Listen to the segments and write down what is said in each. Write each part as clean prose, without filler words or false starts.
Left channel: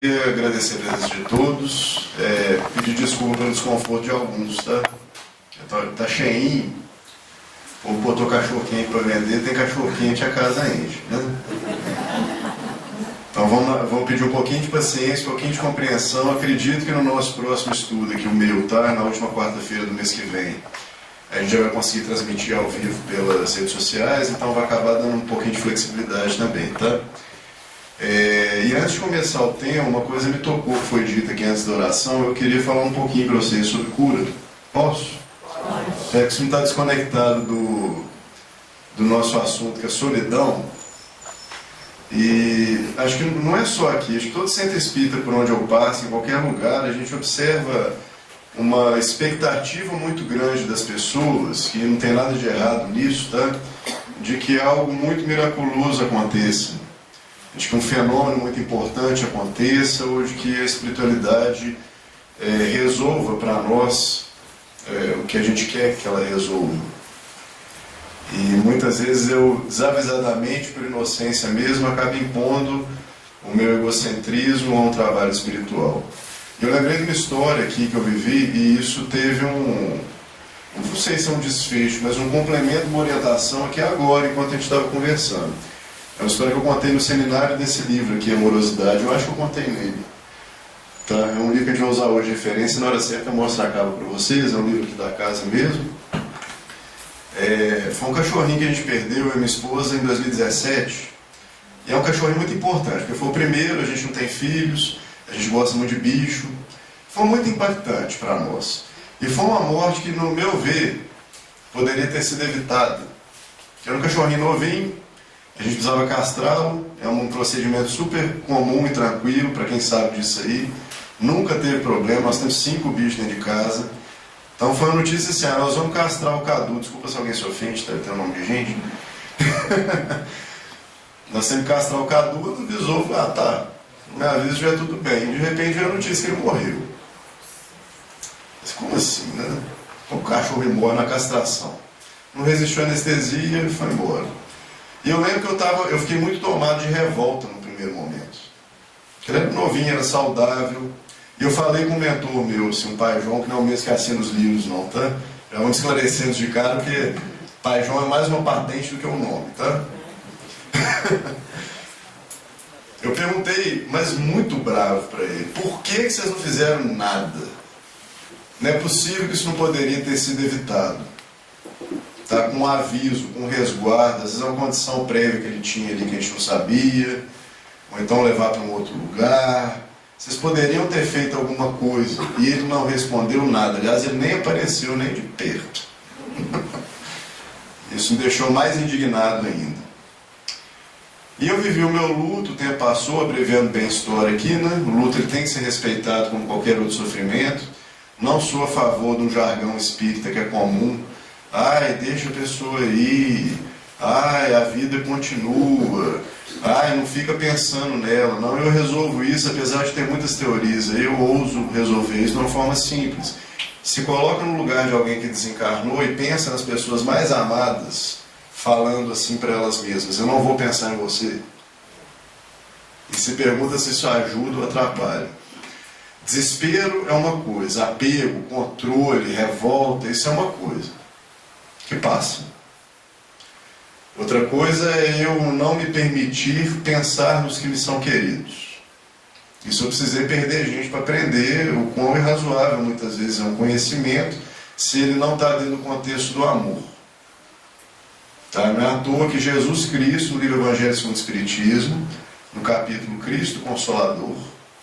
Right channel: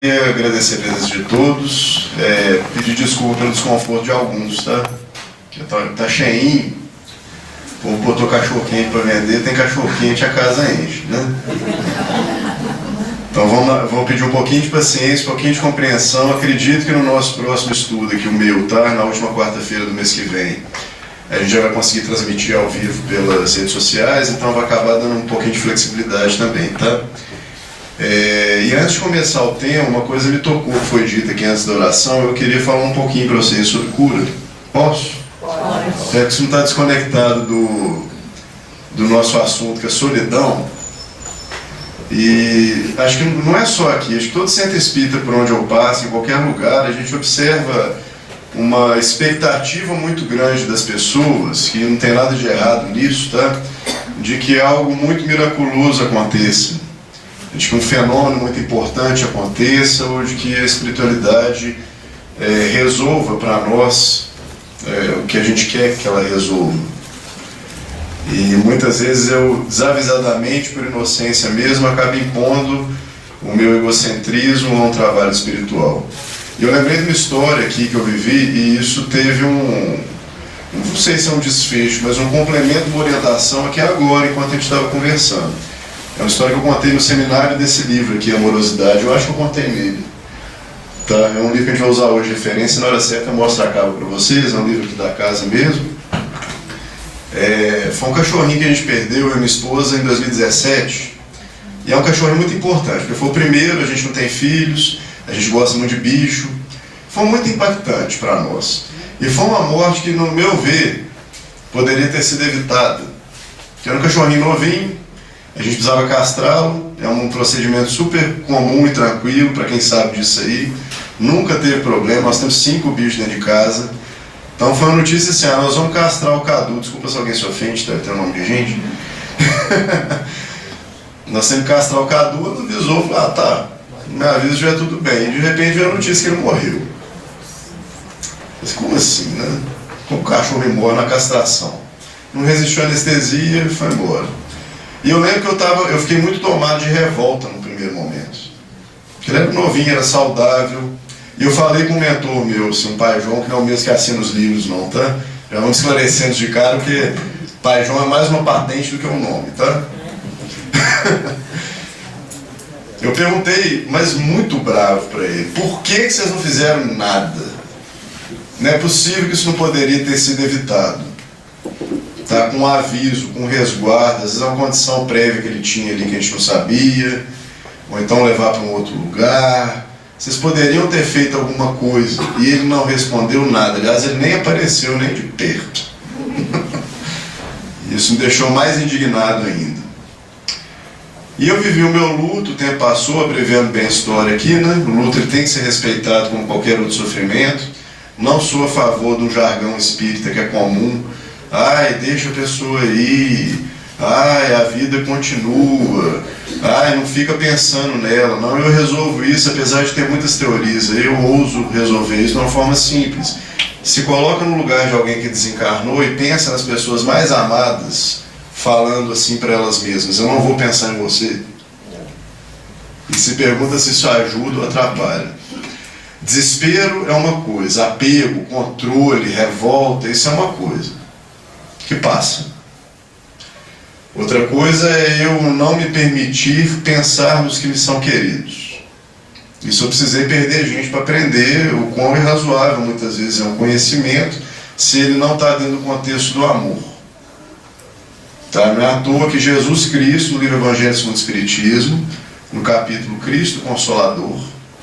Queria agradecer a presença de todos, pedir desculpa pelo desconforto de alguns, tá? Que tá cheinho, o povo botou cachorro quente para vender, tem cachorro quente, a casa enche, né? Então vamos pedir um pouquinho de paciência, um pouquinho de compreensão. Acredito que no nosso próximo estudo aqui, o meu, tá? Na última quarta-feira do mês que vem, a gente já vai conseguir transmitir ao vivo pelas redes sociais, então vai acabar dando um pouquinho de flexibilidade também, tá? E antes de começar o tema, uma coisa me tocou, que foi dita aqui antes da oração. Eu queria falar um pouquinho para vocês sobre cura. Posso? Pode. É que isso não está desconectado do nosso assunto, que é solidão. E acho que não é só aqui, acho que todo centro espírita por onde eu passo, em qualquer lugar, a gente observa uma expectativa muito grande das pessoas, que não tem nada de errado nisso, tá? De que algo muito miraculoso aconteça, de que um fenômeno muito importante aconteça, ou de que a espiritualidade resolva para nós o que a gente quer que ela resolva. E muitas vezes eu, desavisadamente, por inocência mesmo, acabo impondo o meu egocentrismo a um trabalho espiritual. E eu lembrei de uma história aqui que eu vivi, e isso teve não sei se é um desfecho, mas um complemento, uma orientação aqui agora, enquanto a gente estava conversando. É uma história que eu contei no seminário desse livro aqui, Amorosidade. Eu acho que eu contei nele. Tá? É um livro que a gente vai usar hoje de referência. Na hora certa eu mostro a capa para vocês. É um livro aqui da casa mesmo. Foi um cachorrinho que a gente perdeu, eu e minha esposa, em 2017. E é um cachorrinho muito importante, porque foi o primeiro, a gente não tem filhos, a gente gosta muito de bicho. Foi muito impactante para nós. E foi uma morte que, no meu ver, poderia ter sido evitada. Porque era um cachorrinho novinho, a gente precisava castrá-lo, é um procedimento super comum e tranquilo, para quem sabe disso aí. Nunca teve problema, nós temos 5 bichos dentro de casa. Então foi uma notícia assim, nós vamos castrar o Cadu. Desculpa se alguém se ofende, deve ter o nome de gente. Nós temos que castrar o Cadu, ele avisou, falou, tá, me avisa se estiver tudo bem. E de repente veio a notícia que ele morreu. Mas como assim, né? Como o cachorro morre na castração? Não resistiu à anestesia e foi embora. E eu lembro que eu fiquei muito tomado de revolta no primeiro momento. Porque ele era novinho, era saudável. E eu falei com um mentor meu, assim, um pai João, que não é o mesmo que assina os livros não, tá? Já vamos esclarecendo de cara, porque pai João é mais uma patente do que um nome, tá? Eu perguntei, mas muito bravo para ele, por que vocês não fizeram nada? Não é possível que isso não poderia ter sido evitado. Tá, com um aviso, com um resguardo, às vezes é uma condição prévia que ele tinha ali que a gente não sabia, ou então levar para um outro lugar. Vocês poderiam ter feito alguma coisa, e ele não respondeu nada. Aliás, ele nem apareceu nem de perto. Isso me deixou mais indignado ainda. E eu vivi o meu luto, o tempo passou, abreviando bem a história aqui, né? O luto ele tem que ser respeitado como qualquer outro sofrimento. Não sou a favor de um jargão espírita que é comum. Ai, deixa a pessoa ir, ai, a vida continua, ai, não fica pensando nela. Não, eu resolvo isso, apesar de ter muitas teorias, eu ouso resolver isso de uma forma simples. Se coloca no lugar de alguém que desencarnou e pensa nas pessoas mais amadas, falando assim para elas mesmas, eu não vou pensar em você. E se pergunta se isso ajuda ou atrapalha. Desespero é uma coisa, apego, controle, revolta, isso é uma coisa que passa. Outra coisa é eu não me permitir pensar nos que me são queridos. Isso eu precisei perder gente para aprender o quão irrazoável muitas vezes é um conhecimento se ele não está dentro do contexto do amor. Tá? Não é à toa que Jesus Cristo, no livro Evangelho segundo o Espiritismo, no capítulo Cristo Consolador,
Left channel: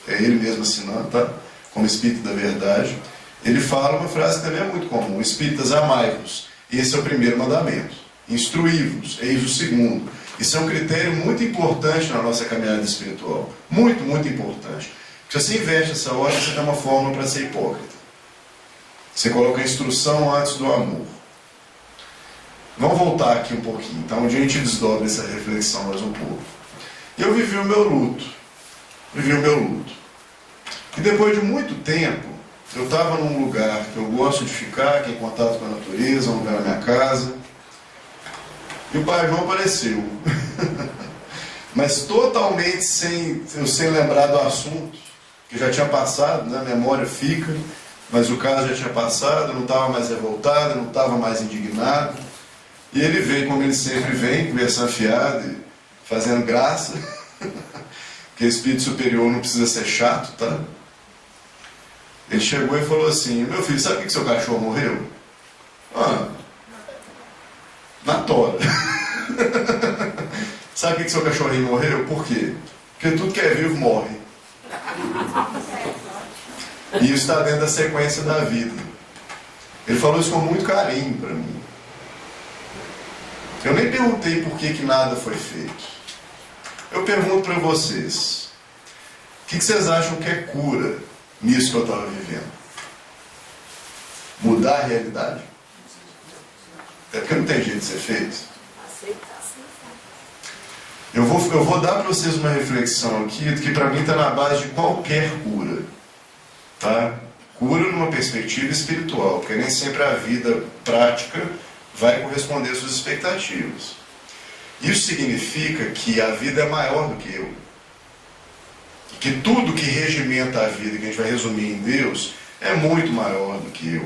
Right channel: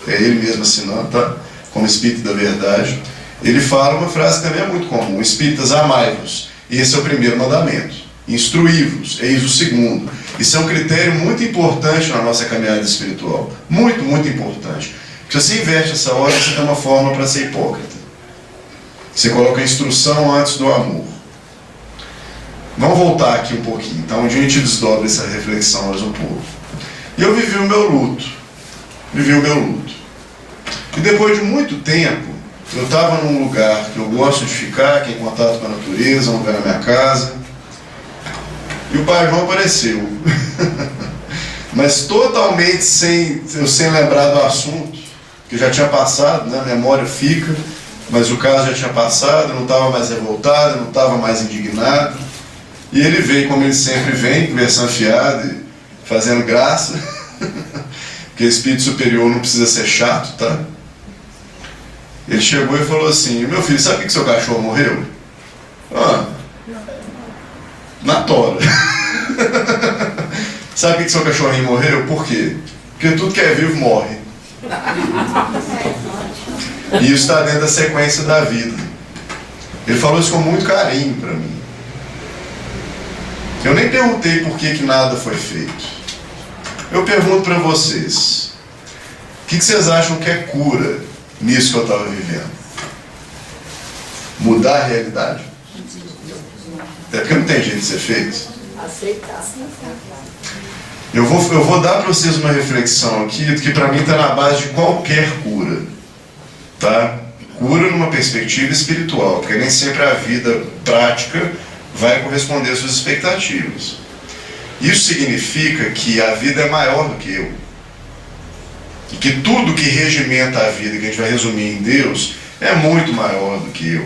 é ele mesmo assinando, tá? Como Espírito da Verdade, ele fala uma frase que também é muito comum: Espíritas, amai-vos. Esse é o primeiro mandamento. Instruí-vos, eis o segundo. Isso é um critério muito importante na nossa caminhada espiritual. Muito, muito importante. Porque se você inverte essa ordem, você tem uma forma para ser hipócrita. Você coloca a instrução antes do amor. Vamos voltar aqui um pouquinho, então, onde a gente desdobra essa reflexão mais um pouco. E eu vivi o meu luto. E depois de muito tempo, eu estava num lugar que eu gosto de ficar, que é em contato com a natureza, um lugar na minha casa. E o pai João apareceu. Mas totalmente sem lembrar do assunto. que já tinha passado, né? A memória fica, mas o caso já tinha passado, eu não estava mais revoltado, eu não estava mais indignado. E ele veio como ele sempre vem, conversando fiado e fazendo graça, porque o espírito superior não precisa ser chato, tá? Ele chegou e falou assim: meu filho, sabe por que seu cachorro morreu? Ah, na tora. Sabe por que seu cachorrinho morreu? Por quê? Porque tudo que é vivo morre. E isso está dentro da sequência da vida. Ele falou isso com muito carinho para mim. Eu nem perguntei por que nada foi feito. Eu pergunto para vocês: o que vocês acham que é cura nisso que eu estava vivendo? Mudar a realidade? Até porque não tem jeito de ser feito. Aceitar. Eu vou dar para vocês uma reflexão aqui que para mim está na base de qualquer cura, tá? Cura numa perspectiva espiritual, porque nem sempre a vida prática vai corresponder às suas expectativas. Isso significa que a vida é maior do que eu. E que tudo que regimenta a vida, que a gente vai resumir em Deus, é muito maior do que eu.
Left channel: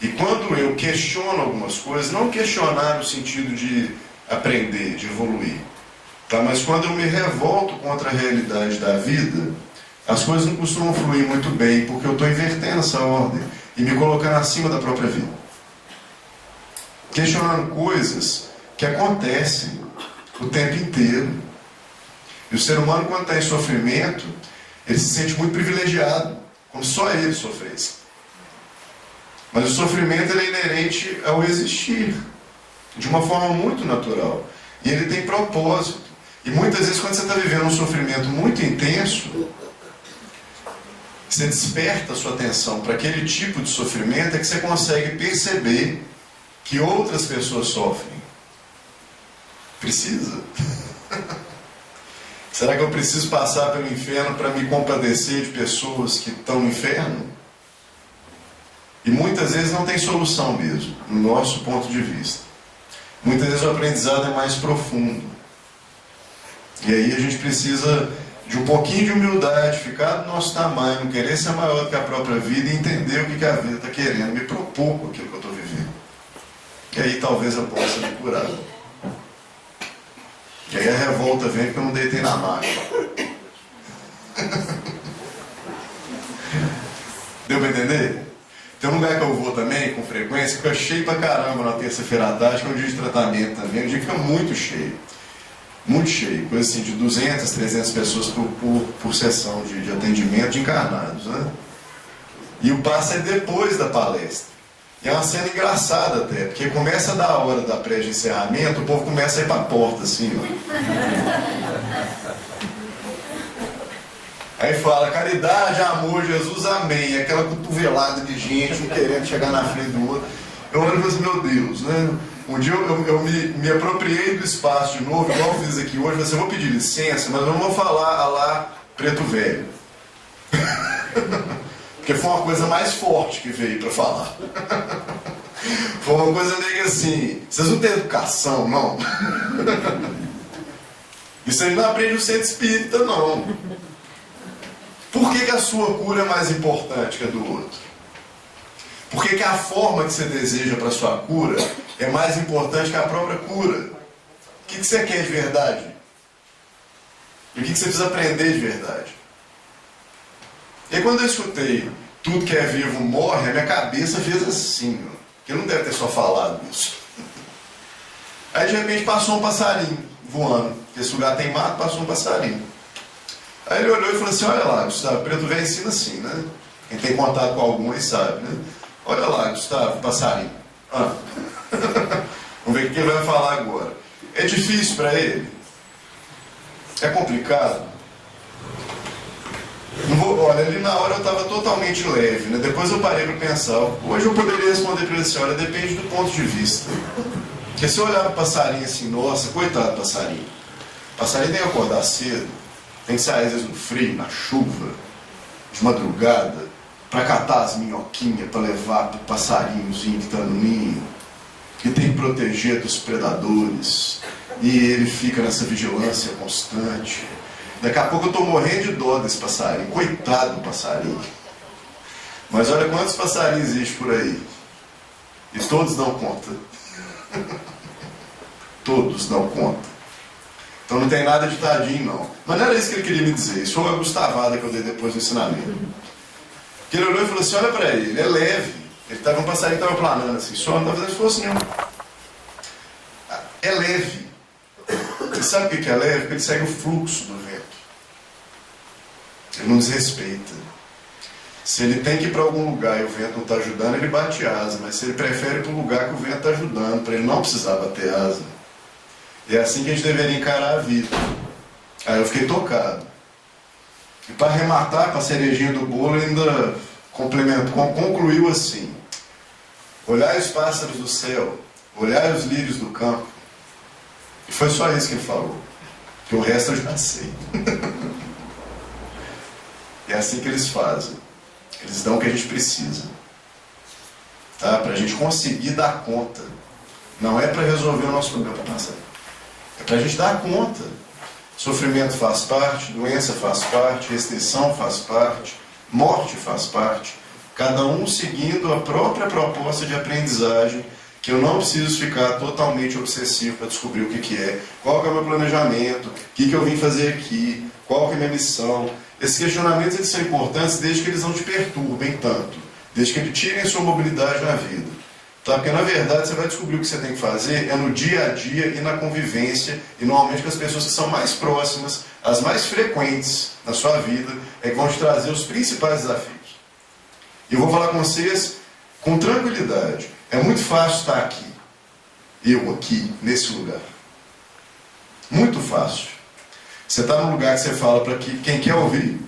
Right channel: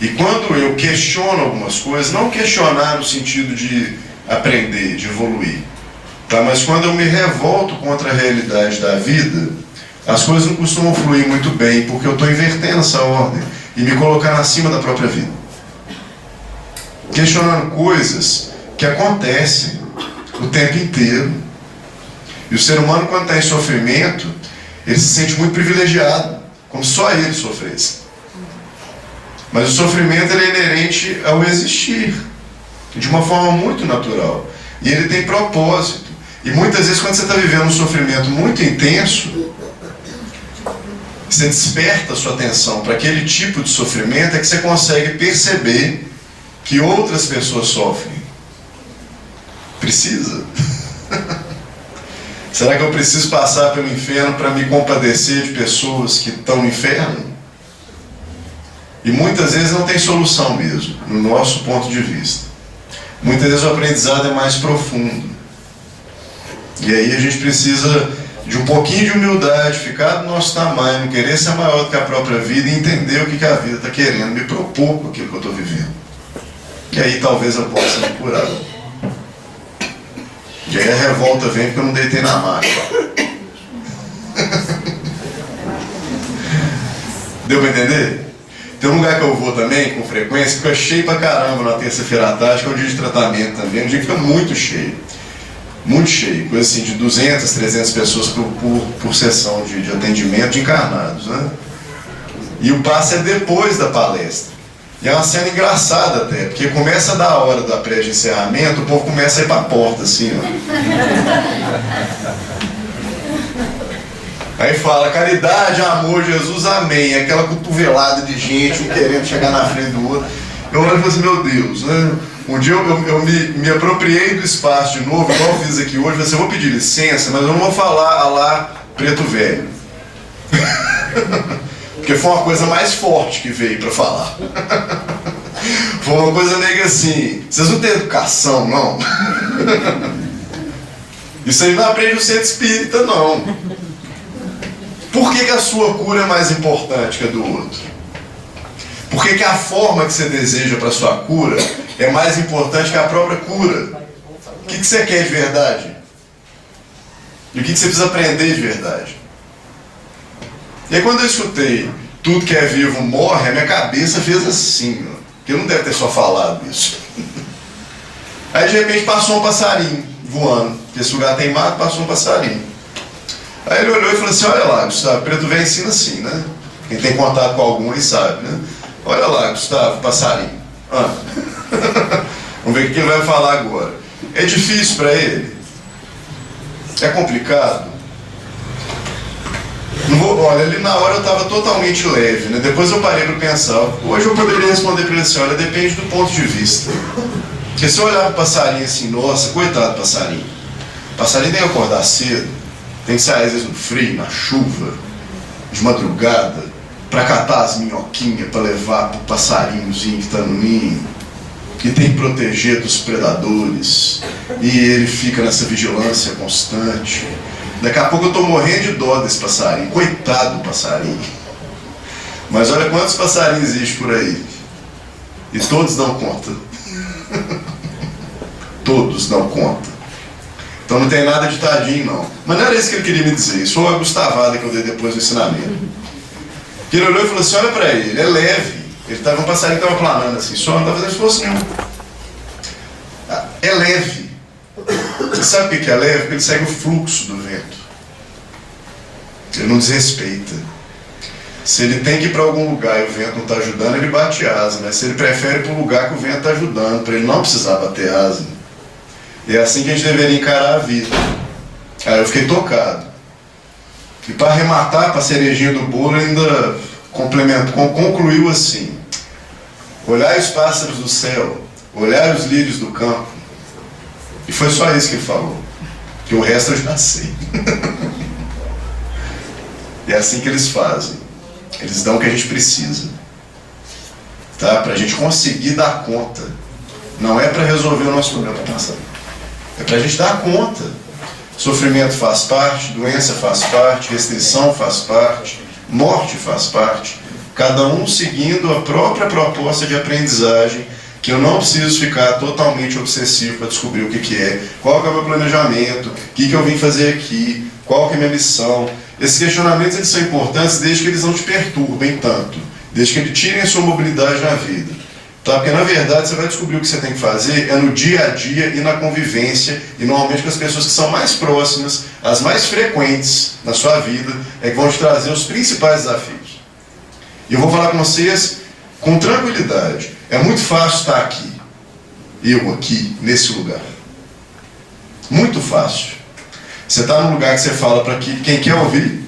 E quando eu questiono algumas coisas, não questionar no sentido de aprender, de evoluir, tá? Mas quando eu me revolto contra a realidade da vida, as coisas não costumam fluir muito bem, porque eu estou invertendo essa ordem e me colocando acima da própria vida. Questionando coisas que acontecem o tempo inteiro. E o ser humano, quando está em sofrimento, ele se sente muito privilegiado, como se só ele sofresse. Mas o sofrimento ele é inerente ao existir, de uma forma muito natural. E ele tem propósito. E muitas vezes, quando você está vivendo um sofrimento muito intenso, você desperta a sua atenção para aquele tipo de sofrimento, é que você consegue perceber que outras pessoas sofrem. Precisa? Será que eu preciso passar pelo inferno para me compadecer de pessoas que estão no inferno? E muitas vezes não tem solução mesmo, no nosso ponto de vista. Muitas vezes o aprendizado é mais profundo. E aí a gente precisa de um pouquinho de humildade, ficar do nosso tamanho, não querer ser maior do que a própria vida e entender o que a vida está querendo me propor com aquilo que eu estou vivendo. E aí talvez eu possa me curar. E aí a revolta vem porque eu não deitei na maca. Deu para entender? Tem um lugar que eu vou também, com frequência, que fica cheio pra caramba na terça-feira à tarde, que é o dia de tratamento também. Um dia que fica muito cheio. Muito cheio. Coisa assim de 200, 300 pessoas por sessão de atendimento de encarnados, né? E o passe é depois da palestra. E é uma cena engraçada até, porque começa a dar a hora da pré de encerramento, o povo começa a ir pra porta, assim, ó. Aí fala, caridade, amor, Jesus, amém. Aquela cotovelada de gente, um querendo chegar na frente do outro. Eu olho e falo assim, meu Deus, né? Um dia eu me apropriei do espaço de novo, igual eu fiz aqui hoje. Falei assim, eu vou pedir licença, mas eu não vou falar a lá preto velho. Porque foi uma coisa mais forte que veio para falar. Foi uma coisa meio assim, vocês não têm educação, não? Isso aí não aprende o centro espírita, não. Por que a sua cura é mais importante que a do outro? Por que a forma que você deseja para a sua cura é mais importante que a própria cura? O que você quer de verdade? E o que você precisa aprender de verdade? E aí quando eu escutei tudo que é vivo morre, a minha cabeça fez assim, ó, que eu não deve ter só falado isso. Aí de repente passou um passarinho voando, porque esse lugar tem mato, passou um passarinho. Aí ele olhou e falou assim, olha lá, Gustavo, preto velho ensina assim, né? Quem tem contato com algum aí sabe, né? Olha lá, Gustavo, passarinho. Ah. Vamos ver o que ele vai falar agora. É difícil para ele? É complicado? Não vou, olha, ali na hora eu estava totalmente leve, né? Depois eu parei para pensar. Hoje eu poderia responder para ele assim, olha, depende do ponto de vista. Porque se eu olhar para o passarinho assim, nossa, coitado do passarinho. O passarinho tem que acordar cedo, tem que sair às vezes no frio, na chuva, de madrugada, para catar as minhoquinhas, para levar para o passarinhozinho que está no ninho, que tem que proteger dos predadores, e ele fica nessa vigilância constante. Daqui a pouco eu estou morrendo de dó desse passarinho. Coitado do passarinho. Mas olha quantos passarinhos existem por aí. E todos dão conta. Todos dão conta. Então não tem nada de tadinho, não. Mas não era isso que ele queria me dizer. Isso foi uma gustavada que eu dei depois do ensinamento. Que ele olhou e falou assim, olha para ele é leve. Ele estava um passarinho que estava planando assim, só não estava fazendo esforço nenhum. É leve. Você sabe o que é leve? Porque ele segue o fluxo do vento. Ele não desrespeita. Se ele tem que ir para algum lugar e o vento não está ajudando, ele bate asa. Mas se ele prefere ir para um lugar que o vento está ajudando, para ele não precisar bater asa. E é assim que a gente deveria encarar a vida. Aí eu fiquei tocado. E para arrematar, para a cerejinha do bolo, ele ainda concluiu assim. Olhai os pássaros do céu, olhai os lírios do campo. E foi só isso que ele falou. Que o resto eu já sei. E é assim que eles fazem. Eles dão o que a gente precisa. Tá? Para a gente conseguir dar conta. Não é para resolver o nosso problema passado. É para a gente dar conta. Sofrimento faz parte, doença faz parte, restrição faz parte, morte faz parte. Cada um seguindo a própria proposta de aprendizagem, que eu não preciso ficar totalmente obsessivo para descobrir o que é, qual que é o meu planejamento, o que eu vim fazer aqui, qual que é a minha missão. Esses questionamentos eles são importantes desde que eles não te perturbem tanto, desde que eles tirem a sua mobilidade na vida. Tá? Porque na verdade você vai descobrir o que você tem que fazer é no dia a dia e na convivência, e normalmente com as pessoas que são mais próximas, as mais frequentes na sua vida, é que vão te trazer os principais desafios. E eu vou falar com vocês com tranquilidade. É muito fácil estar aqui, eu aqui, nesse lugar. Muito fácil. Você está num lugar que você fala para quem quer ouvir.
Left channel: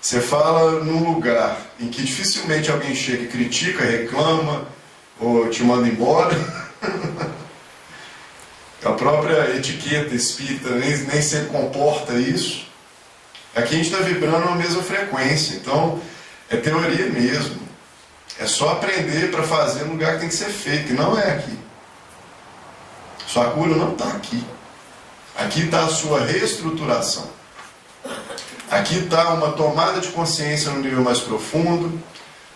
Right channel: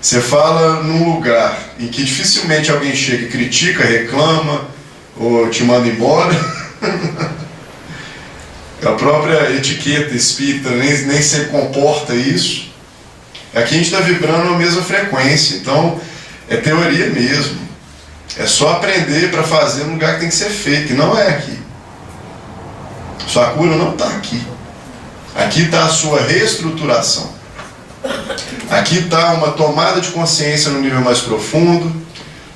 Você fala num lugar em que dificilmente alguém chega e critica, reclama, ou te manda embora. A própria etiqueta espírita nem sempre comporta isso. Aqui a gente está vibrando na mesma frequência, então é teoria mesmo. É só aprender para fazer no lugar que tem que ser feito, que não é aqui. Sua cura não está aqui. Aqui está a sua reestruturação. Aqui está uma tomada de consciência no nível mais profundo,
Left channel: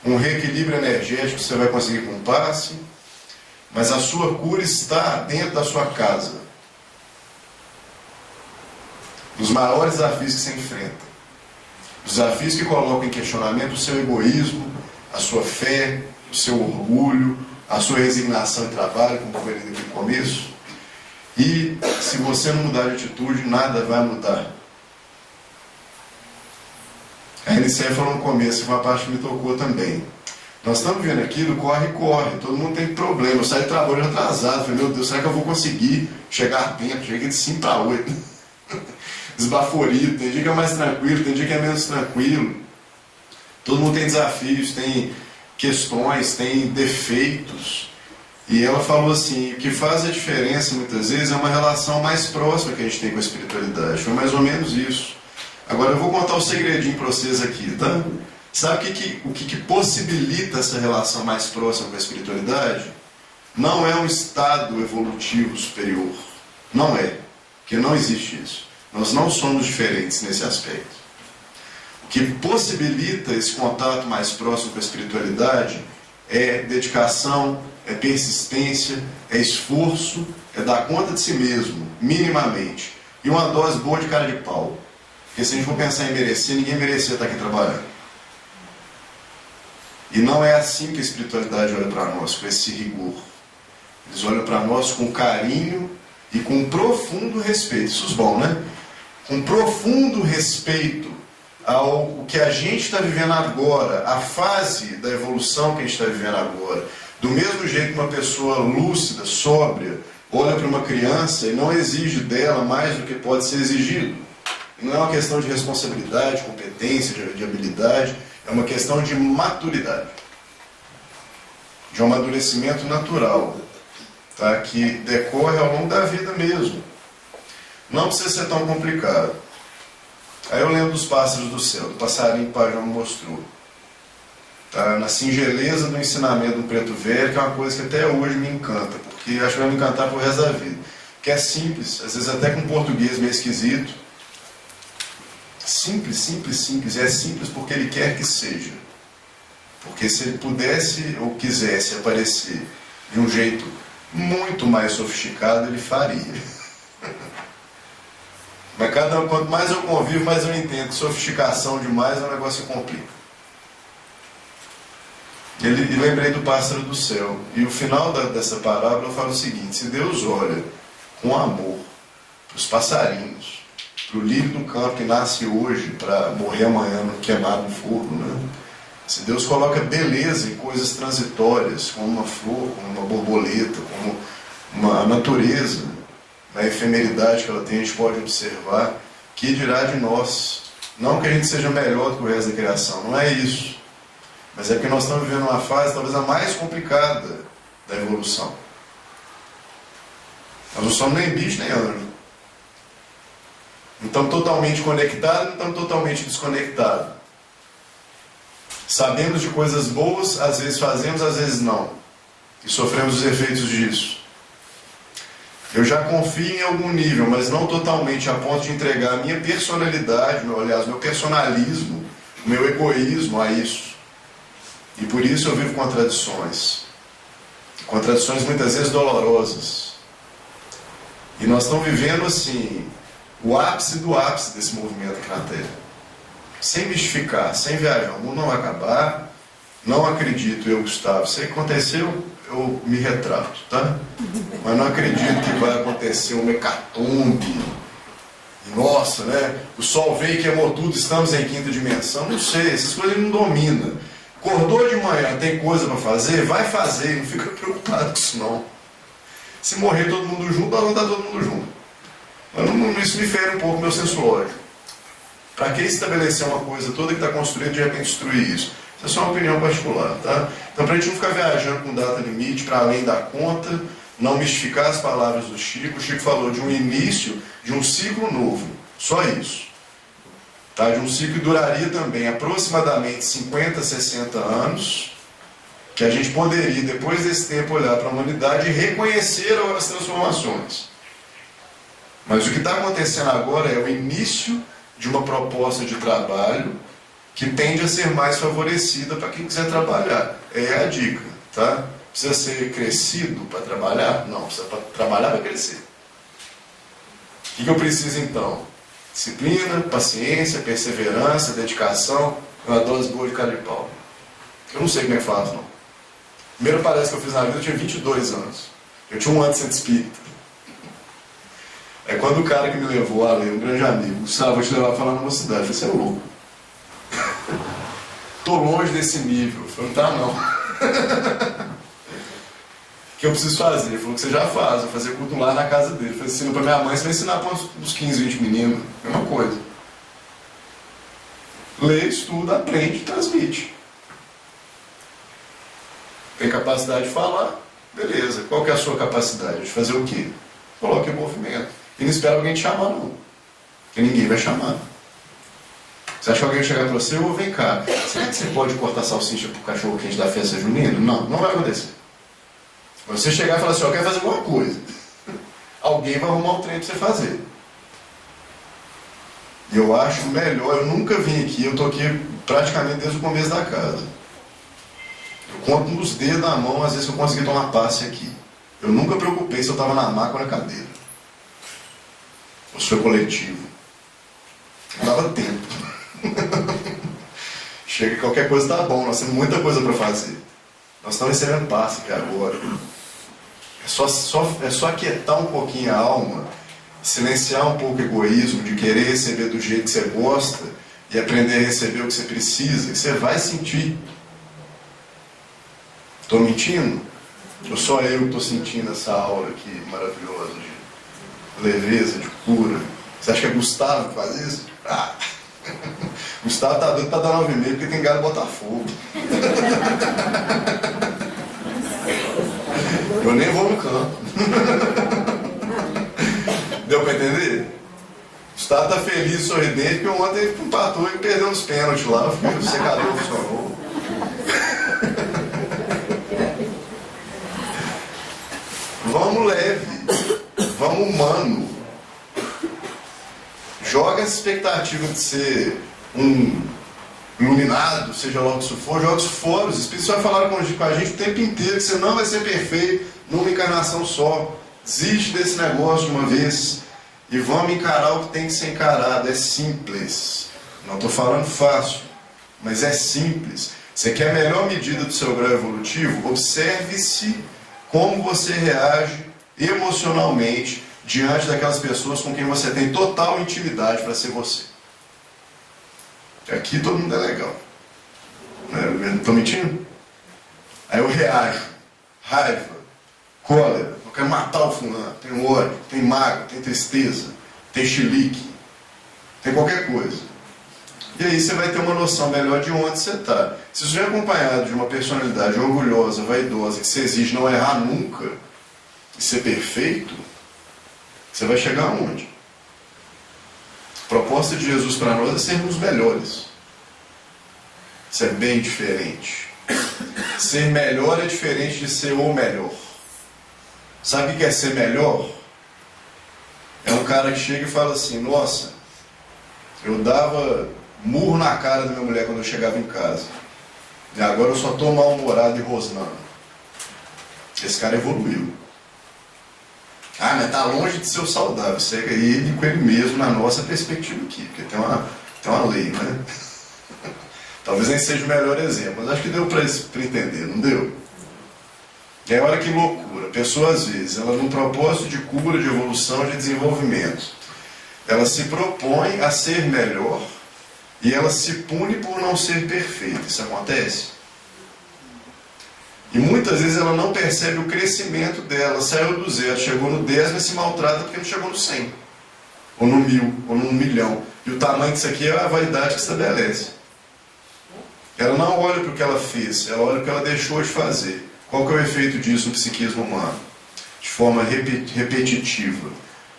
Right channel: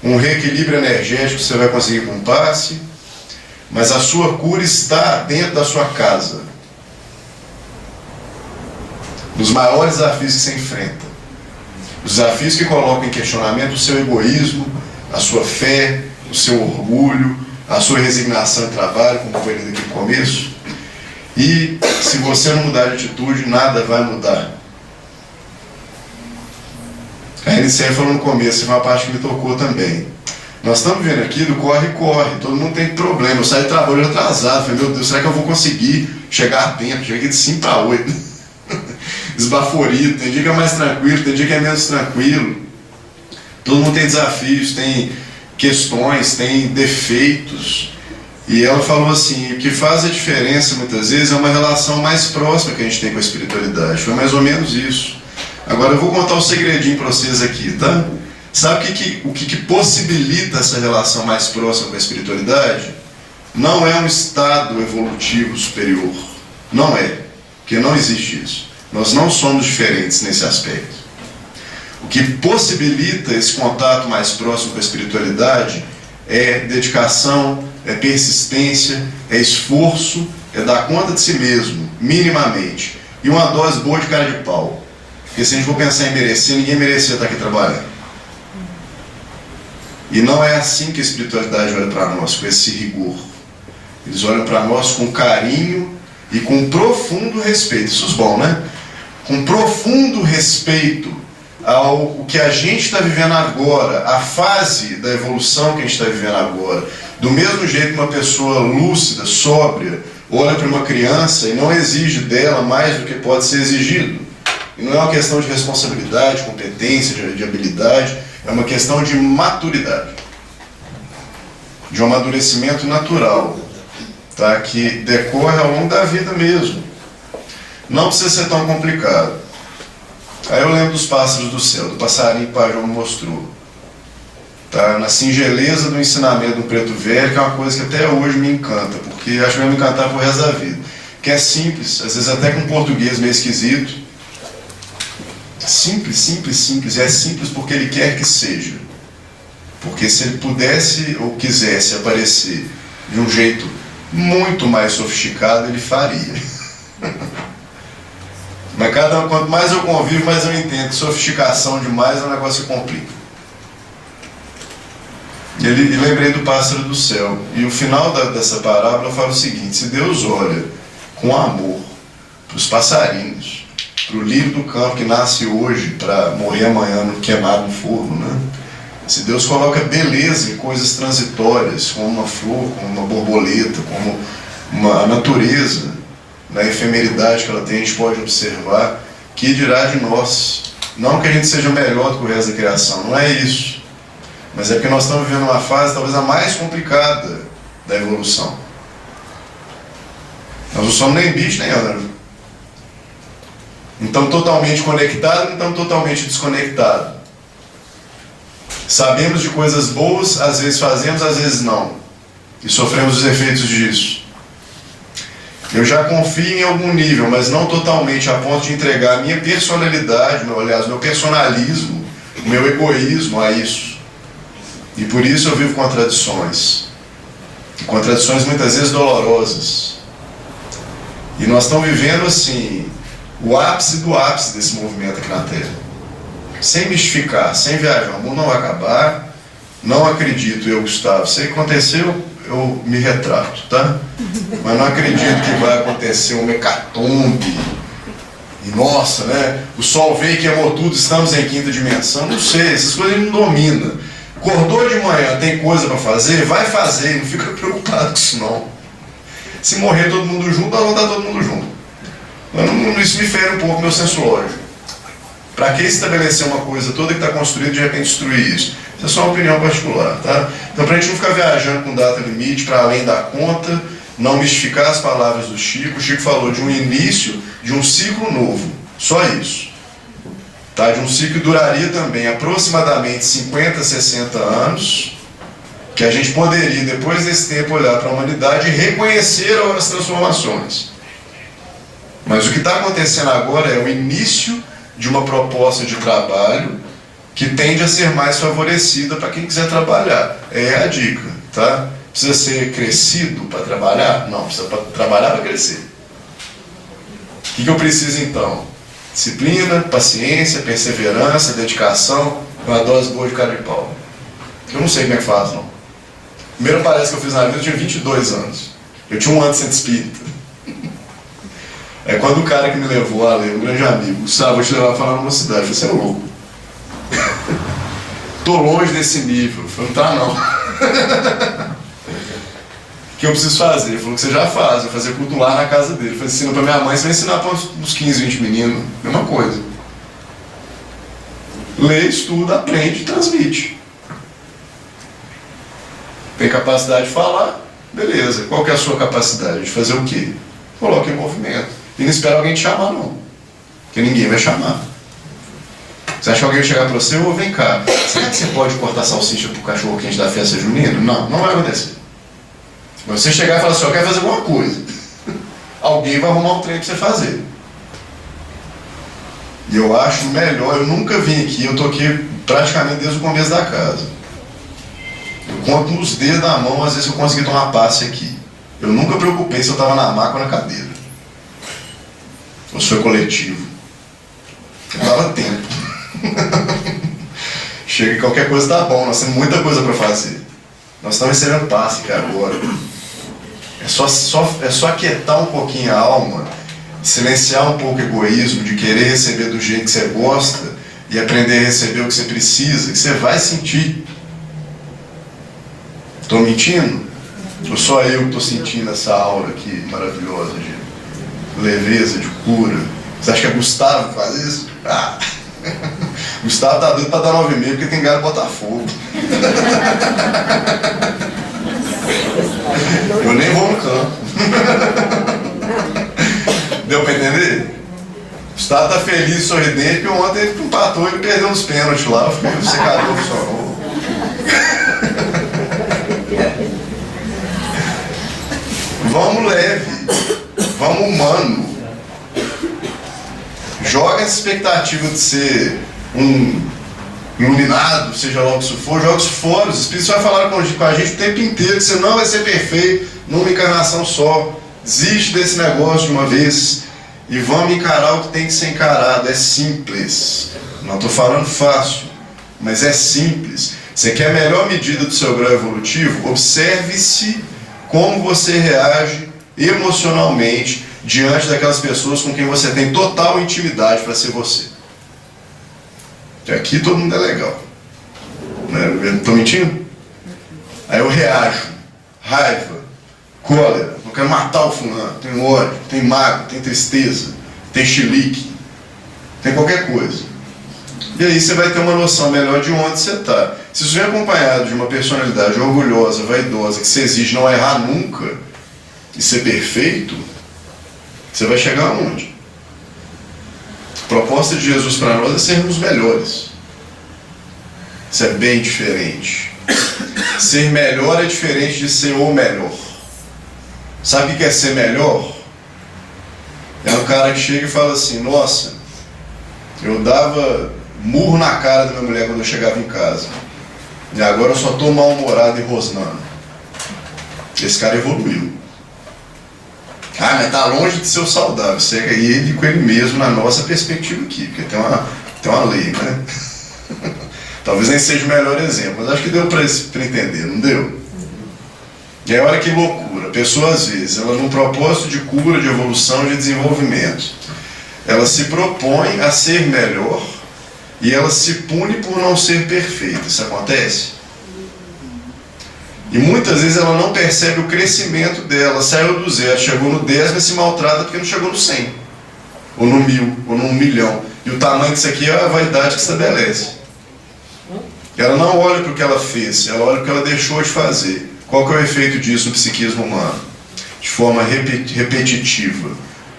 um reequilíbrio energético que você vai conseguir com um passe, mas a sua cura está dentro da sua casa. Nos maiores desafios que você enfrenta. Os desafios que colocam em questionamento o seu egoísmo, a sua fé, o seu orgulho, a sua resignação em trabalho, como foi lido aqui no começo. E se você não mudar de atitude, nada vai mudar. A NCF falou no começo, foi uma parte que me tocou também. Nós estamos vendo aqui do corre-corre, todo mundo tem problema. Eu saí de trabalho atrasado, falei, meu Deus, será que eu vou conseguir chegar a tempo? Cheguei aqui de 5 para 8. Esbaforido, tem dia que é mais tranquilo, tem dia que é menos tranquilo. Todo mundo tem desafios, tem questões, tem defeitos. E ela falou assim, o que faz a diferença muitas vezes é uma relação mais próxima que a gente tem com a espiritualidade. Foi mais ou menos isso. Agora eu vou contar um segredinho para vocês aqui, tá? Sabe o que possibilita essa relação mais próxima com a espiritualidade? Não é um estado evolutivo superior. Não é. Porque não existe isso. Nós não somos diferentes nesse aspecto. O que possibilita esse contato mais próximo com a espiritualidade é dedicação, é persistência, é esforço, é dar conta de si mesmo, minimamente. E uma dose boa de cara de pau. Porque se a gente for pensar em merecer, ninguém merecia estar aqui trabalhando. E não é assim que a espiritualidade olha para nós, com esse rigor. Eles olham para nós com carinho e com profundo respeito. Isso é bom, né? Com profundo respeito ao que a gente está vivendo agora, a fase da evolução que a gente está vivendo agora. Do mesmo jeito que uma pessoa lúcida, sóbria, olha para uma criança e não exige dela mais do que pode ser exigido. E não é uma questão de responsabilidade, competência, de habilidade, é uma questão de maturidade. De um amadurecimento natural, tá? Que decorre ao longo da vida mesmo. Não precisa ser tão complicado. Aí eu lembro dos pássaros do céu, do passarinho que o Pai João mostrou. Tá? Na singeleza do ensinamento do Preto Velho, que é uma coisa que até hoje me encanta, porque acho que vai me encantar pro resto da vida. Que é simples, às vezes até com português meio esquisito, Simples, simples, simples. E é simples porque Ele quer que seja. Porque se Ele pudesse ou quisesse aparecer de um jeito muito mais sofisticado, Ele faria. Mas quanto mais eu convivo, mais eu entendo que sofisticação demais é um negócio que complica. E lembrei do pássaro do céu. E o final dessa parábola fala o seguinte: se Deus olha com amor para os passarinhos, para o lírio do campo que nasce hoje para morrer amanhã queimado no forno, né? Se Deus coloca beleza em coisas transitórias, como uma flor, como uma borboleta, como a natureza, na efemeridade que ela tem, a gente pode observar, que dirá de nós? Não que a gente seja melhor do que o resto da criação, não é isso. Mas é porque nós estamos vivendo uma fase talvez a mais complicada da evolução. Nós não somos nem bicho nem anjo. Não estamos totalmente conectados, não estamos totalmente desconectados. Sabemos de coisas boas, às vezes fazemos, às vezes não. E sofremos os efeitos disso. Eu já confio em algum nível, mas não totalmente, a ponto de entregar a minha personalidade, meu personalismo, o meu egoísmo a isso. E por isso eu vivo contradições. Contradições muitas vezes dolorosas. E nós estamos vivendo assim, o ápice do ápice desse movimento aqui na Terra. Sem mistificar, sem viajar. O mundo não vai acabar. Não acredito, eu, Gustavo. Se aconteceu, eu me retrato, tá? Mas não acredito que vai acontecer um hecatombe. E nossa, né? O sol veio e queimou tudo, estamos em quinta dimensão. Não sei, essas coisas ele não domina. Acordou de manhã, tem coisa para fazer? Vai fazer, não fica preocupado com isso não. Se morrer todo mundo junto, nós vamos estar todo mundo junto. Mas isso me fere um pouco meu senso lógico. Para que estabelecer uma coisa toda que está construída e de repente destruir isso? Isso é só uma opinião particular, tá? Então, para a gente não ficar viajando com data limite, para além da conta, não mistificar as palavras do Chico. O Chico falou de um início, de um ciclo novo. Só isso. Tá? De um ciclo que duraria também aproximadamente 50, 60 anos, que a gente poderia, depois desse tempo, olhar para a humanidade e reconhecer as transformações. Mas o que está acontecendo agora é o início de uma proposta de trabalho que tende a ser mais favorecida para quem quiser trabalhar. É a dica, tá? Precisa ser crescido para trabalhar? Não, precisa trabalhar para crescer. O que eu preciso então? Disciplina, paciência, perseverança, dedicação, uma dose boa de cara de pau. Eu não sei como é que faz, não. Primeiro parece que eu fiz na vida, eu tinha 22 anos. Eu tinha um ano de centro espírita. É quando o cara que me levou a ler, um grande amigo, Gustavo, vou te levar a falar numa cidade. Eu falei, você é louco. Tô longe desse nível. Eu falei, não tá não. O que eu preciso fazer? Ele falou que você já faz, vai fazer culto lá na casa dele. Eu falei, ensina pra minha mãe, você vai ensinar para uns 15, 20 meninos. Mesma coisa. Lê, estuda, aprende, transmite. Tem capacidade de falar? Beleza. Qual que é a sua capacidade? De fazer o quê? Coloque em movimento. E não espera alguém te chamar, não. Porque ninguém vai chamar. Você acha que alguém vai chegar para você? Ou vem cá, será que você pode cortar salsicha pro cachorro quente da festa junina? Não, não vai acontecer. Mas você chegar e falar assim, eu quero fazer alguma coisa. Alguém vai arrumar um trem para você fazer. E eu acho melhor, eu nunca vim aqui, eu tô aqui praticamente desde o começo da casa. Eu conto nos dedos da mão, às vezes eu consegui tomar passe aqui. Eu nunca preocupei se eu estava na maca ou na cadeira. Ou se foi coletivo. Eu dava tempo. Chega que qualquer coisa tá bom, nós temos muita coisa para fazer. Nós estamos recebendo passe aqui agora. É só aquietar um pouquinho a alma, silenciar um pouco o egoísmo de querer receber do jeito que você gosta e aprender a receber o que você precisa, que você vai sentir. Estou mentindo? Ou só eu que estou sentindo essa aura aqui maravilhosa de leveza, de cura? Você acha que é Gustavo que faz isso? Ah! Gustavo tá doido para dar 9,5 porque tem galho Botafogo. Eu nem vou no campo. Deu para entender? Gustavo tá feliz, sorridente, porque ontem ele empatou e perdeu nos pênaltis lá, o secador funcionou. Vamos leve, vamos humano. Joga essa expectativa de ser um iluminado, seja lá o que isso for, joga isso fora. Os Espíritos vai falar com a gente o tempo inteiro que você não vai ser perfeito numa encarnação só. Desiste desse negócio de uma vez e vamos encarar o que tem que ser encarado. É simples. Não estou falando fácil, mas é simples. Você quer a melhor medida do seu grau evolutivo? Observe-se como você reage emocionalmente diante daquelas pessoas com quem você tem total intimidade para ser você. Aqui todo mundo é legal. Né? Estou mentindo? Aí eu reajo. Raiva, cólera, eu quero matar o fulano. Tem ódio, tem mágoa, tem tristeza, tem chilique, tem qualquer coisa. E aí você vai ter uma noção melhor de onde você está. Se isso vem acompanhado de uma personalidade orgulhosa, vaidosa, que se exige não errar nunca e ser perfeito, você vai chegar aonde? A proposta de Jesus para nós é sermos melhores. Isso é bem diferente. Ser melhor é diferente de ser o melhor. Sabe o que é ser melhor? É um cara que chega e fala assim: nossa, eu dava murro na cara da minha mulher quando eu chegava em casa, e agora eu só estou mal-humorado e rosnando. Esse cara evoluiu. Ah, mas está longe de ser o saudável. Segue ele com ele mesmo na nossa perspectiva aqui, porque tem uma lei, né? Talvez nem seja o melhor exemplo, mas acho que deu para entender, não deu? E aí olha que loucura. A pessoa às vezes, ela num propósito de cura, de evolução, de desenvolvimento, ela se propõe a ser melhor e ela se pune por não ser perfeita. Isso acontece? E muitas vezes ela não percebe o crescimento dela. Saiu do 0, chegou no 10, mas se maltrata porque não chegou no 100, ou no 1000, ou no 1.000.000. E o tamanho disso aqui é a vaidade que estabelece. Ela não olha para o que ela fez, ela olha para o que ela deixou de fazer. Qual que é o efeito disso no psiquismo humano? De forma repetitiva.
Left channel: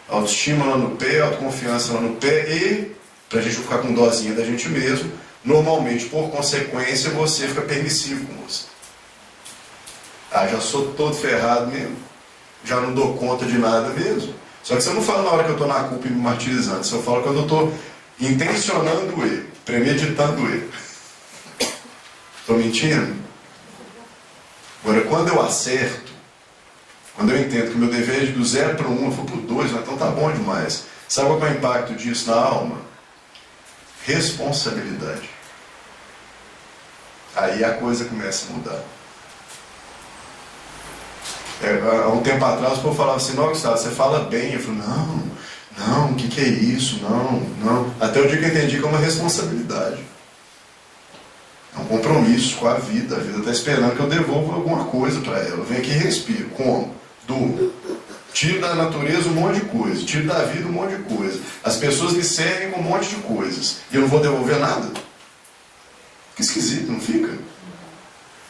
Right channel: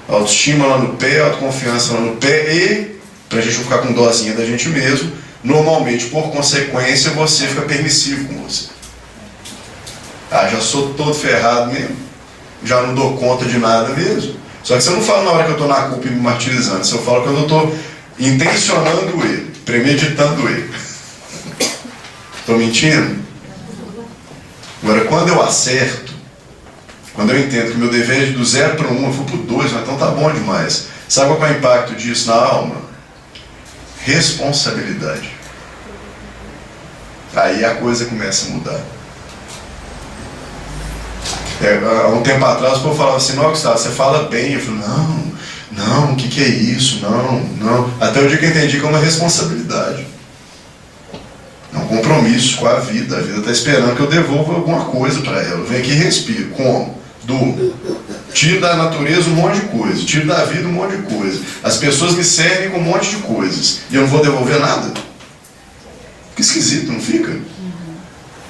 Autoestima lá no pé, autoconfiança lá no pé e, para a gente não ficar com dozinha da gente mesmo, normalmente, por consequência, você fica permissivo com você. Ah, já sou todo ferrado mesmo, já não dou conta de nada mesmo. Só que você não fala na hora que eu estou na culpa e me martirizando, você fala quando eu estou intencionando o erro, premeditando o erro. Estou mentindo? Agora, quando eu acerto, quando eu entendo que meu dever é do 0 para 1, eu vou para o 2, então tá bom demais. Sabe qual é o impacto disso na alma? Responsabilidade. Aí a coisa começa a mudar. Há um tempo atrás o povo falava assim: não, Gustavo, você fala bem. Eu falei: não, o que é isso? Não. Até o dia que eu entendi que é uma responsabilidade. É um compromisso com a vida. A vida está esperando que eu devolva alguma coisa para ela. Eu venho aqui e respiro. Como? Tiro da natureza um monte de coisa, tiro da vida um monte de coisa. As pessoas me servem com um monte de coisas e eu não vou devolver nada? Que esquisito, não fica?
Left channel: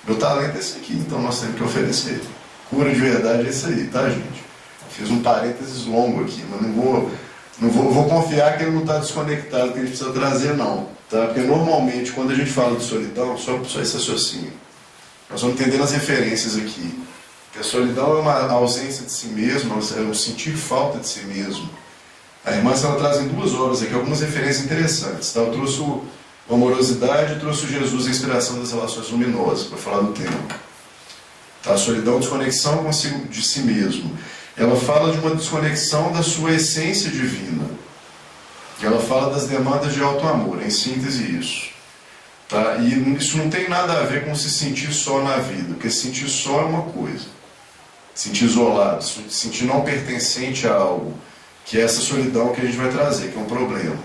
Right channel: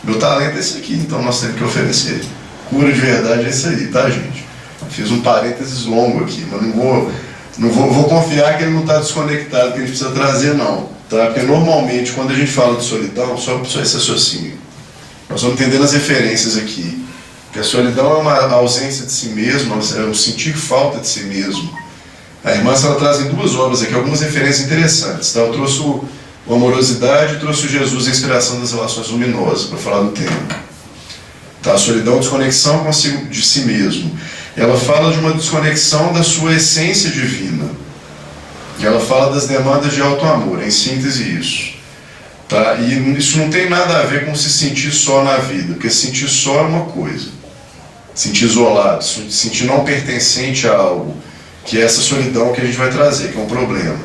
Meu talento é esse aqui, então nós temos que oferecer. Cura de verdade é isso aí, tá, gente? Fiz um parênteses longo aqui, mas não vou confiar que ele não está desconectado, que a gente precisa trazer, não. Tá? Porque normalmente, quando a gente fala de solidão, só esse raciocínio. Nós vamos entendendo as referências aqui. Que a solidão é uma ausência de si mesmo, é um sentir falta de si mesmo. A irmã ela traz em 2 obras aqui algumas referências interessantes. Tá? Eu trouxe o Amorosidade e trouxe o Jesus, a inspiração das relações luminosas, para falar do tema. Tá? A solidão, desconexão consigo de si mesmo. Ela fala de uma desconexão da sua essência divina. E ela fala das demandas de auto-amor, em síntese isso. Tá? E isso não tem nada a ver com se sentir só na vida, porque se sentir só é uma coisa. Sentir isolado, sentir não pertencente a algo, que é essa solidão que a gente vai trazer, que é um problema.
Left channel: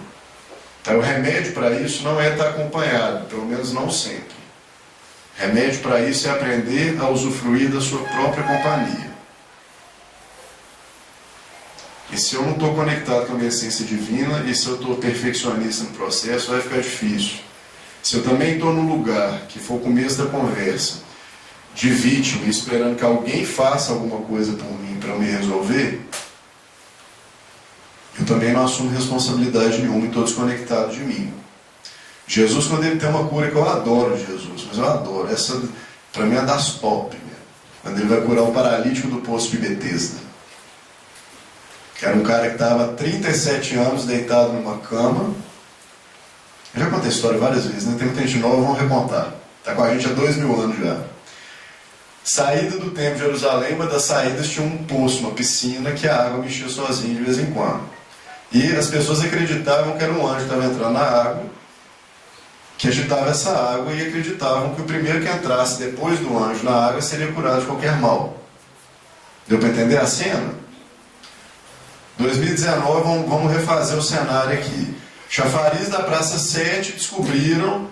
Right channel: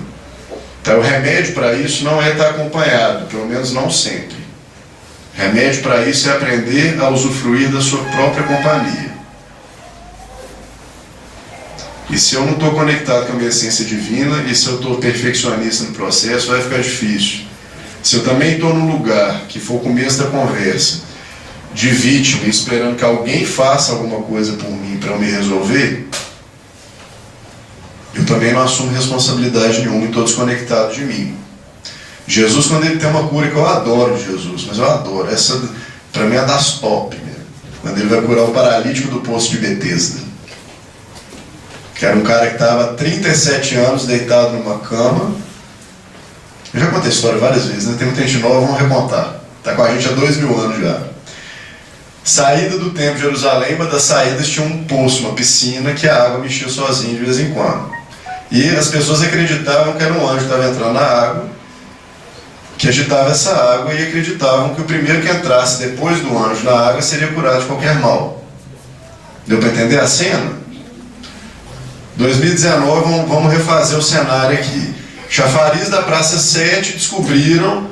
Tá? O remédio para isso não é estar acompanhado, pelo menos não sempre. Remédio para isso é aprender a usufruir da sua própria companhia. E se eu não estou conectado com a minha essência divina, e se eu estou perfeccionista no processo, vai ficar difícil. Se eu também estou num lugar, que foi o começo da conversa, de vítima, esperando que alguém faça alguma coisa por mim para eu me resolver, eu também não assumo responsabilidade nenhuma e estou desconectado de mim. Jesus, quando ele tem uma cura, que eu adoro de Jesus, mas eu adoro, essa para mim é das top mesmo, quando ele vai curar o paralítico do poço de Betesda. que era um cara que estava há 37 anos deitado numa cama. Eu já contei a história várias vezes, né? Tem muita gente nova, vamos recontar. Está com a gente há 2000 anos já. Saída do templo de Jerusalém, uma das saídas tinha um poço, uma piscina, que a água mexia sozinha de vez em quando. E as pessoas acreditavam que era um anjo que estava entrando na água, que agitava essa água, e acreditavam que o primeiro que entrasse depois do anjo na água seria curado de qualquer mal. Deu para entender a cena? 2019, vamos refazer o cenário aqui. Chafariz da Praça 7 descobriram,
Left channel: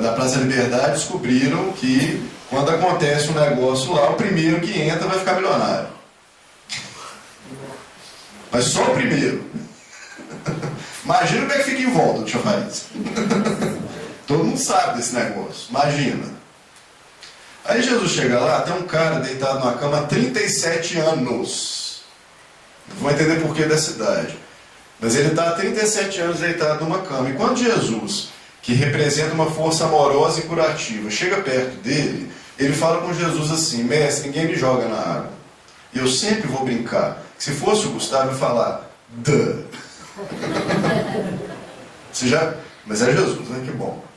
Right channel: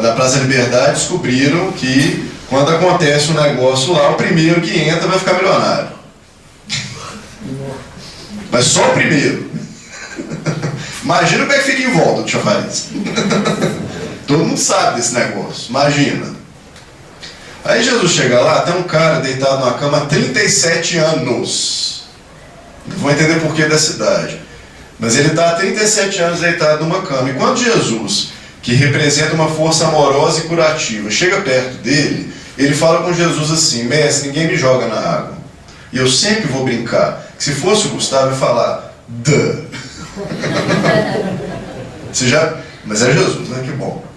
da Praça Liberdade, descobriram que quando acontece um negócio lá, o primeiro que entra vai ficar milionário. Mas só o primeiro. Imagina como é que fica em volta do chafariz. Todo mundo sabe desse negócio, imagina. Aí Jesus chega lá, tem um cara deitado numa cama há 37 anos. Não vou entender porquê dessa idade. Mas ele está há 37 anos deitado numa cama. E quando Jesus, que representa uma força amorosa e curativa, chega perto dele, ele fala com Jesus assim: mestre, ninguém me joga na água. E eu sempre vou brincar, que se fosse o Gustavo, eu ia falar, duh. Mas é Jesus, né? Que bom.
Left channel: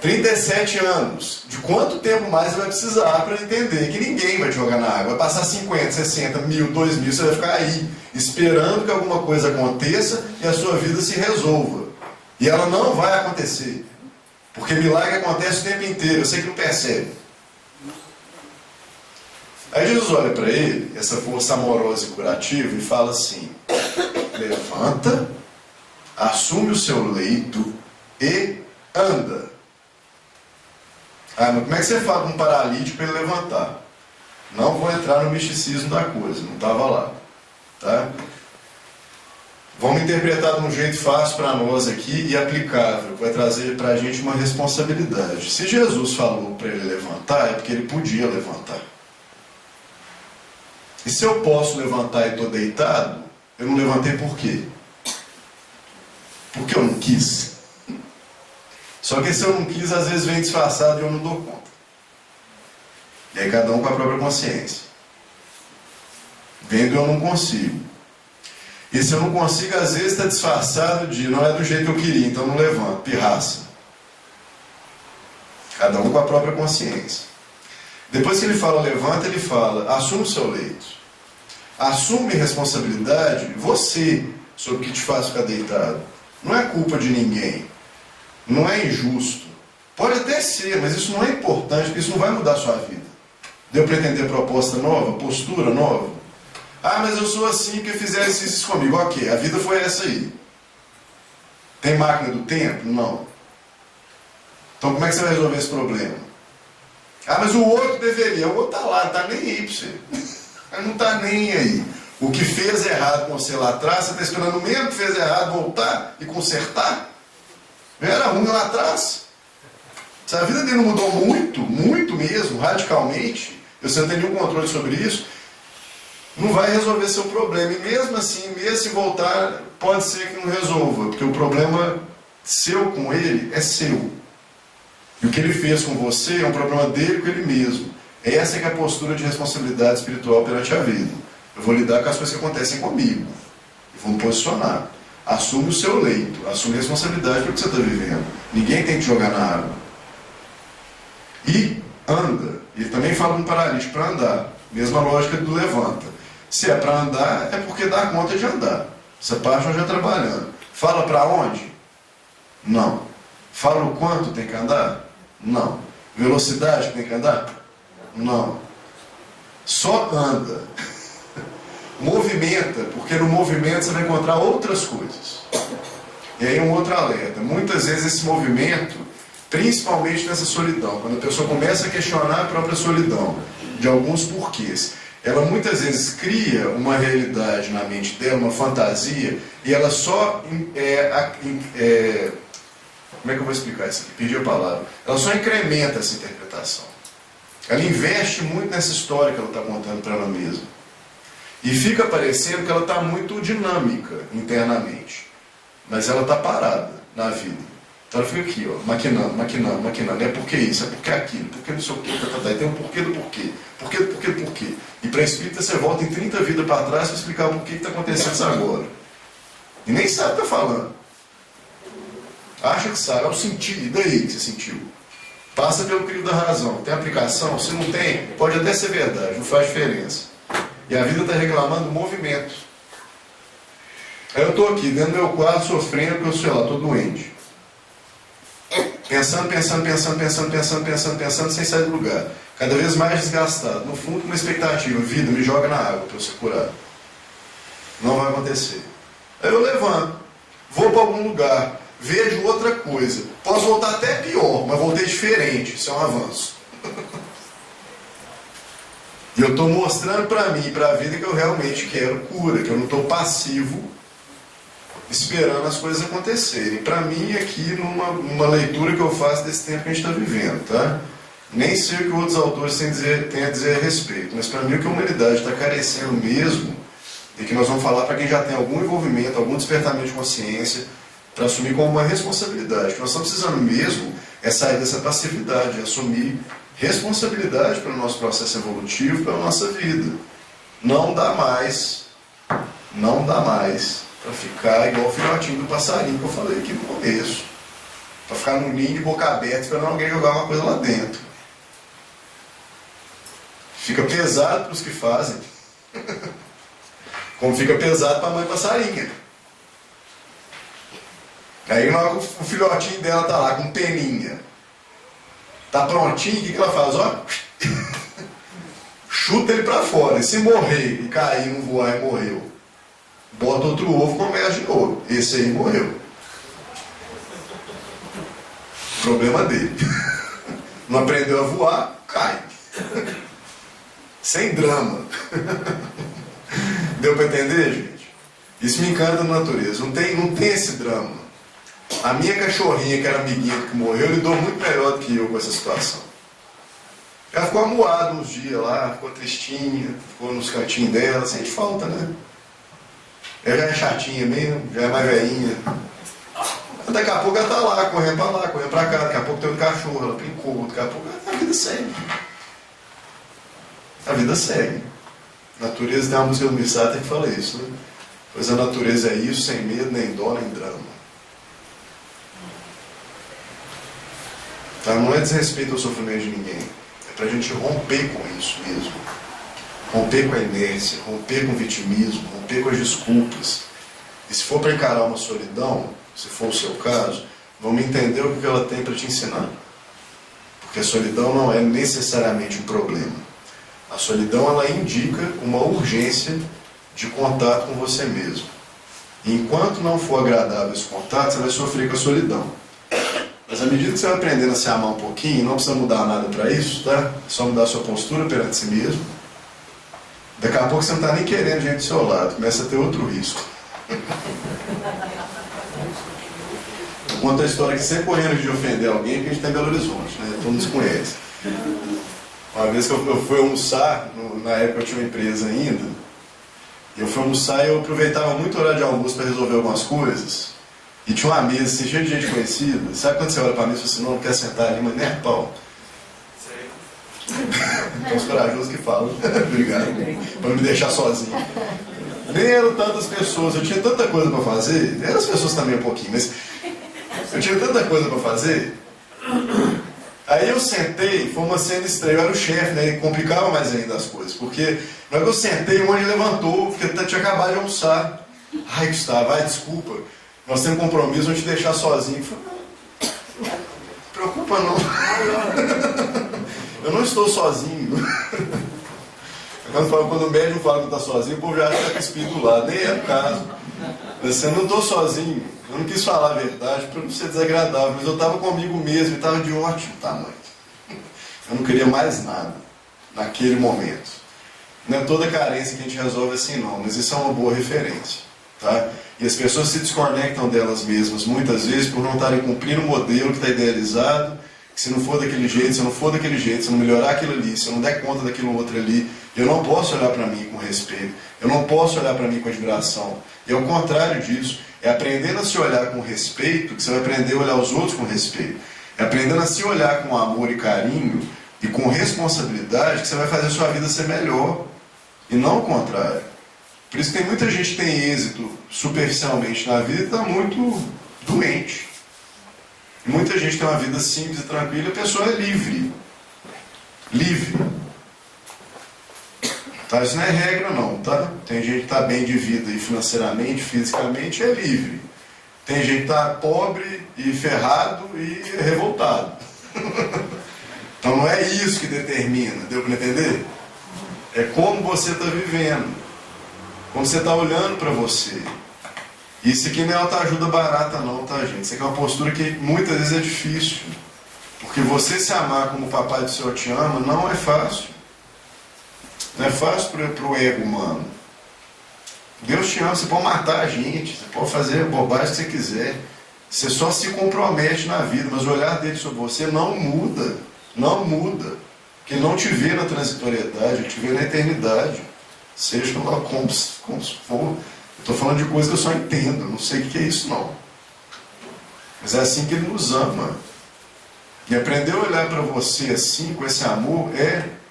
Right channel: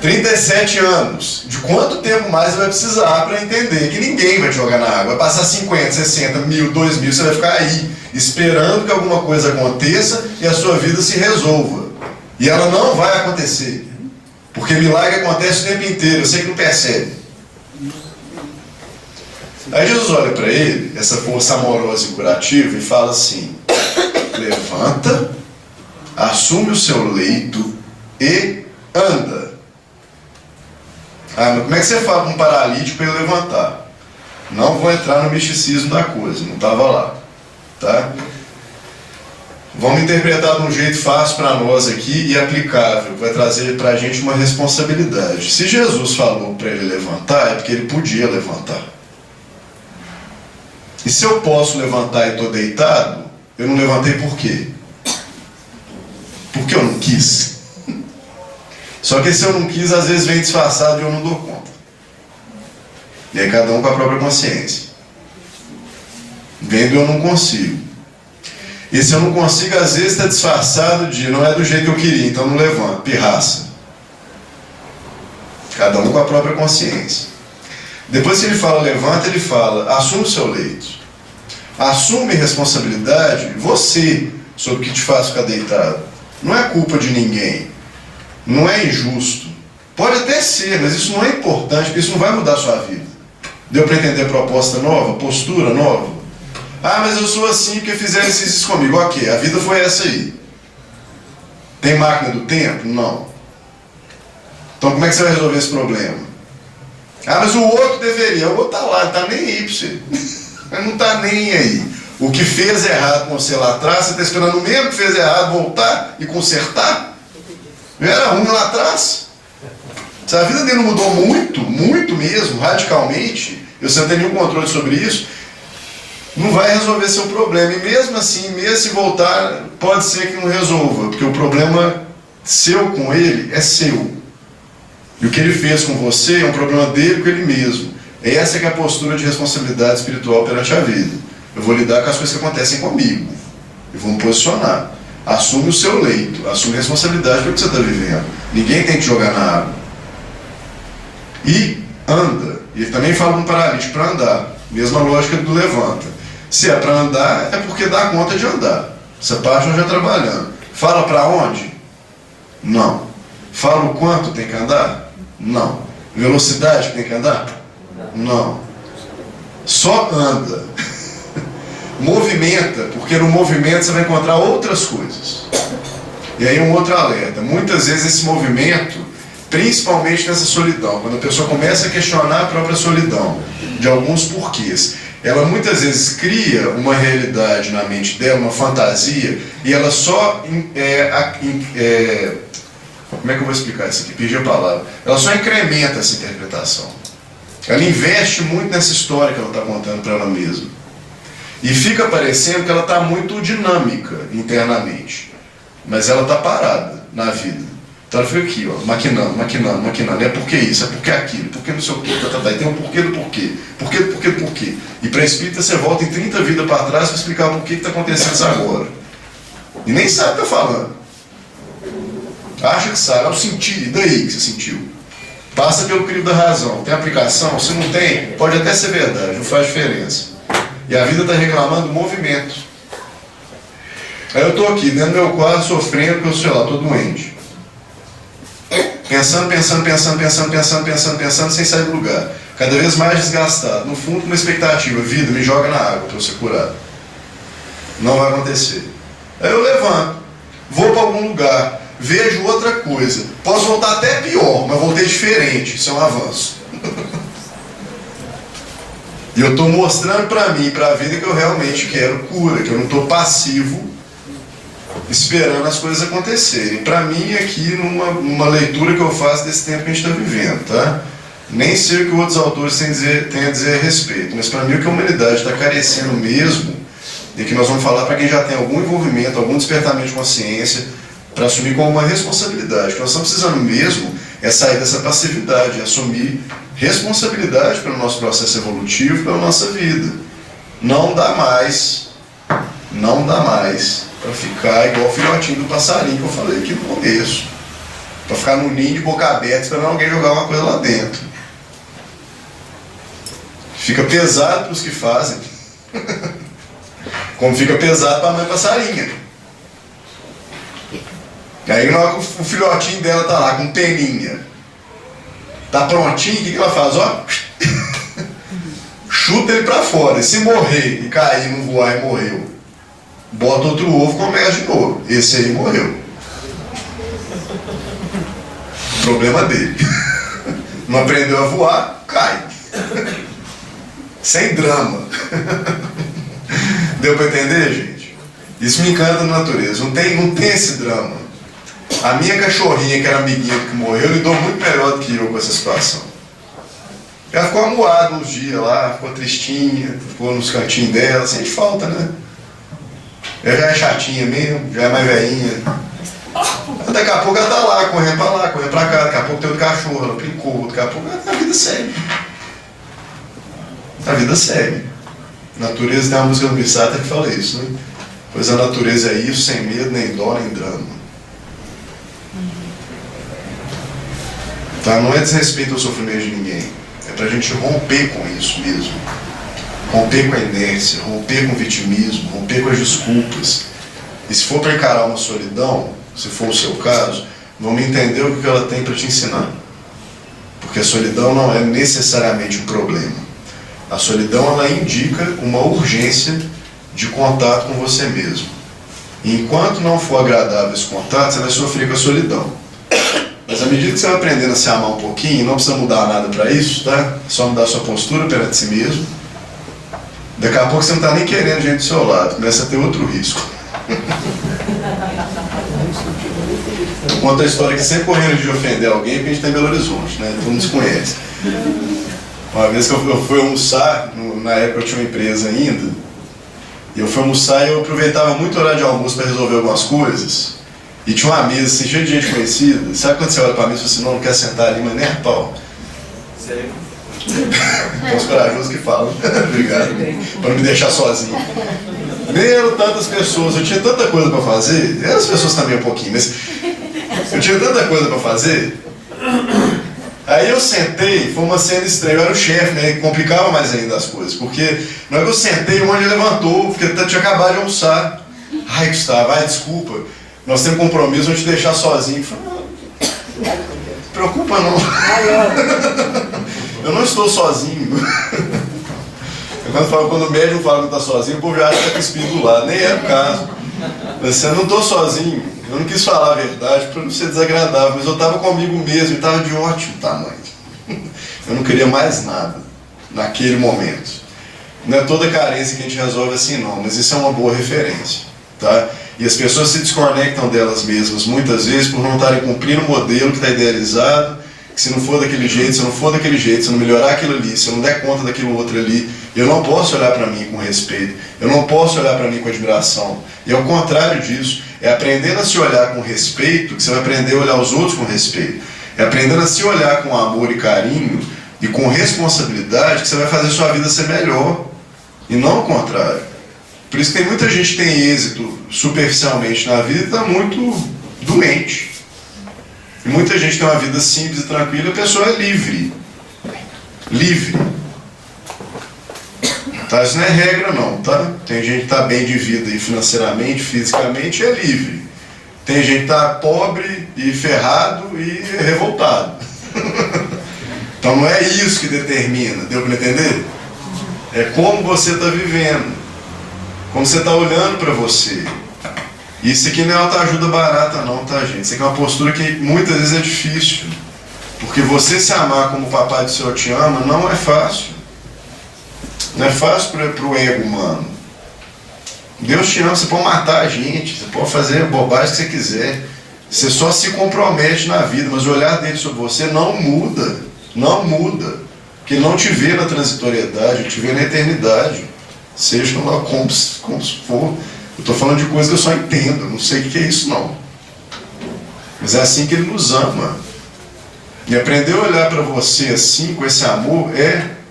37 anos. De quanto tempo mais você vai precisar para entender que ninguém vai te jogar na água? Vai passar 50, 60, 1000, 2000, você vai ficar aí, esperando que alguma coisa aconteça e a sua vida se resolva. E ela não vai acontecer. Porque milagre acontece o tempo inteiro, eu sei que não percebe. Aí Jesus olha para ele, essa força amorosa e curativa, e fala assim: levanta, assume o seu leito e anda. Ah, mas como é que você fala com um paralítico para ele levantar? Não vou entrar no misticismo da coisa, não estava lá. Tá? Vamos interpretar de um jeito fácil para nós aqui e aplicável, que vai trazer para a gente uma responsabilidade. Se Jesus falou para ele levantar, é porque ele podia levantar. E se eu posso levantar e estou deitado, eu não levantei por quê? Porque eu não quis. Só que se eu não quis, às vezes vem disfarçado e eu não dou conta. E aí cada um com a própria consciência. Vendo eu não consigo. E se eu não consigo, às vezes está disfarçado de não é do jeito que eu queria, então não levanto, pirraça. Cada um com a própria consciência. Depois que ele fala levanta, ele fala assume o seu leito. Assume responsabilidade, você, sobre o que te faz ficar deitado. Não é culpa de ninguém. Não é injusto. Pode até ser, mas isso não é importante, porque isso não vai mudar a sua vida. Deu para entender proposta nova, postura nova? Ah, mas eu sou assim porque fizeram isso comigo. Ok, a vida foi essa aí. Tem máquina do tempo? Não. Então como é que você vai resolver esse problema? Ah, mas o outro deveria. O outro está lá, não está nem aí para você. Ele não está nem aí. O que fez errado com você lá atrás, você está esperando o mesmo que fez errado voltar e consertar? Era ruim lá atrás. Se a vida dele não mudou muito, muito mesmo, radicalmente, e você não tem nenhum controle sobre isso, não vai resolver seu problema. E mesmo assim, mesmo se voltar, pode ser que não resolva, porque o problema seu com ele é seu. E o que ele fez com você é um problema dele com ele mesmo. Essa que é a postura de responsabilidade espiritual perante a vida. Eu vou lidar com as coisas que acontecem comigo. Eu vou me posicionar. Assume o seu leito, assume a responsabilidade pelo que você está vivendo. Ninguém tem que jogar na água. E anda. E ele também fala para um paralítico para andar. Mesma lógica do levanta. Se é para andar, é porque dá conta de andar. Essa parte nós já trabalhando. Fala para onde? Não. Fala o quanto tem que andar? Não. Velocidade que tem que andar? Não. Só anda. Movimenta, porque no movimento você vai encontrar outras coisas. E aí um outro alerta. Muitas vezes esse movimento, principalmente nessa solidão, quando a pessoa começa a questionar a própria solidão, de alguns porquês, ela muitas vezes cria uma realidade na mente dela, uma fantasia, e ela só... como é que eu vou explicar isso aqui? Perdi a palavra. Ela só incrementa essa interpretação. Ela investe muito nessa história que ela está contando para ela mesma. E fica parecendo que ela está muito dinâmica internamente. Mas ela está parada na vida. Então ela fica aqui, ó, maquinando. É porque isso, é porque aquilo, porque não sei o quê. E tem um porquê do porquê. Porquê do porquê do porquê. E para espírita você volta em 30 vidas para trás para explicar o porquê que está acontecendo isso agora. E nem sabe o que está falando. Acha que sabe, eu senti, e daí que você sentiu? Passa pelo crivo da razão. Tem aplicação? Se não tem, pode até ser verdade, não faz diferença. E a vida está reclamando do movimento. Aí eu estou aqui, dentro do meu quarto, sofrendo, porque eu, sei lá, estou doente. Pensando, sem sair do lugar. Cada vez mais desgastado. No fundo, com uma expectativa. Vida, me joga na água para eu ser curado. Não vai acontecer. Aí eu levanto, vou para algum lugar, vejo outra coisa. Posso voltar até pior, mas voltei diferente. Isso é um avanço. E eu estou mostrando para mim e para a vida que eu realmente quero cura, que eu não estou passivo esperando as coisas acontecerem. Para mim, aqui, numa leitura que eu faço desse tempo que a gente está vivendo, tá? Nem sei o que outros autores têm a dizer a respeito, mas para mim o que a humanidade está carecendo mesmo, e que nós vamos falar para quem já tem algum envolvimento, algum despertamento de consciência, para assumir como uma responsabilidade. O que nós estamos precisando mesmo é sair dessa passividade, assumir responsabilidade pelo nosso processo evolutivo, pela nossa vida. Não dá mais para ficar igual o filhotinho do passarinho que eu falei aqui no começo. Para ficar no ninho de boca aberta esperando alguém jogar uma coisa lá dentro. Fica pesado para os que fazem. Como fica pesado para a mãe passarinha. Aí na hora que o filhotinho dela tá lá com peninha, tá prontinho, o que ela faz? Ó, chuta ele para fora. E se morrer e cair, não voar e morreu, bota outro ovo e começa de novo. Esse aí morreu. Problema dele. Não aprendeu a voar, cai. Sem drama. Deu para entender, gente? Isso me encanta na natureza. Não tem esse drama. A minha cachorrinha, que era amiguinha que morreu, lidou muito melhor do que eu com essa situação. Ela ficou amuada uns dias lá, ficou tristinha, ficou nos cantinhos dela, sente falta, né? Ela já é chatinha mesmo, já é mais velhinha. Daqui a pouco ela tá lá, correndo pra cá, daqui a pouco tem outro cachorro, ela brincou, daqui a pouco a vida segue. A vida segue. Natureza, tem uma música do Missata que fala isso, né? Pois a natureza é isso, sem medo, nem dó, nem drama. Tá? Não é desrespeito ao sofrimento de ninguém. É pra gente romper com isso mesmo. Romper com a inércia, romper com o vitimismo, romper com as desculpas. E se for para encarar uma solidão, se for o seu caso, vamos entender o que ela tem para te ensinar. Porque a solidão não é necessariamente um problema. A solidão, ela indica uma urgência de contato com você mesmo. E enquanto não for agradável esse contato, você vai sofrer com a solidão. Mas à medida que você vai aprendendo a se amar um pouquinho, não precisa mudar nada para isso, tá? É só mudar a sua postura perante si mesmo. Daqui a pouco você não está nem querendo gente do seu lado, começa a ter outro risco. Eu conto a história que sempre correndo de ofender alguém, porque a gente está em Belo Horizonte, né? Todo mundo se conhece. Uma vez que eu fui almoçar, na época eu tinha uma empresa ainda, e eu fui almoçar e eu aproveitava muito o horário de almoço para resolver algumas coisas, e tinha uma mesa assim, cheia de gente conhecida. Sabe quando você olha para mim e fala assim, não quer sentar ali, mas nem a pau? Sério? Tem uns corajosos que falam. Obrigado. Para não me deixar sozinho. Nem eram tantas pessoas, eu tinha tanta coisa para fazer, eram as pessoas também um pouquinho, mas eu tinha tanta coisa para fazer. Aí eu sentei, foi uma cena estranha, eu era o chefe, né, e complicava mais ainda as coisas, porque na hora que eu sentei, o monte levantou, porque eu tinha acabado de almoçar. Ai, Gustavo, desculpa, nós temos compromisso, vamos te deixar sozinho. Eu falei, não preocupa não. Eu não estou sozinho. Quando o médium fala que está sozinho, o povo já acha que está com o espírito do lado, nem é o caso. Mas eu não estou sozinho. Eu não quis falar a verdade para não ser desagradável, mas eu estava comigo mesmo e estava de ótimo tamanho. Eu não queria mais nada naquele momento. Não é toda carência que a gente resolve assim não, mas isso é uma boa referência. Tá? E as pessoas se desconectam delas mesmas muitas vezes por não estarem cumprindo o modelo que está idealizado, que se não for daquele jeito, se eu não for daquele jeito, se eu não melhorar aquilo ali, se eu não der conta daquilo outro ali, Eu não posso olhar para mim com respeito. Eu não posso olhar para mim com admiração. E ao contrário disso, é aprendendo a se olhar com respeito que você vai aprender a olhar os outros com respeito. É aprendendo a se olhar com amor e carinho e com responsabilidade que você vai fazer a sua vida ser melhor. E não o contrário. Por isso que tem muita gente que tem êxito superficialmente na vida e está muito doente. E muita gente tem uma vida simples e tranquila e a pessoa é livre. Livre. Tá? Isso não é regra não, tá? Tem gente que está bem de vida e financeiramente, fisicamente, é livre. Tem gente que está pobre e ferrado e revoltado. Então não é isso que determina, deu para entender? É como você está vivendo, como você está olhando para você. Isso aqui não é autoajuda barata não, tá, gente? Isso aqui é uma postura que muitas vezes é difícil. Porque você se amar como o papai do céu te ama não é fácil. Não é fácil para o ego humano. Deus te ama, você pode matar a gente, você pode fazer a bobagem que você quiser. Você só se compromete na vida, mas o olhar dele sobre você não muda. Não muda. Porque ele não te vê na transitoriedade, ele te vê na eternidade. Seja lá como for. Eu estou falando de coisa que eu só entendo, não sei o que é isso não. Mas é assim que ele nos ama. E aprender a olhar para você assim, com esse amor,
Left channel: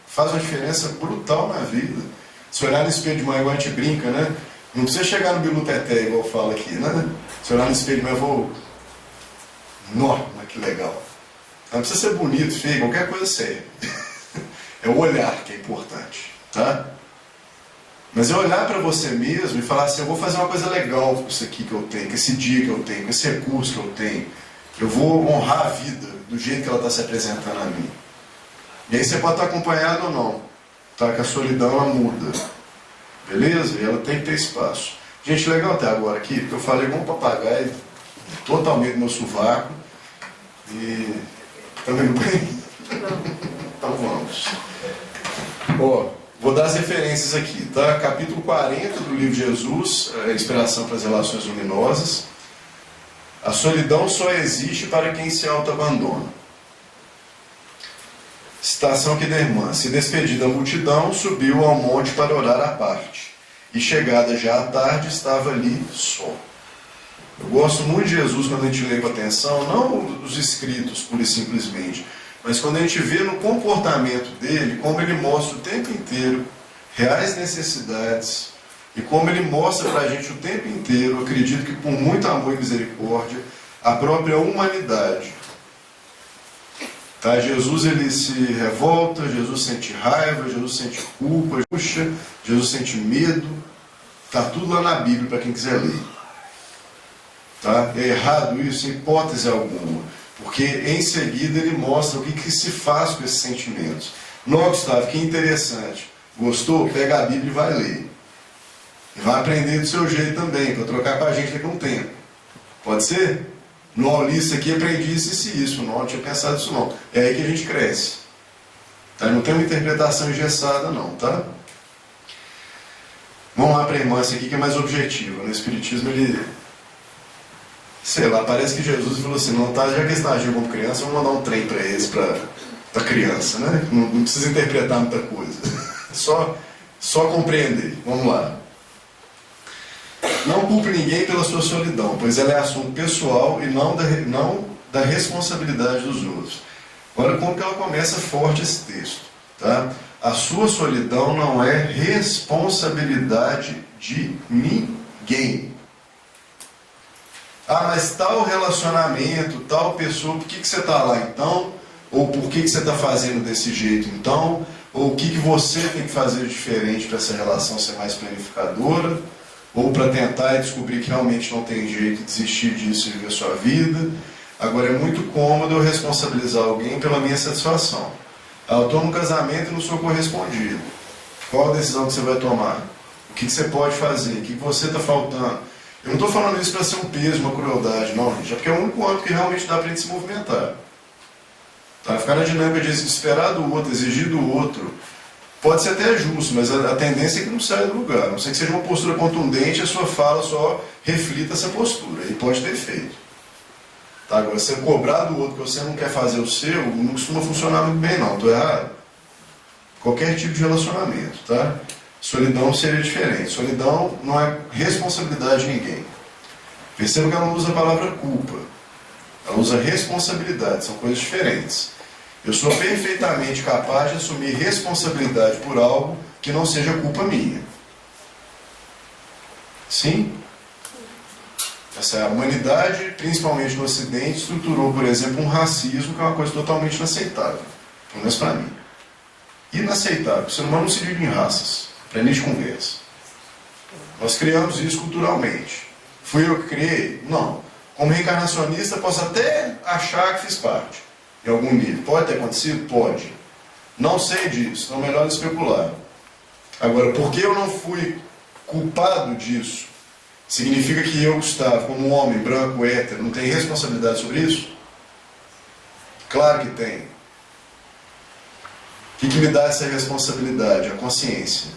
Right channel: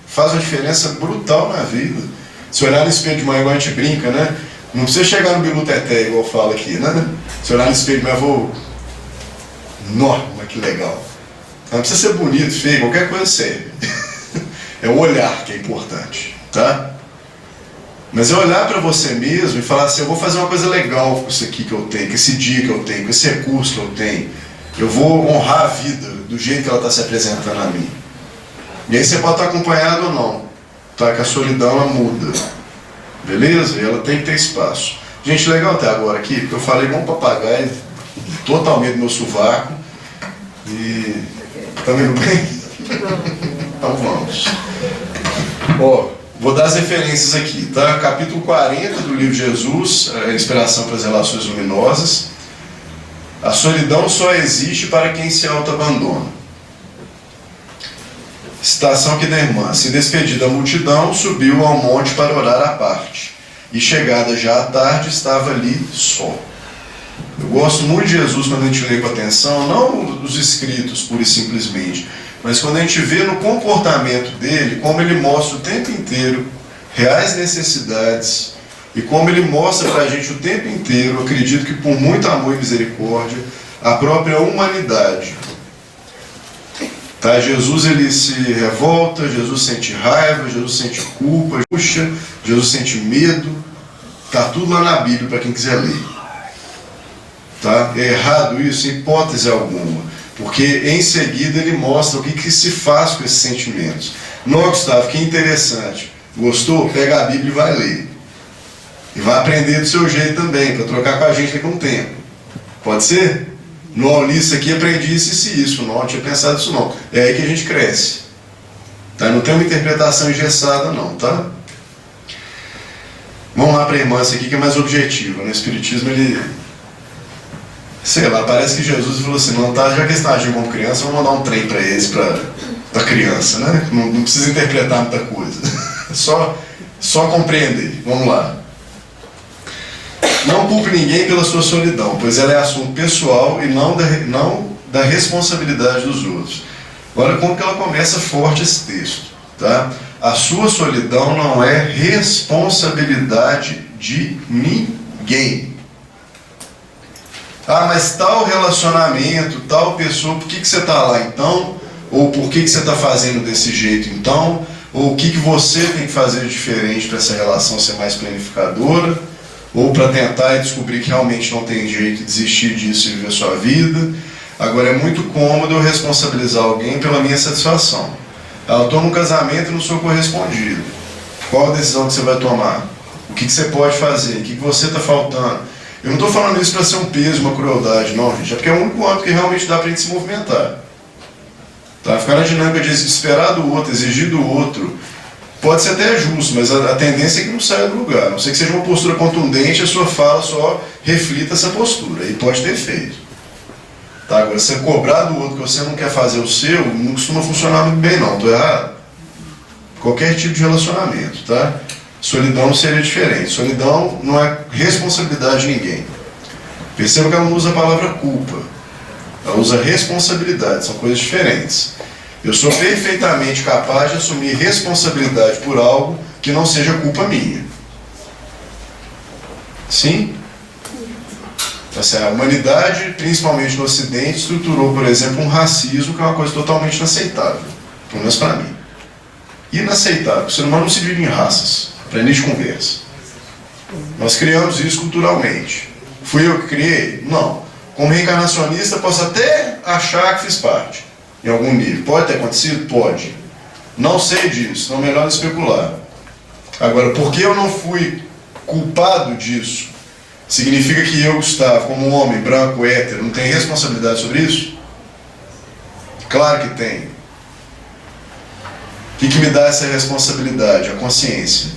faz uma diferença brutal na vida. Se olhar no espelho de manhã, igual a gente brinca, né? Não precisa chegar no bilu teté, igual eu falo aqui, né? Se olhar no espelho de manhã, eu vou... Nossa, que legal. Não precisa ser bonito, feio, qualquer coisa serve. É o olhar que é importante, tá? Mas é olhar para você mesmo e falar assim, eu vou fazer uma coisa legal com isso aqui que eu tenho, com esse dia que eu tenho, com esse recurso que eu tenho. Eu vou honrar a vida do jeito que ela está se apresentando a mim. E aí você pode estar acompanhado ou não, tá? Que a solidão ela muda, beleza? E ela tem que ter espaço. Gente, legal até agora aqui, porque eu falei igual um papagaio, totalmente no meu sovaco. E... tá vendo bem? Então vamos. Ó, vou dar as referências aqui, tá? Capítulo 40 do livro de Jesus, a inspiração para as relações luminosas. A solidão só existe para quem se auto-abandona. Citação aqui da irmã. Se despediu da multidão, subiu ao monte para orar à parte. E chegada já à tarde, estava ali só. Eu gosto muito de Jesus quando a gente lê com atenção, não os escritos pura e simplesmente, mas quando a gente vê no comportamento dele, como ele mostra o tempo inteiro reais necessidades, e como ele mostra para a gente o tempo inteiro, acredito que por muito amor e misericórdia, a própria humanidade. Tá? Jesus ele se revolta, Jesus sente raiva, Jesus sente culpa, Jesus sente medo. Está tudo lá na Bíblia para quem quiser ler. Tá? É errado isso em hipótese alguma, porque em seguida ele mostra o que se faz com esses sentimentos. Não, Gustavo, que interessante. Gostou? Pega a Bíblia e vai ler. E vai aprender do seu jeito também, para trocar com a gente com o tempo. Pode ser? Não, li isso aqui, aprendi isso e isso. Não tinha pensado isso não. É aí que a gente cresce. Tá? Não tem uma interpretação engessada não, tá? Vamos lá para a irmã, essa aqui que é mais objetiva. No Espiritismo ele... sei lá, parece que Jesus falou assim, não, tá, já que eles estão agindo como criança, vamos mandar um trem para eles, para criança, né? Não precisa interpretar muita coisa. Só compreender. Vamos lá. Não culpe ninguém pela sua solidão, pois ela é assunto pessoal e não da responsabilidade dos outros. Olha como que ela começa forte esse texto, tá? A sua solidão não é responsabilidade de ninguém. Ah, mas tal relacionamento, tal pessoa, por que você está lá então? Ou por que você está fazendo desse jeito então? Ou o que você tem que fazer de diferente para essa relação ser mais planificadora? Ou para tentar descobrir que realmente não tem jeito de desistir disso e viver a sua vida? Agora, é muito cômodo eu responsabilizar alguém pela minha satisfação. Eu estou num casamento e não sou correspondido. Qual a decisão que você vai tomar? O que você pode fazer? O que você está faltando? Eu não estou falando isso para ser um peso, uma crueldade, não, gente. É porque é o único âmbito que realmente dá para a gente se movimentar. Tá? Ficar na dinâmica de esperar do outro, exigir do outro, pode ser até justo, mas a tendência é que não saia do lugar. A não ser que seja uma postura contundente, a sua fala só reflita essa postura. E pode ter efeito. Tá? Agora, você cobrar do outro que você não quer fazer o seu, não costuma funcionar muito bem, não. Estou errado? Qualquer tipo de relacionamento, tá? Solidão seria diferente. Solidão não é responsabilidade de ninguém. Perceba que ela não usa a palavra culpa. Ela usa responsabilidade, são coisas diferentes. Eu sou perfeitamente capaz de assumir responsabilidade por algo que não seja culpa minha. Sim? A humanidade, principalmente no Ocidente, estruturou, por exemplo, um racismo que é uma coisa totalmente inaceitável. Pelo menos para mim. Inaceitável. O ser humano não se divide em raças, para início de conversa. Nós criamos isso culturalmente. Fui eu que criei? Não. Como reencarnacionista, posso até achar que fiz parte, em algum nível. Pode ter acontecido? Pode. Não sei disso, não é melhor especular. Agora, por que eu não fui culpado disso? Significa que eu, Gustavo, como homem branco, hétero, não tenho responsabilidade sobre isso? Claro que tenho. O que me dá essa responsabilidade? A consciência.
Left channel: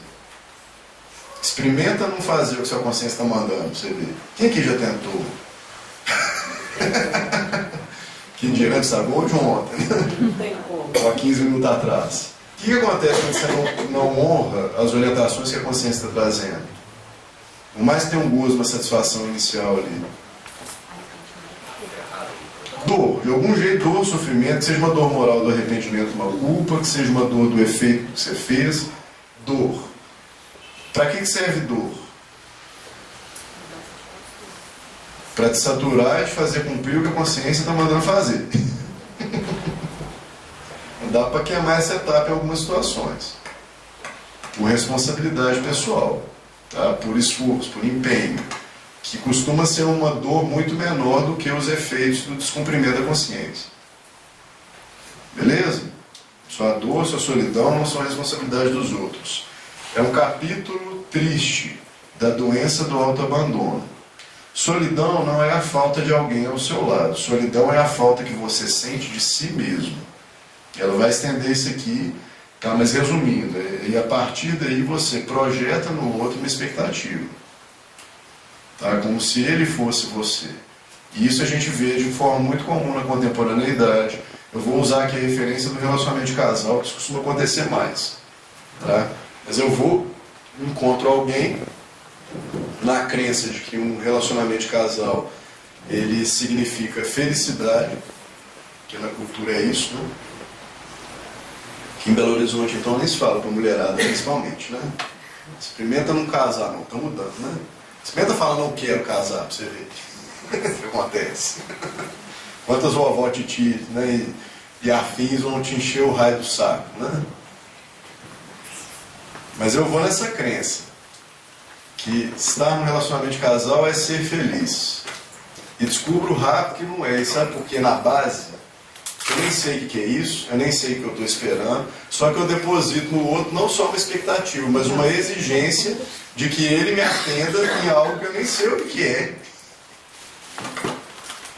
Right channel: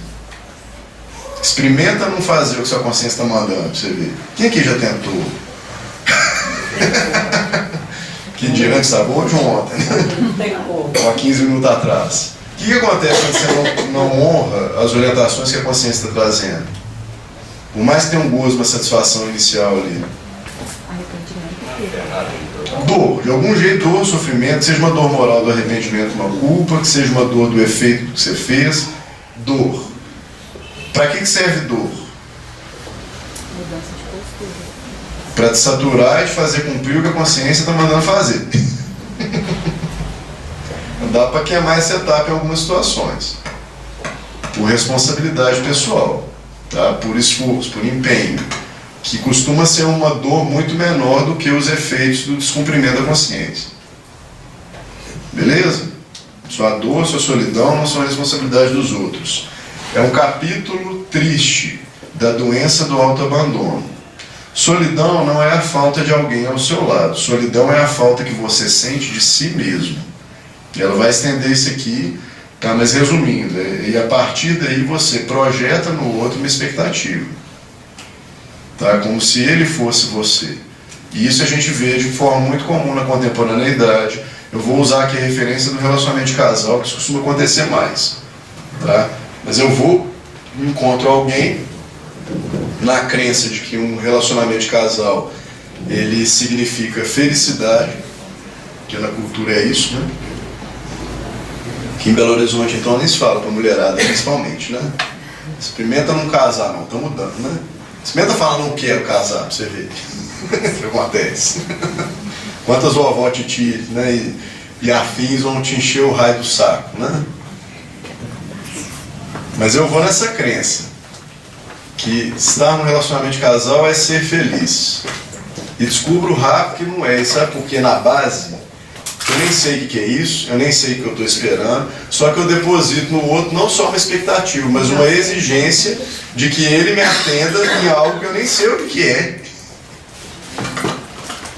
Experimenta não fazer o que sua consciência está mandando, pra você ver. Quem aqui já tentou? Que dia antes estava hoje ou ontem? Não tem como. Há 15 minutos atrás. O que acontece quando você não honra as orientações que a consciência está trazendo? Por mais que tenha um gozo, uma satisfação inicial ali. Dor, de algum jeito, dor, sofrimento, que seja uma dor moral do arrependimento, uma culpa, que seja uma dor do efeito do que você fez. Dor. Para que serve dor? Para te saturar e te fazer cumprir o que a consciência está mandando fazer. Dá para queimar essa etapa em algumas situações. Por responsabilidade pessoal, tá? Por esforço, por empenho. Que costuma ser uma dor muito menor do que os efeitos do descumprimento da consciência. Beleza? Sua dor, sua solidão não são a responsabilidade dos outros. É um capítulo triste da doença do autoabandono. Solidão não é a falta de alguém ao seu lado. Solidão é a falta que você sente de si mesmo. Ela vai estender isso aqui, tá? Mas resumindo, e a partir daí você projeta no outro uma expectativa. Tá? Como se ele fosse você. E isso a gente vê de forma muito comum na contemporaneidade. Eu vou usar aqui a referência do relacionamento de casal, que isso costuma acontecer mais. Tá? Mas eu encontro alguém na crença de que um relacionamento de casal ele significa felicidade, que na cultura é isso, né? Que em Belo Horizonte então nem se fala para mulherada principalmente, né? Experimenta não casar não, tá mudando, né? Experimenta falar não quero casar pra você ver o que acontece. Quantas vovó, titi, né, e afins vão te encher o raio do saco, né? Mas eu vou nessa crença que estar num relacionamento de casal é ser feliz. E descubro rápido que não é. E sabe por quê? Na base, eu nem sei o que é isso, eu nem sei o que eu estou esperando, só que eu deposito no outro não só uma expectativa, mas uma exigência de que ele me atenda em algo que eu nem sei o que é.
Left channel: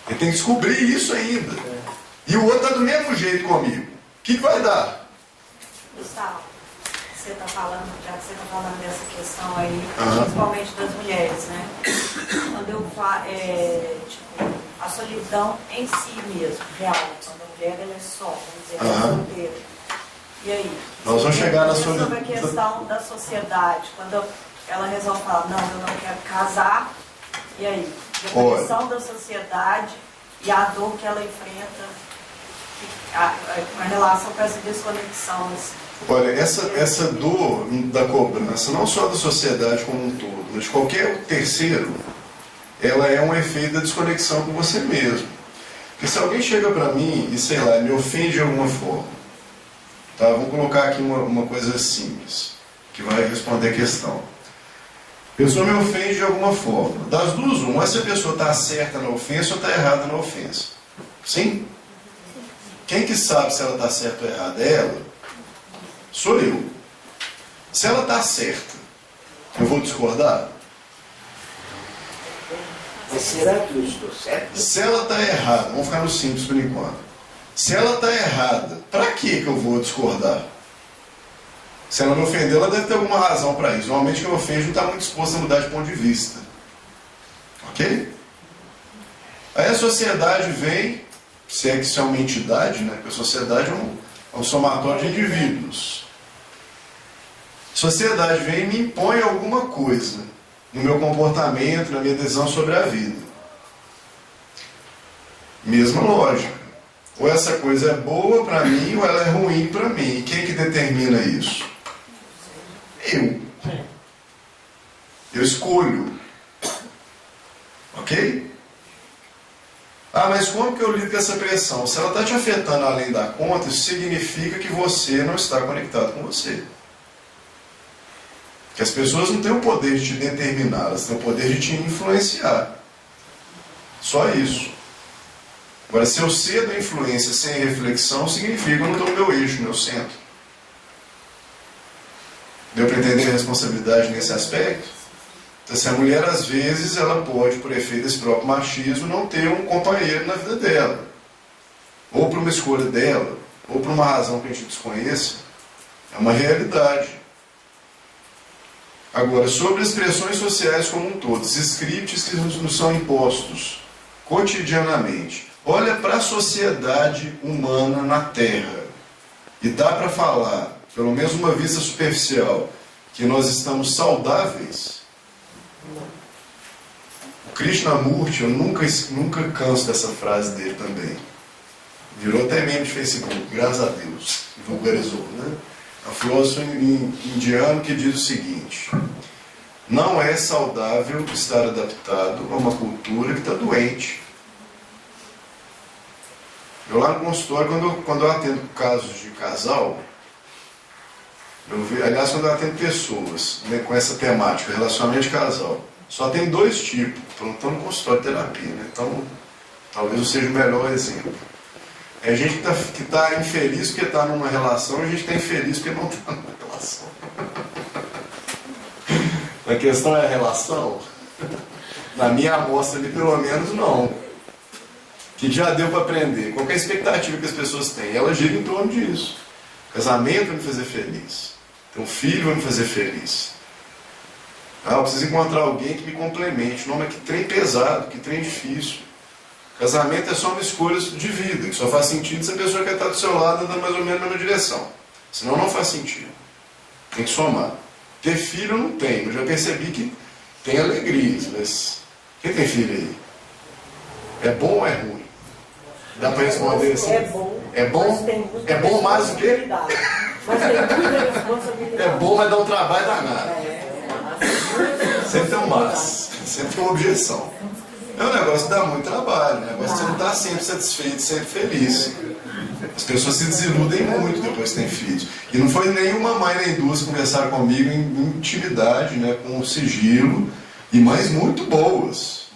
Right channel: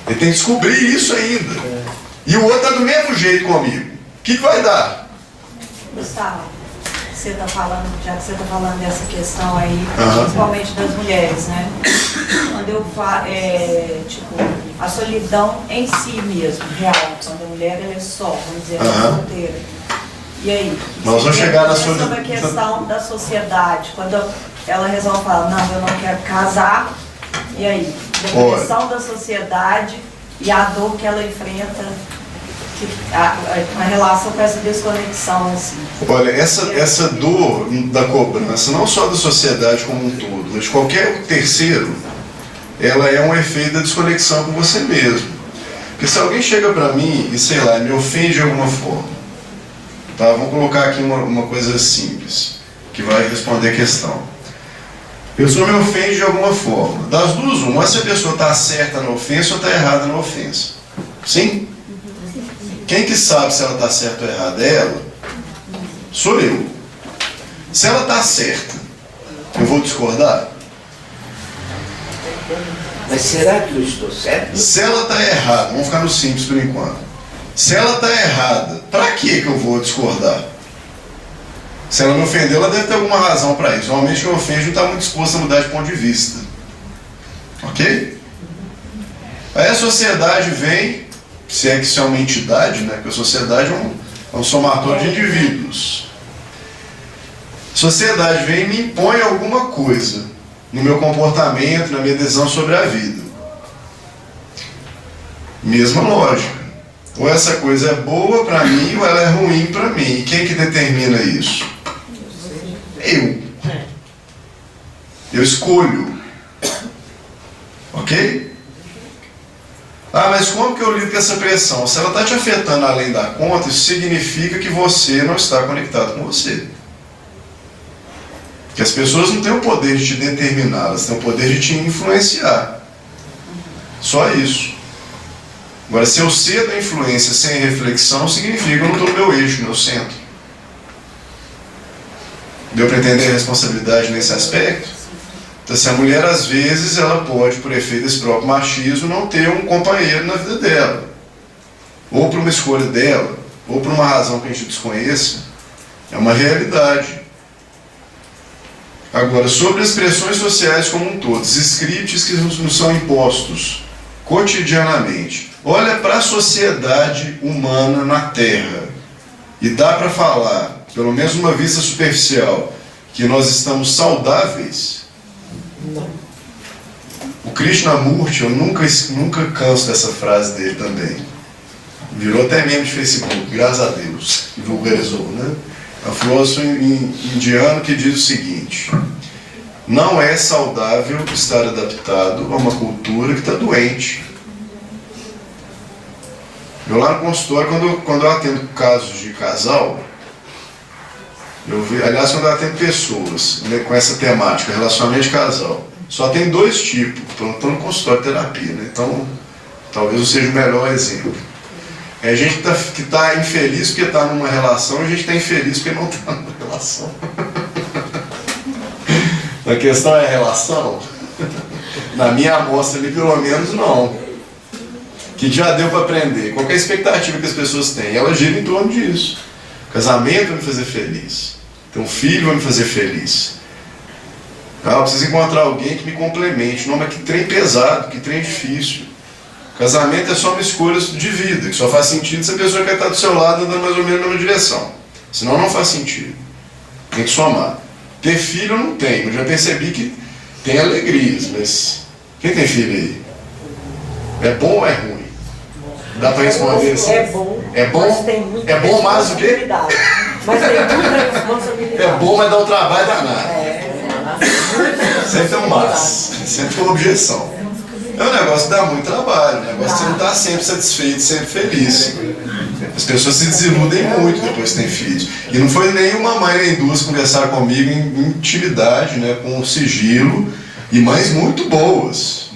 Ele tem que descobrir isso ainda. E o outro está do mesmo jeito comigo. O que vai dar? Gustavo, você está falando, já que você está falando dessa questão aí, principalmente das mulheres, né? Quando eu falo, tipo, a solidão em si mesmo, real, quando a mulher ela é só, vamos dizer, ela é solteira. E aí? Nós vamos chegar na solidão. Sobre a questão da sociedade, quando ela resolve falar, não, eu não quero casar, e aí? A pressão da sociedade e a dor que ela enfrenta, a relação com essa desconexão, assim. Olha, essa dor da cobrança, não só da sociedade como um todo, mas de qualquer terceiro, ela é um efeito da desconexão com você mesmo. Porque se alguém chega pra mim e, sei lá, me ofende de alguma forma, tá? Vamos colocar aqui uma coisa simples, que vai responder a questão. A pessoa me ofende de alguma forma. Das duas, uma, se a pessoa está certa na ofensa ou está errada na ofensa. Sim? Quem que sabe se ela está certa ou errada? É ela? Sou eu. Se ela está certa, eu vou discordar? Mas será que eu estou certo? Se ela está errada, vamos ficar no simples por enquanto. Se ela está errada, para que eu vou discordar? Se ela me ofendeu, ela deve ter alguma razão para isso. Normalmente quem ofende não está muito disposto a mudar de ponto de vista. Ok? Aí a sociedade vem, se é que isso é uma entidade, né? Porque a sociedade é um somatório de indivíduos. Sociedade vem e me impõe alguma coisa no meu comportamento, na minha decisão sobre a vida. Mesma lógica. Ou essa coisa é boa para mim ou ela é ruim para mim. E quem que determina isso? Eu escolho. Ok? Ah, mas como que eu lido com essa pressão? Se ela está te afetando além da conta, isso significa que você não está conectado com você. Que as pessoas não têm o poder de te determinar, elas têm o poder de te influenciar. Só isso. Agora, se eu cedo a influência sem reflexão, significa que eu não estou no meu eixo, no meu centro. Deu para entender a responsabilidade nesse aspecto? Então, se a mulher, às vezes, ela pode, por efeito desse próprio machismo, não ter um companheiro na vida dela. Ou por uma escolha dela, ou por uma razão que a gente desconheça. É uma realidade. Agora, sobre as pressões sociais como um todo, os scripts que nos são impostos cotidianamente. Olha para a sociedade humana na Terra. E dá para falar, pelo menos uma vista superficial, que nós estamos saudáveis? O Krishnamurti, eu nunca canso dessa frase dele também. Virou até meme de Facebook, graças a Deus, e vulgarizou, né? É um filósofo indiano que diz o seguinte: não é saudável estar adaptado a uma cultura que está doente. Eu lá no consultório, quando eu atendo casos de casal, aliás, quando eu atendo pessoas, né, com essa temática, relacionamento de casal, só tem dois tipos, estou no consultório de terapia, né? Então talvez eu seja o melhor exemplo. É gente que está infeliz porque está numa relação, e a gente está infeliz porque não está numa relação. A questão é a relação? Na minha amostra ali, pelo menos, não. Que já deu para aprender. Qual que é a expectativa que as pessoas têm? Ela gira em torno disso. Casamento vai me fazer feliz. Ter um filho vai me fazer feliz. Ah, eu preciso encontrar alguém que me complemente. Não, mas que trem pesado, que trem difícil. Casamento é só uma escolha de vida, que só faz sentido se a pessoa quer estar do seu lado andando mais ou menos na mesma direção. Senão não faz sentido. Tem que somar. Ter filho eu não tenho, eu já percebi que tem alegrias, mas quem tem filho aí? É bom ou é ruim? Dá para responder assim? É bom. É bom? Mas tem muita É bom mais do que? Mas tem muita responsabilidade. É bom, mas dá um trabalho danado. Sempre tem um mas, sempre tem uma objeção. É um negócio que dá muito trabalho, um negócio que você não está sempre satisfeito, sempre feliz. As pessoas se desiludem muito depois que têm filhos. E não foi nenhuma mãe nem duas que conversaram comigo em intimidade, né, com sigilo, e mães muito boas.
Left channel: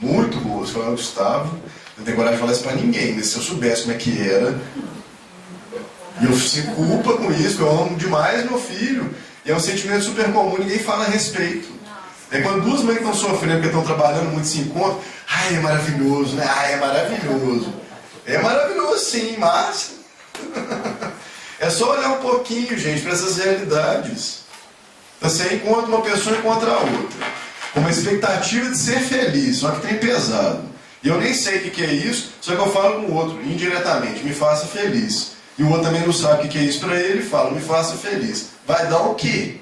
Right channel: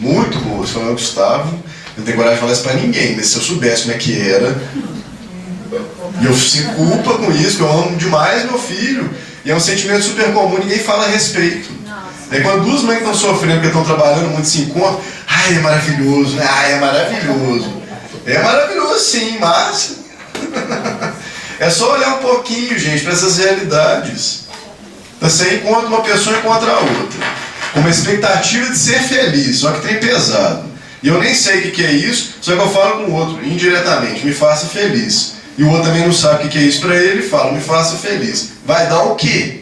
Falaram, Gustavo, eu não tenho coragem de falar isso para ninguém, mas se eu soubesse como é que era, e eu sinto culpa com isso, eu amo demais meu filho, e é um sentimento super comum, ninguém fala a respeito. Aí quando duas mães estão sofrendo porque estão trabalhando muito, se encontram, ai, é maravilhoso, né? Ai, é maravilhoso. É maravilhoso sim, mas é só olhar um pouquinho, gente, para essas realidades. Então, você encontra uma pessoa e encontra a outra, com uma expectativa de ser feliz, só que tem pesado. E eu nem sei o que é isso, só que eu falo com o outro, indiretamente, me faça feliz. E o outro também não sabe o que é isso para ele e fala, me faça feliz. Vai dar o quê?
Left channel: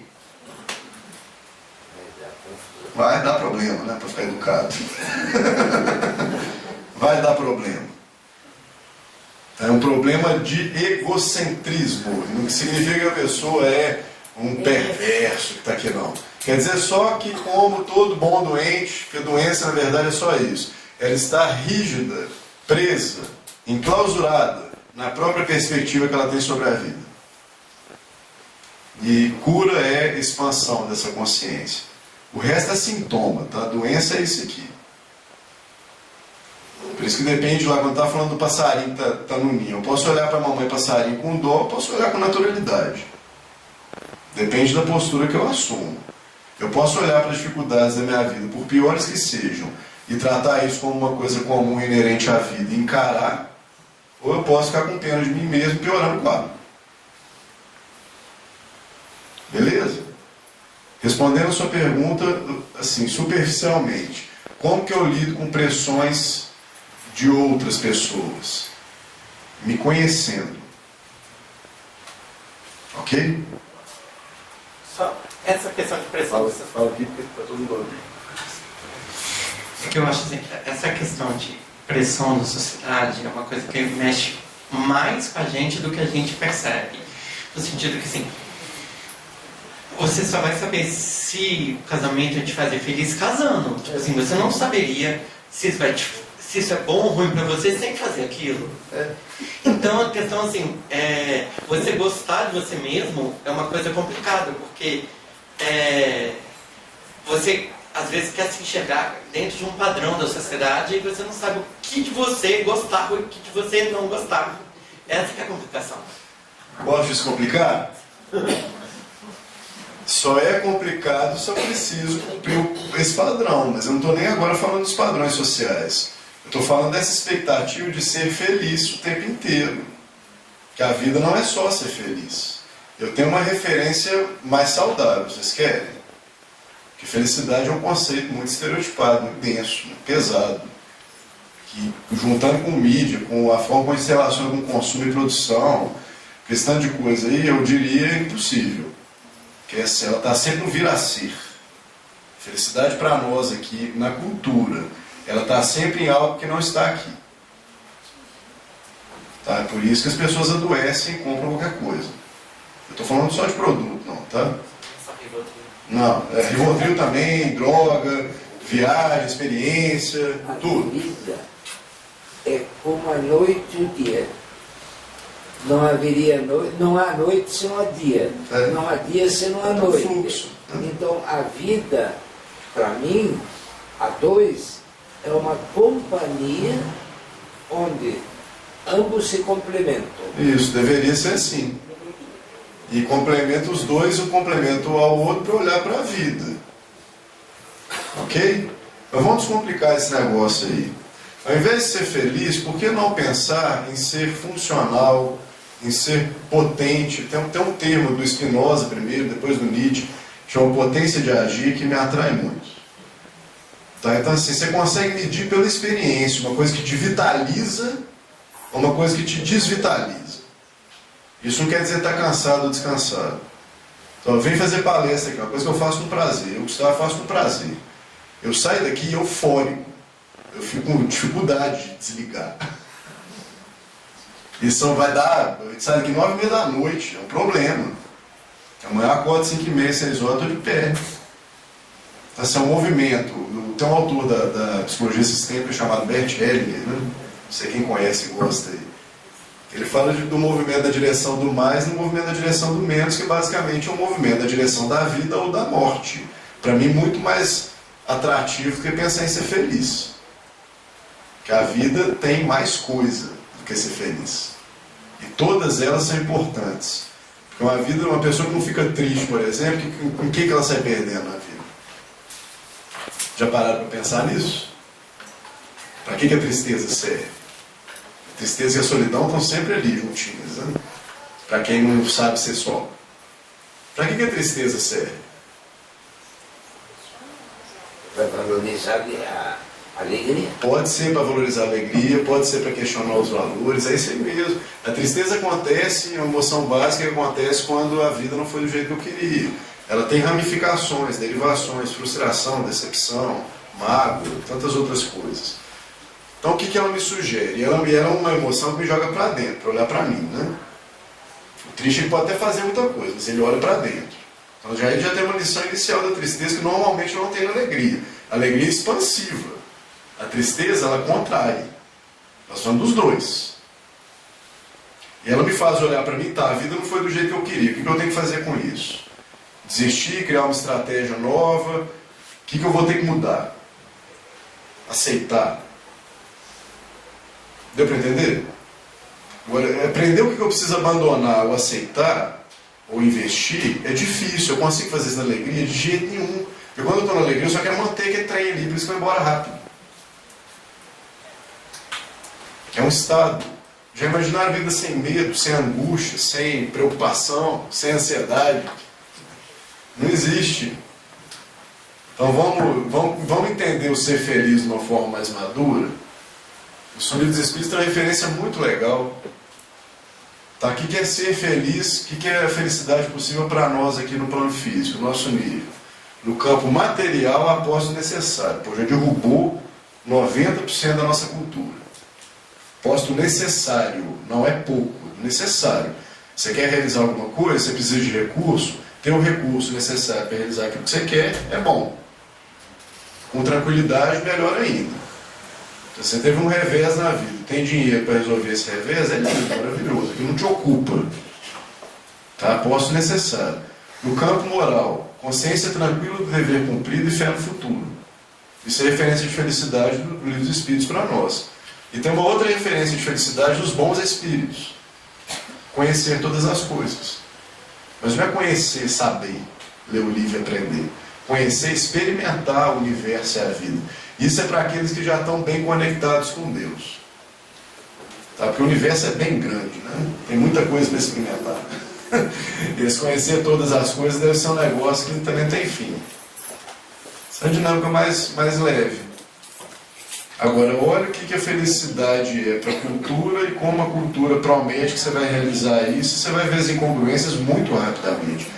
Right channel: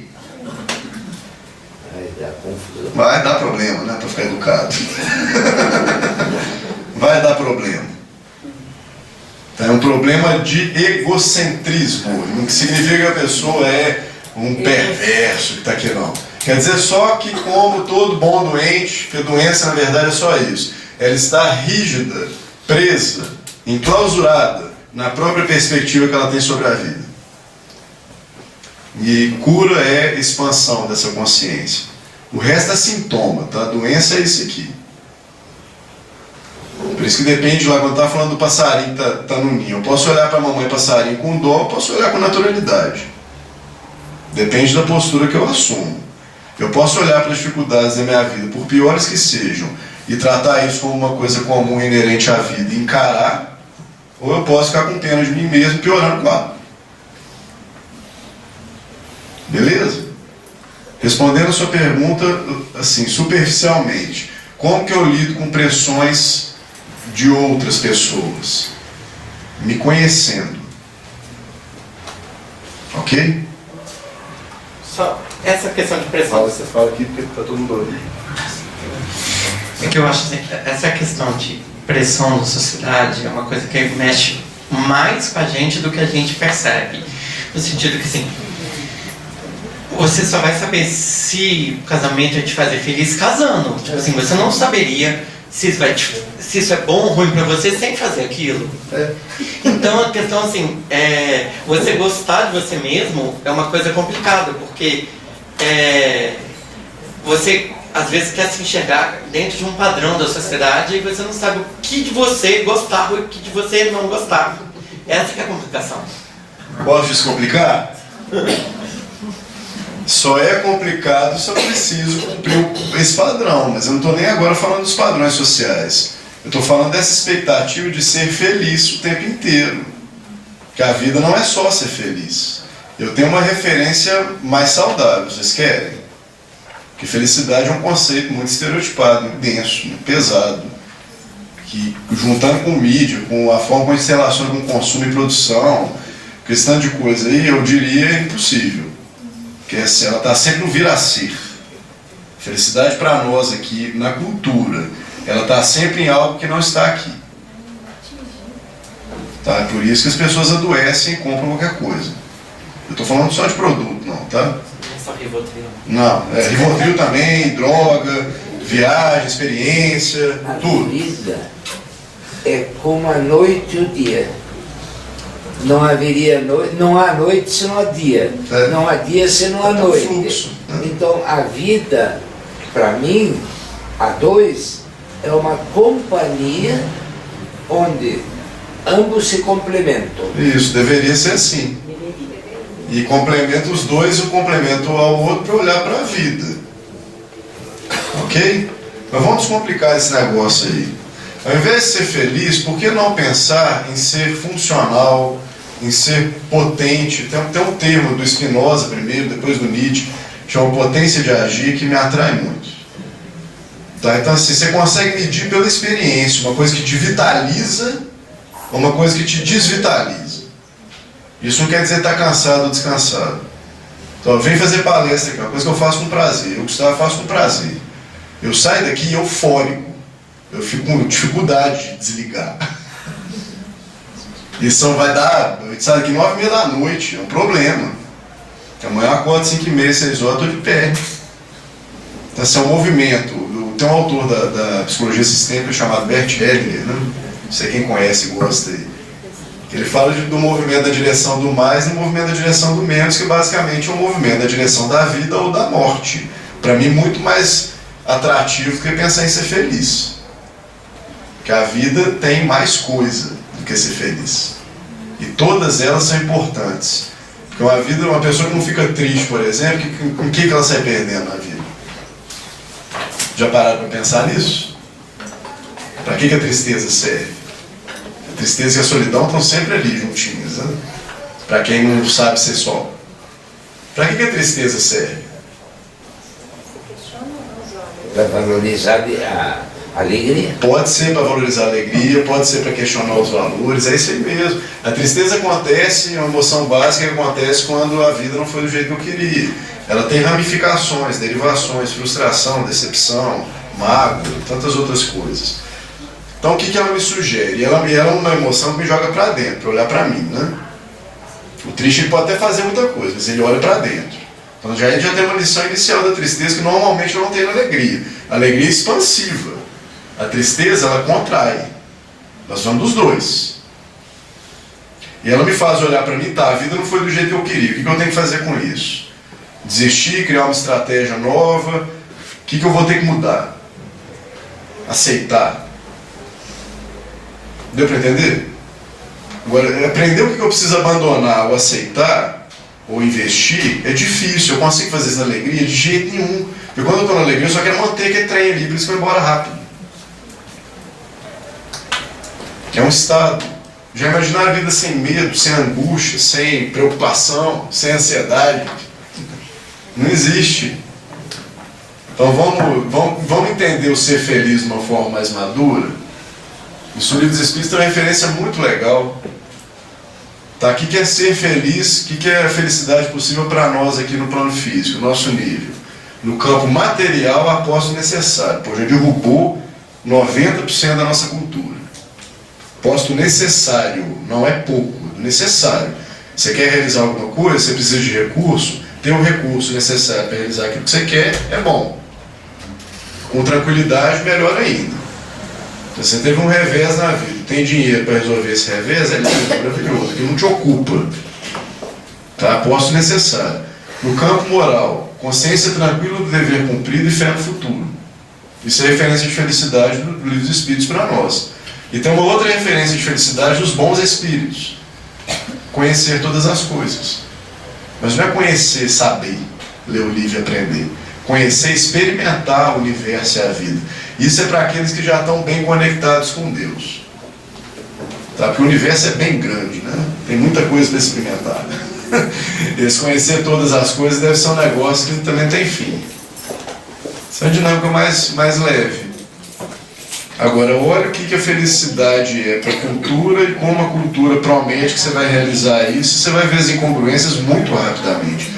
Vai dar problema, né? Para ficar educado. Vai dar problema. É um problema de egocentrismo. Não significa que a pessoa é um perverso que está aqui, não. Quer dizer só que, como todo bom doente, que a doença na verdade é só isso. Ela está rígida, presa, enclausurada na própria perspectiva que ela tem sobre a vida. E cura é expansão dessa consciência. O resto é sintoma, tá? A doença é isso aqui. Por isso que depende lá, quando está falando do passarinho que tá no ninho. Eu posso olhar para a mamãe passarinho com dó, eu posso olhar com naturalidade. Depende da postura que eu assumo. Eu posso olhar para as dificuldades da minha vida, por piores que sejam, e tratar isso como uma coisa comum e inerente à vida e encarar, ou eu posso ficar com pena de mim mesmo piorando o quadro. Beleza? Respondendo a sua pergunta, assim, superficialmente, como que eu lido com pressões de outras pessoas? Me conhecendo. Ok? essa questão de pressão. Você fala aqui porque tá todo mundo ouvindo. É que eu acho assim, essa questão de pressão da sociedade é uma coisa que mexe mais com a gente do que a gente percebe. No sentido que, assim, você só vai saber se o casamento vai te fazer feliz casando. Tipo assim, você não saberia se isso é bom ou ruim pra você sem fazer aquilo. Então a questão, assim, você gostar de você mesmo é uma coisa complicada, porque você às vezes quer se enxergar dentro de um padrão da sociedade e você não sabe o que de você gostar e o que de você não gostar. Essa que é a complicação. Posso descomplicar? Só é complicado se eu preciso cumprir esse padrão, mas eu não estou nem agora falando dos padrões sociais. Eu estou falando dessa expectativa de ser feliz o tempo inteiro. Que a vida não é só ser feliz. Eu tenho uma referência mais saudável, vocês querem? Porque felicidade é um conceito muito estereotipado, muito denso, muito pesado. Que, juntando com mídia, com a forma como a gente se relaciona com consumo e produção, questão de coisa aí, eu diria impossível. Porque ela está sempre no vir a ser. Felicidade para nós aqui, na cultura, ela está sempre em algo que não está aqui. Tá? É por isso que as pessoas adoecem e compram qualquer coisa. Eu estou falando só de produto, não, tá? Só Rivotril. Não, Rivotril também, droga, viagem, experiência, A tudo. vida é como a noite e o dia. Não haveria noite, não há noite se não há dia. Não há dia se não há É um noite. fluxo, né? Então a vida, para mim, a dois, é uma companhia onde ambos se complementam. Isso, deveria ser assim. E complementa os dois, um complementa ao outro para olhar para a vida. Ok? Mas vamos descomplicar esse negócio aí. Ao invés de ser feliz, por que não pensar em ser funcional, em ser potente? Tem um termo do Spinoza primeiro, depois do Nietzsche, chama potência de agir, que me atrai muito. Tá? Então assim, você consegue medir pela experiência uma coisa que te vitaliza ou uma coisa que te desvitaliza. Isso não quer dizer estar cansado ou descansado. Então, eu venho fazer palestra aqui, uma coisa que eu faço com prazer. Eu, Gustavo, faço com prazer. Eu saio daqui eufórico. Eu fico com dificuldade de desligar. Isso vai dar... A gente sai daqui 9h30 da noite, é um problema. Amanhã eu acordo 5h30, 6 horas, eu estou de pé. Então, assim, é um movimento. Tem um autor da psicologia sistêmica chamado Bert Hellinger, né? Não sei quem conhece e gosta aí. Ele fala do movimento da direção do mais e do movimento da direção do menos, que basicamente é um movimento da direção da vida ou da morte. Para mim, muito mais atrativo do que pensar em ser feliz. Porque a vida tem mais coisa do que ser feliz. E todas elas são importantes. Porque uma pessoa que não fica triste, por exemplo, com o que ela sai perdendo na vida? Já pararam para pensar nisso? Para que a tristeza serve? A tristeza e a solidão estão sempre ali juntinhas, né? Para quem não sabe ser só. Para que a tristeza serve? Para valorizar a alegria. Pode ser para valorizar a alegria, pode ser para questionar os valores, é isso aí mesmo. A tristeza acontece, é uma emoção básica que acontece quando a vida não foi do jeito que eu queria. Ela tem ramificações, derivações, frustração, decepção, mágoa, tantas outras coisas. Então o que ela me sugere? Ela é uma emoção que me joga para dentro, para olhar para mim, né? O triste ele pode até fazer muita coisa, mas ele olha para dentro. Então a gente já tem uma lição inicial da tristeza que normalmente eu não tenho na alegria. A alegria é expansiva. A tristeza, ela contrai. Nós vamos dos dois. E ela me faz olhar para mim, tá, a vida não foi do jeito que eu queria. O que eu tenho que fazer com isso? Desistir, criar uma estratégia nova. O que eu vou ter que mudar? Aceitar. Deu para entender? Agora, aprender o que eu preciso abandonar ou aceitar, ou investir, é difícil. Eu consigo fazer isso na alegria? De jeito nenhum. Porque quando eu estou na alegria, eu só quero manter aquele trem ali, por isso que vai embora rápido. É um estado. Já imaginaram a vida sem medo, sem angústia, sem preocupação, sem ansiedade? Não existe. Então vamos entender o ser feliz de uma forma mais madura. Isso no Livro dos Espíritos tem uma referência muito legal. Tá? O que é ser feliz? O que é a felicidade possível para nós aqui no plano físico, nosso nível? No campo material, aposto necessário. Pô, já derrubou 90% da nossa cultura. Posto necessário, não é pouco, necessário. Você quer realizar alguma coisa, você precisa de recurso, ter o recurso necessário para realizar aquilo que você quer é bom. Com tranquilidade, melhor ainda. Se você teve um revés na vida, tem dinheiro para resolver esse revés, é lindo, maravilhoso, que não te ocupa. Tá? Posto necessário. No campo moral, consciência tranquila do dever cumprido e fé no futuro. Isso é referência de felicidade do Livro dos Espíritos para nós. E tem uma outra referência de felicidade dos bons espíritos. Conhecer todas as coisas. Mas não é conhecer, saber, ler o livro e aprender. Conhecer, experimentar o universo e a vida. Isso é para aqueles que já estão bem conectados com Deus. Tá? Porque o universo é bem grande, né? Tem muita coisa para experimentar. Esse conhecer todas as coisas deve ser um negócio que também tem fim. Isso é uma dinâmica mais leve. Agora, olha o que a felicidade é para a cultura e como a cultura promete que você vai realizar isso. Você vai ver as incongruências muito rapidamente.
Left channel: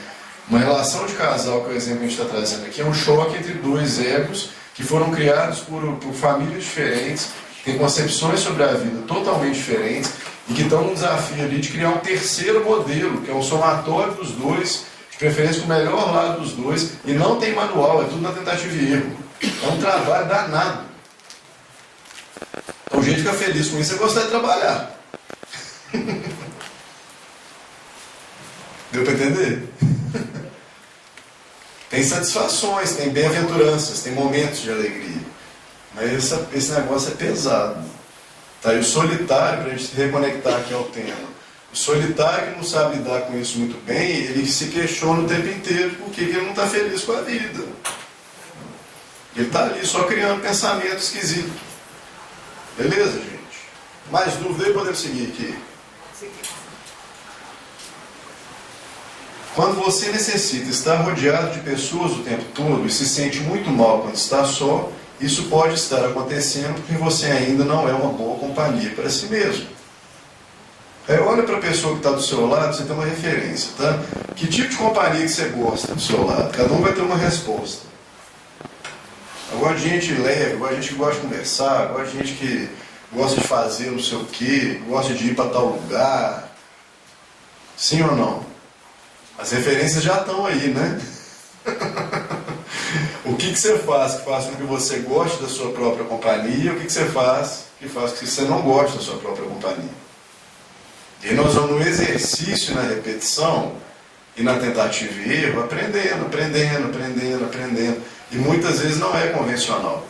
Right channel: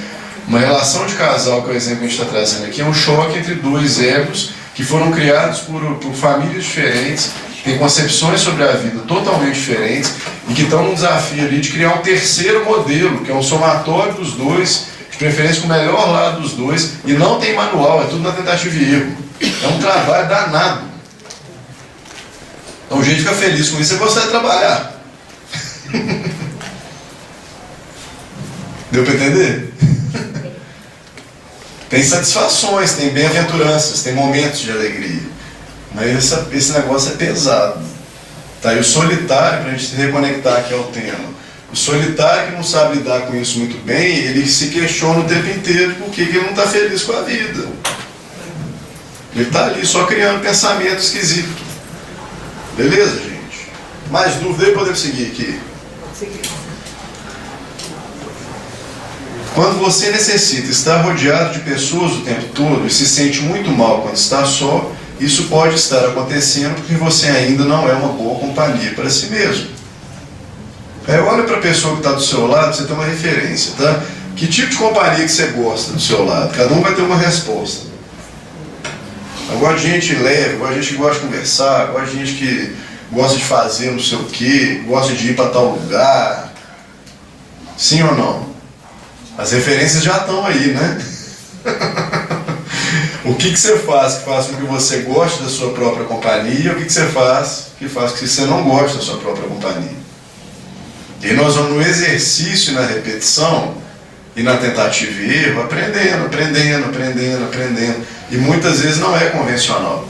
Uma relação de casal, que é o exemplo que a gente está trazendo aqui, é um choque entre dois egos que foram criados por famílias diferentes, têm concepções sobre a vida totalmente diferentes e que estão num desafio ali de criar um terceiro modelo, que é um somatório dos dois, de preferência com o melhor lado dos dois, e não tem manual, é tudo na tentativa e erro. É um trabalho danado. Então, o jeito de ficar feliz com isso é gostar de trabalhar. Deu para entender? Tem satisfações, tem bem-aventuranças, tem momentos de alegria. Mas esse negócio é pesado. Tá? E o solitário, para a gente se reconectar aqui ao tema, o solitário que não sabe lidar com isso muito bem, ele se questiona o tempo inteiro por que ele não está feliz com a vida. Ele está ali só criando pensamento esquisito. Beleza, gente? Mais dúvida aí, podemos seguir aqui. Quando você necessita estar rodeado de pessoas o tempo todo e se sente muito mal quando está só, isso pode estar acontecendo porque você ainda não é uma boa companhia para si mesmo. Olha para a pessoa que está do seu lado, você tem uma referência, tá? Que tipo de companhia que você gosta do seu lado? Cada um vai ter uma resposta. Eu gosto de gente leve, eu gosto de gente que gosta de conversar, eu gosto de gente que gosta de fazer não sei o quê, gosta de ir para tal lugar. Sim ou não? As referências já estão aí, né? O que você faz que faz com que você goste da sua própria companhia? O que você faz que faz com que você não goste da sua própria companhia? E nós vamos no exercício e na repetição e na tentativa e erro, aprendendo. E muitas vezes não é convencional.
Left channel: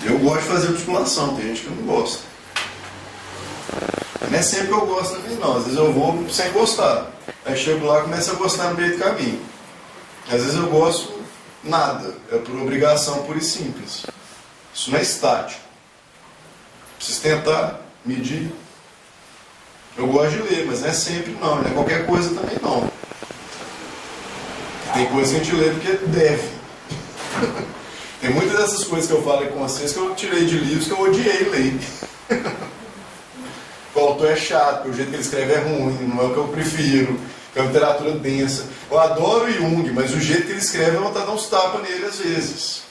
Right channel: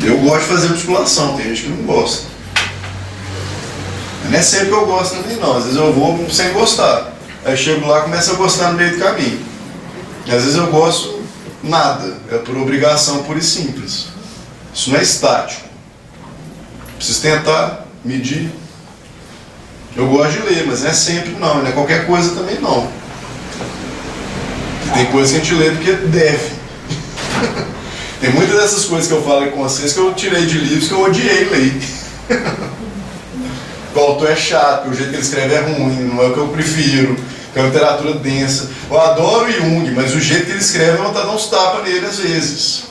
Eu gosto de fazer musculação, tem gente que não gosta. Mas não é sempre que eu gosto também não, às vezes eu vou sem gostar. Aí chego lá e começo a gostar no meio do caminho. E às vezes eu gosto nada, é por obrigação pura e simples. Isso não é estático. Preciso tentar, medir. Eu gosto de ler, mas não é sempre não, não é qualquer coisa também não. Tem coisas que a gente lê porque deve. Tem muitas dessas coisas que eu falo com vocês que eu tirei de livros que eu odiei ler. O autor é chato, o jeito que ele escreve é ruim, não é o que eu prefiro, que é uma literatura densa. Eu adoro Jung, mas o jeito que ele escreve eu vou dar uns tapas nele às vezes.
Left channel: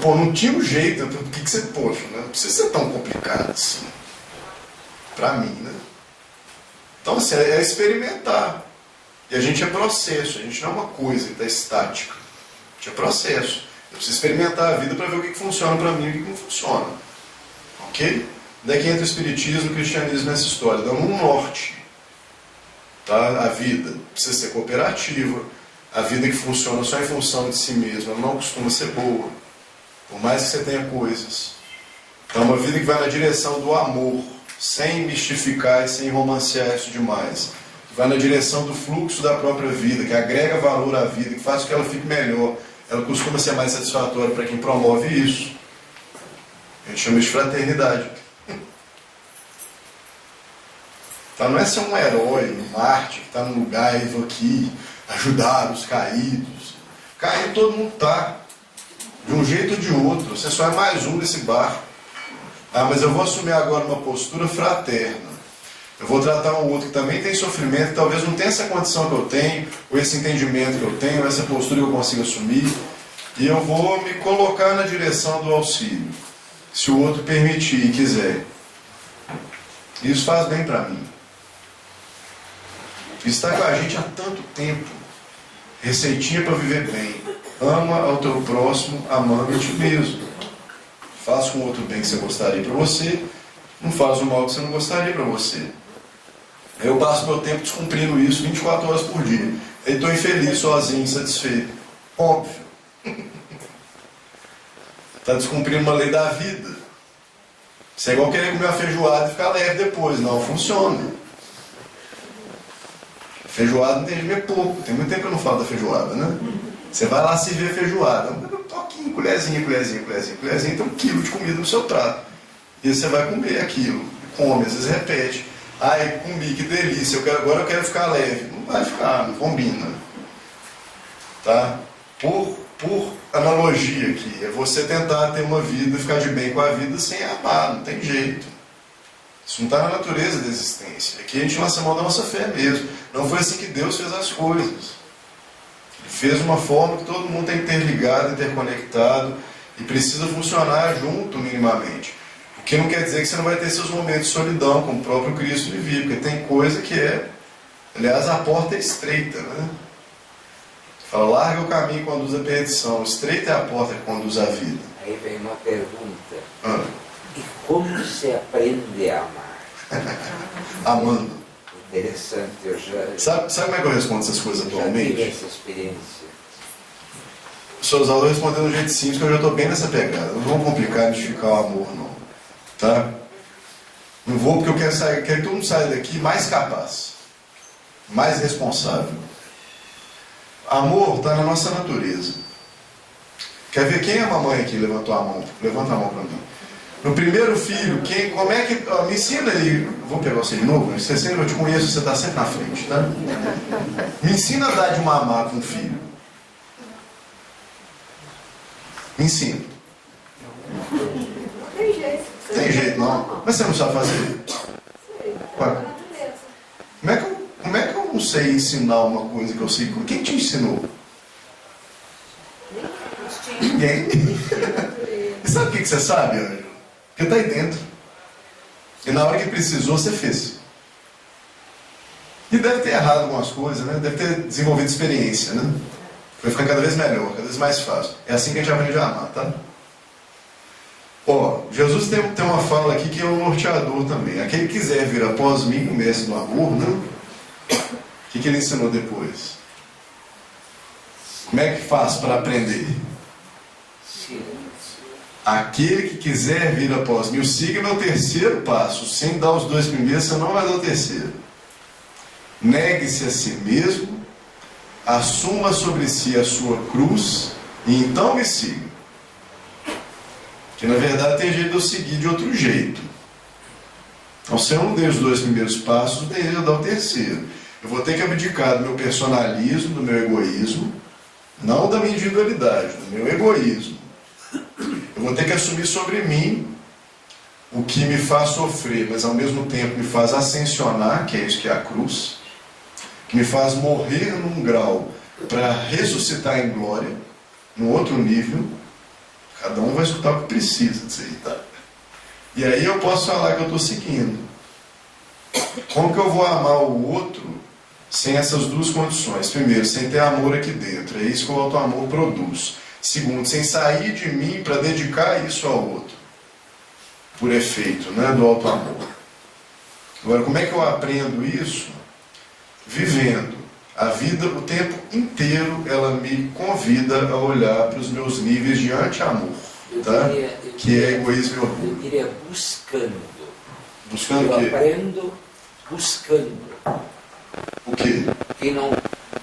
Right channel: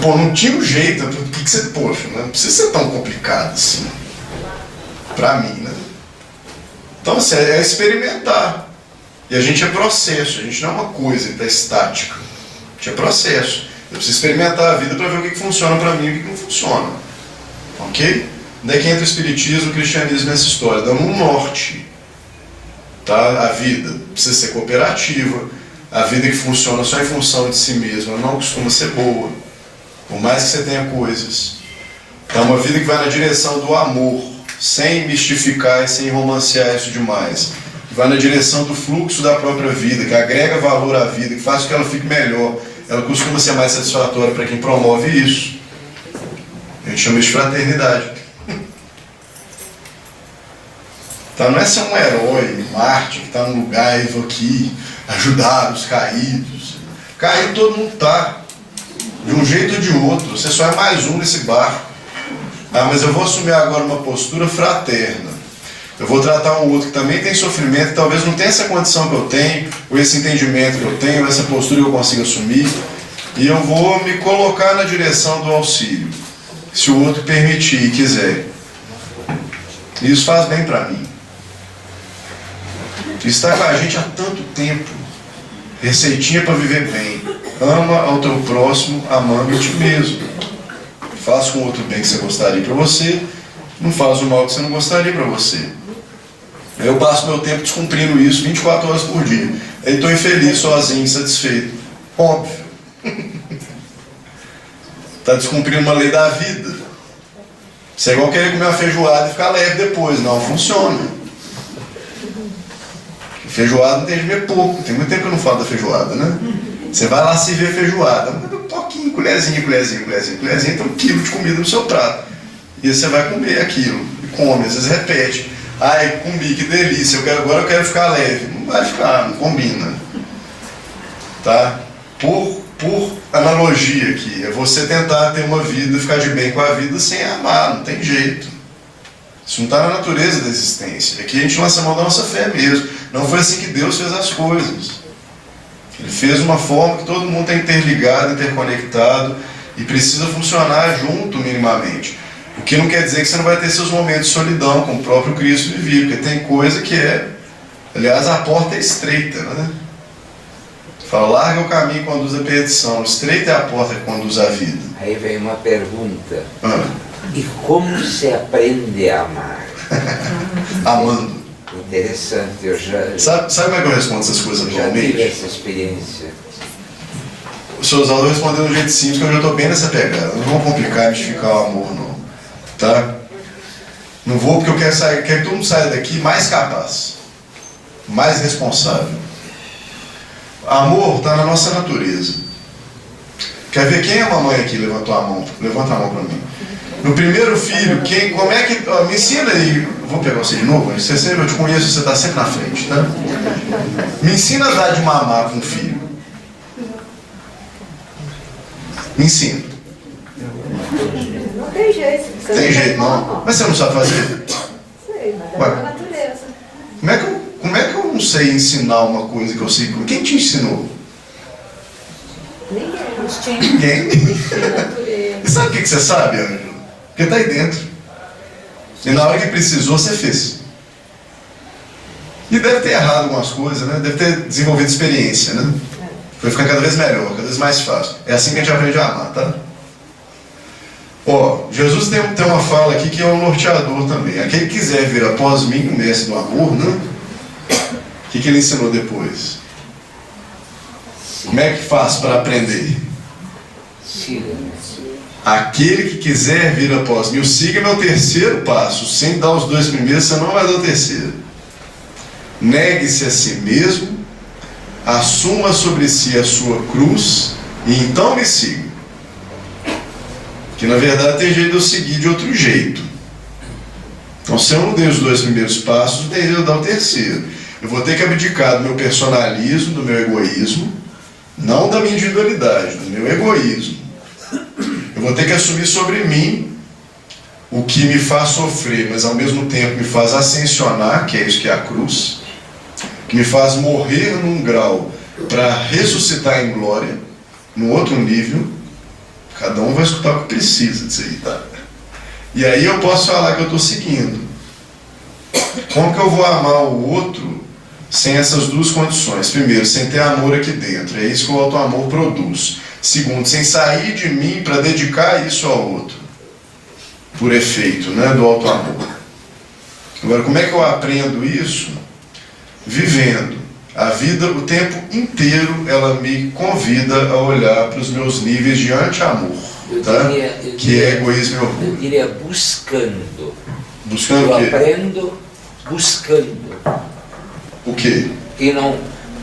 Pô, não tinha um jeito, por que você, poxa, não precisa ser tão complicado assim. Pra mim, né? Então, assim, é experimentar. E a gente é processo, a gente não é uma coisa que está estática. A gente é processo. Eu preciso experimentar a vida para ver o que funciona para mim e o que não funciona. Ok? Daí que entra o espiritismo e o cristianismo nessa história, dando um norte. Tá? A vida precisa ser cooperativa. A vida que funciona só em função de si mesma não costuma ser boa. Por mais que você tenha coisas. Então, uma vida que vai na direção do amor, sem mistificar e sem romancear isso demais. Que vai na direção do fluxo da própria vida, que agrega valor à vida, que faz com que ela fique melhor. Ela costuma ser mais satisfatória para quem promove isso. A gente chama isso de fraternidade. Então, não é ser um herói, um Marte, que está num lugar e vou aqui ajudar os caídos. Caído todo mundo está. De um jeito ou de outro. Você só é mais um nesse barco. Ah, mas eu vou assumir agora uma postura fraterna. Eu vou tratar um outro que também tem sofrimento, que talvez não tenha essa condição que eu tenho, ou esse entendimento que eu tenho, ou essa postura que eu consigo assumir, e eu vou me colocar na direção do auxílio, se o outro permitir e quiser. Isso faz bem para mim. Está com a gente há tanto tempo. Receitinha para viver bem. Ama ao teu próximo, amando a ti mesmo. Faz com o outro bem que você gostaria para você, não faz o mal que você não gostaria para você. Eu passo meu tempo descumprindo isso 24 horas por dia. Aí estou infeliz, sozinho, insatisfeito. Óbvio. Está descumprindo uma lei da vida. Isso é igual querer comer uma feijoada e ficar leve depois. Não funciona. Feijoada não tem de comer pouco. Tem muito tempo que eu não falo da feijoada, né? Você vai lá se ver feijoada. Um toquinho, colherzinha, tem 1 quilo de comida no seu prato. E você vai comer aquilo. E come, às vezes repete. Ai, comi, que delícia. Agora eu quero ficar leve. Não vai ficar, não combina. Tá? Por analogia aqui, é você tentar ter uma vida, ficar de bem com a vida sem amar, não tem jeito. Isso não está na natureza da existência. Aqui a gente lança a mão da nossa fé mesmo. Não foi assim que Deus fez as coisas. Ele fez uma forma que todo mundo está interligado, interconectado e precisa funcionar junto minimamente. O que não quer dizer que você não vai ter seus momentos de solidão, como o próprio Cristo vivia, porque tem coisa que é... Aliás, a porta é estreita, né? Fala, larga o caminho que conduz à perdição, estreita é a porta que conduz à vida. Aí vem uma pergunta. E como se aprende a amar? Amando. Interessante, eu já... Sabe como é que eu respondo essas coisas já atualmente? tive essa experiência. O Sr. Oswaldo vai responder de um jeito simples, que eu já estou bem nessa pegada. Não vou complicar, mistificar o amor, não. Tá? Não vou, porque eu quero que todo mundo saia daqui mais capaz, mais responsável. Amor está na nossa natureza. Quer ver quem é a mamãe aqui? Levantou a mão. Levanta a mão para mim. No primeiro filho, como é que... me ensina aí. Vou pegar você de novo. Eu te conheço, você está sempre na frente, tá? Me ensina a dar de mamar para um filho. Me ensina. Não tem jeito. Tem jeito, não? Mas você não sabe fazer? Sei, mas é da natureza. Como é que eu não sei ensinar uma coisa que eu sei? Quem te ensinou? Ninguém. E sabe o que você sabe, Ângelo? Porque está aí dentro. E na hora que precisou, você fez. E deve ter errado algumas coisas, né? Deve ter desenvolvido experiência, né? Foi ficando cada vez melhor, cada vez mais fácil. É assim que a gente aprende a amar, tá? Jesus tem uma fala aqui que é um norteador também. Aquele que quiser vir após mim, o mestre do amor, né? O que ele ensinou depois? Como é que faz para aprender? Aquele que quiser vir após mim, o siga é meu terceiro passo. Sem dar os 2 primeiros, você não vai dar o terceiro. Negue-se a si mesmo, assuma sobre si a sua cruz e então me siga. Que na verdade tem jeito de eu seguir de outro jeito. Então, se eu não dei os 2 primeiros passos, não tem jeito de eu dar o terceiro. Eu vou ter que abdicar do meu personalismo, do meu egoísmo, não da minha individualidade, do meu egoísmo. Eu vou ter que assumir sobre mim o que me faz sofrer, mas ao mesmo tempo me faz ascensionar, que é isso que é a cruz, que me faz morrer num grau para ressuscitar em glória, num outro nível. Cada um vai escutar o que precisa disso aí, tá? E aí eu posso falar que eu estou seguindo. Como que eu vou amar o outro sem essas 2 condições? Primeiro, sem ter amor aqui dentro. É isso que o auto-amor produz. Segundo, sem sair de mim para dedicar isso ao outro. Por efeito, né, do auto-amor. Agora, como é que eu aprendo isso? Vivendo. A vida, o tempo inteiro, ela me convida a olhar para os meus níveis de anti-amor, tá? Que é egoísmo e orgulho. Eu diria buscando. Buscando o quê? Eu aprendo buscando. O quê?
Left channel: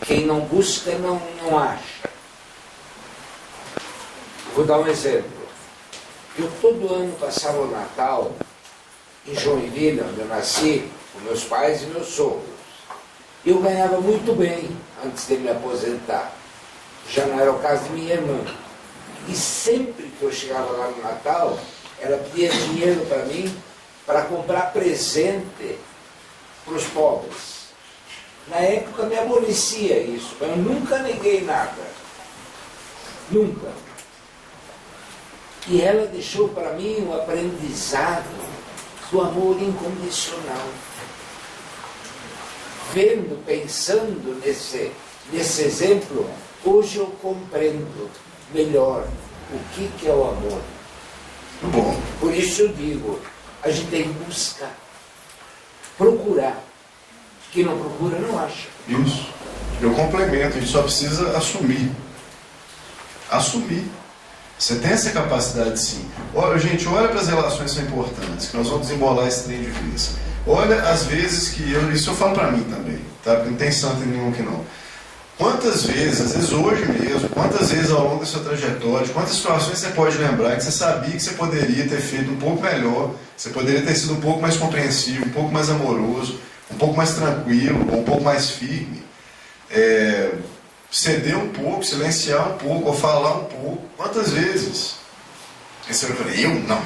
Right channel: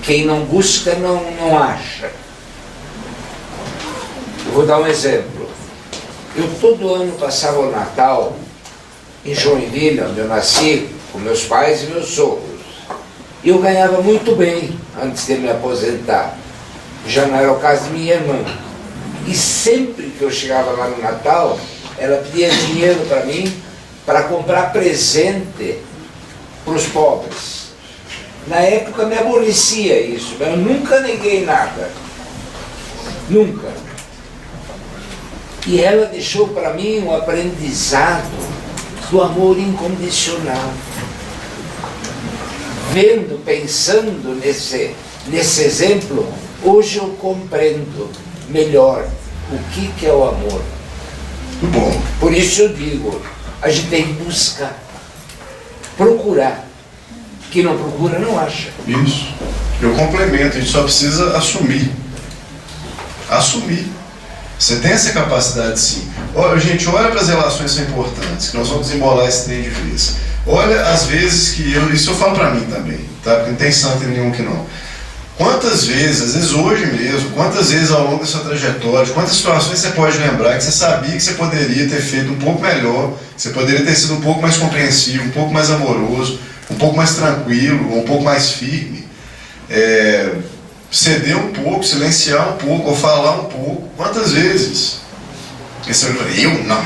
Quem não busca, não acha. Eu vou dar um exemplo. Eu todo ano passava o Natal em Joinville, onde eu nasci, com meus pais e meus sogros. E eu ganhava muito bem antes de me aposentar. Já não era o caso de minha irmã. E sempre que eu chegava lá no Natal, ela pedia dinheiro para mim para comprar presente para os pobres. Na época me aborrecia isso, mas eu nunca neguei nada. Nunca. E ela deixou para mim um aprendizado do amor incondicional. Vendo, pensando nesse exemplo, hoje eu compreendo melhor o que é o amor. Muito bom. Por isso eu digo, a gente tem que buscar, procurar. Quem não procura não acha. Isso. Eu complemento, a gente só precisa assumir. Assumir. Você tem essa capacidade sim. Olha, gente, olha para as relações que são importantes, que nós vamos desembolar esse trem de vez. Olha as vezes que isso eu falo para mim também, tá? Porque não tem santo nenhum que não. Quantas vezes, às vezes hoje mesmo, quantas vezes ao longo da sua trajetória, quantas situações você pode lembrar que você sabia que você poderia ter feito um pouco melhor, que você poderia ter sido um pouco mais compreensivo, um pouco mais amoroso, um pouco mais tranquilo, ou um pouco mais firme, ceder um pouco, silenciar um pouco, ou falar um pouco. Quantas vezes? E você fala, eu não.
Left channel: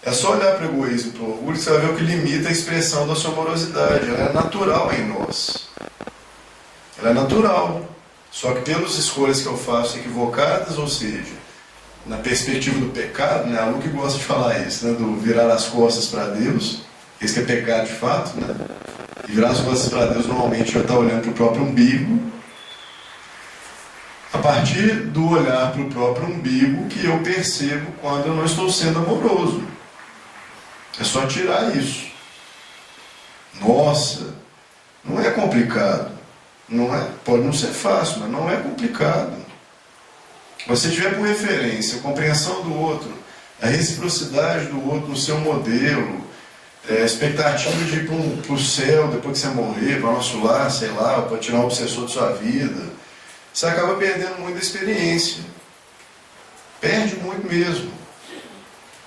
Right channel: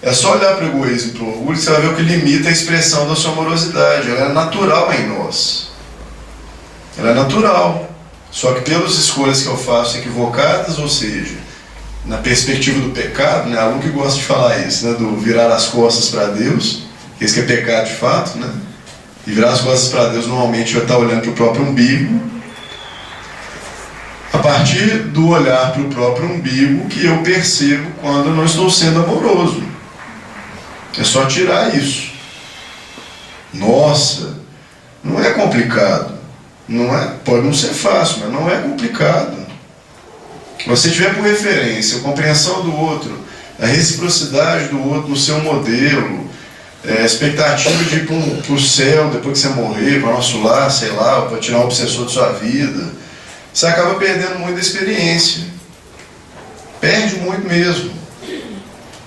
É só olhar para o egoísmo, para o orgulho, que você vai ver o que limita a expressão da sua amorosidade. Ela é natural em nós. Ela é natural. Só que pelas escolhas que eu faço equivocadas, ou seja, na perspectiva do pecado, né? A Lu que gosta de falar isso, né? Do virar as costas para Deus, isso que é pecado de fato, né? E virar as costas para Deus normalmente vai estar olhando para o próprio umbigo. A partir do olhar para o próprio umbigo que eu percebo quando eu não estou sendo amoroso. É só tirar isso. Nossa, não é complicado. Não é, pode não ser fácil, mas não é complicado. Você tiver por referência a compreensão do outro, a reciprocidade do outro no seu modelo, a expectativa de ir para o céu depois que você morrer, para nosso lar, sei lá, para tirar um obsessor de sua vida, você acaba perdendo muito da experiência. Perde muito mesmo.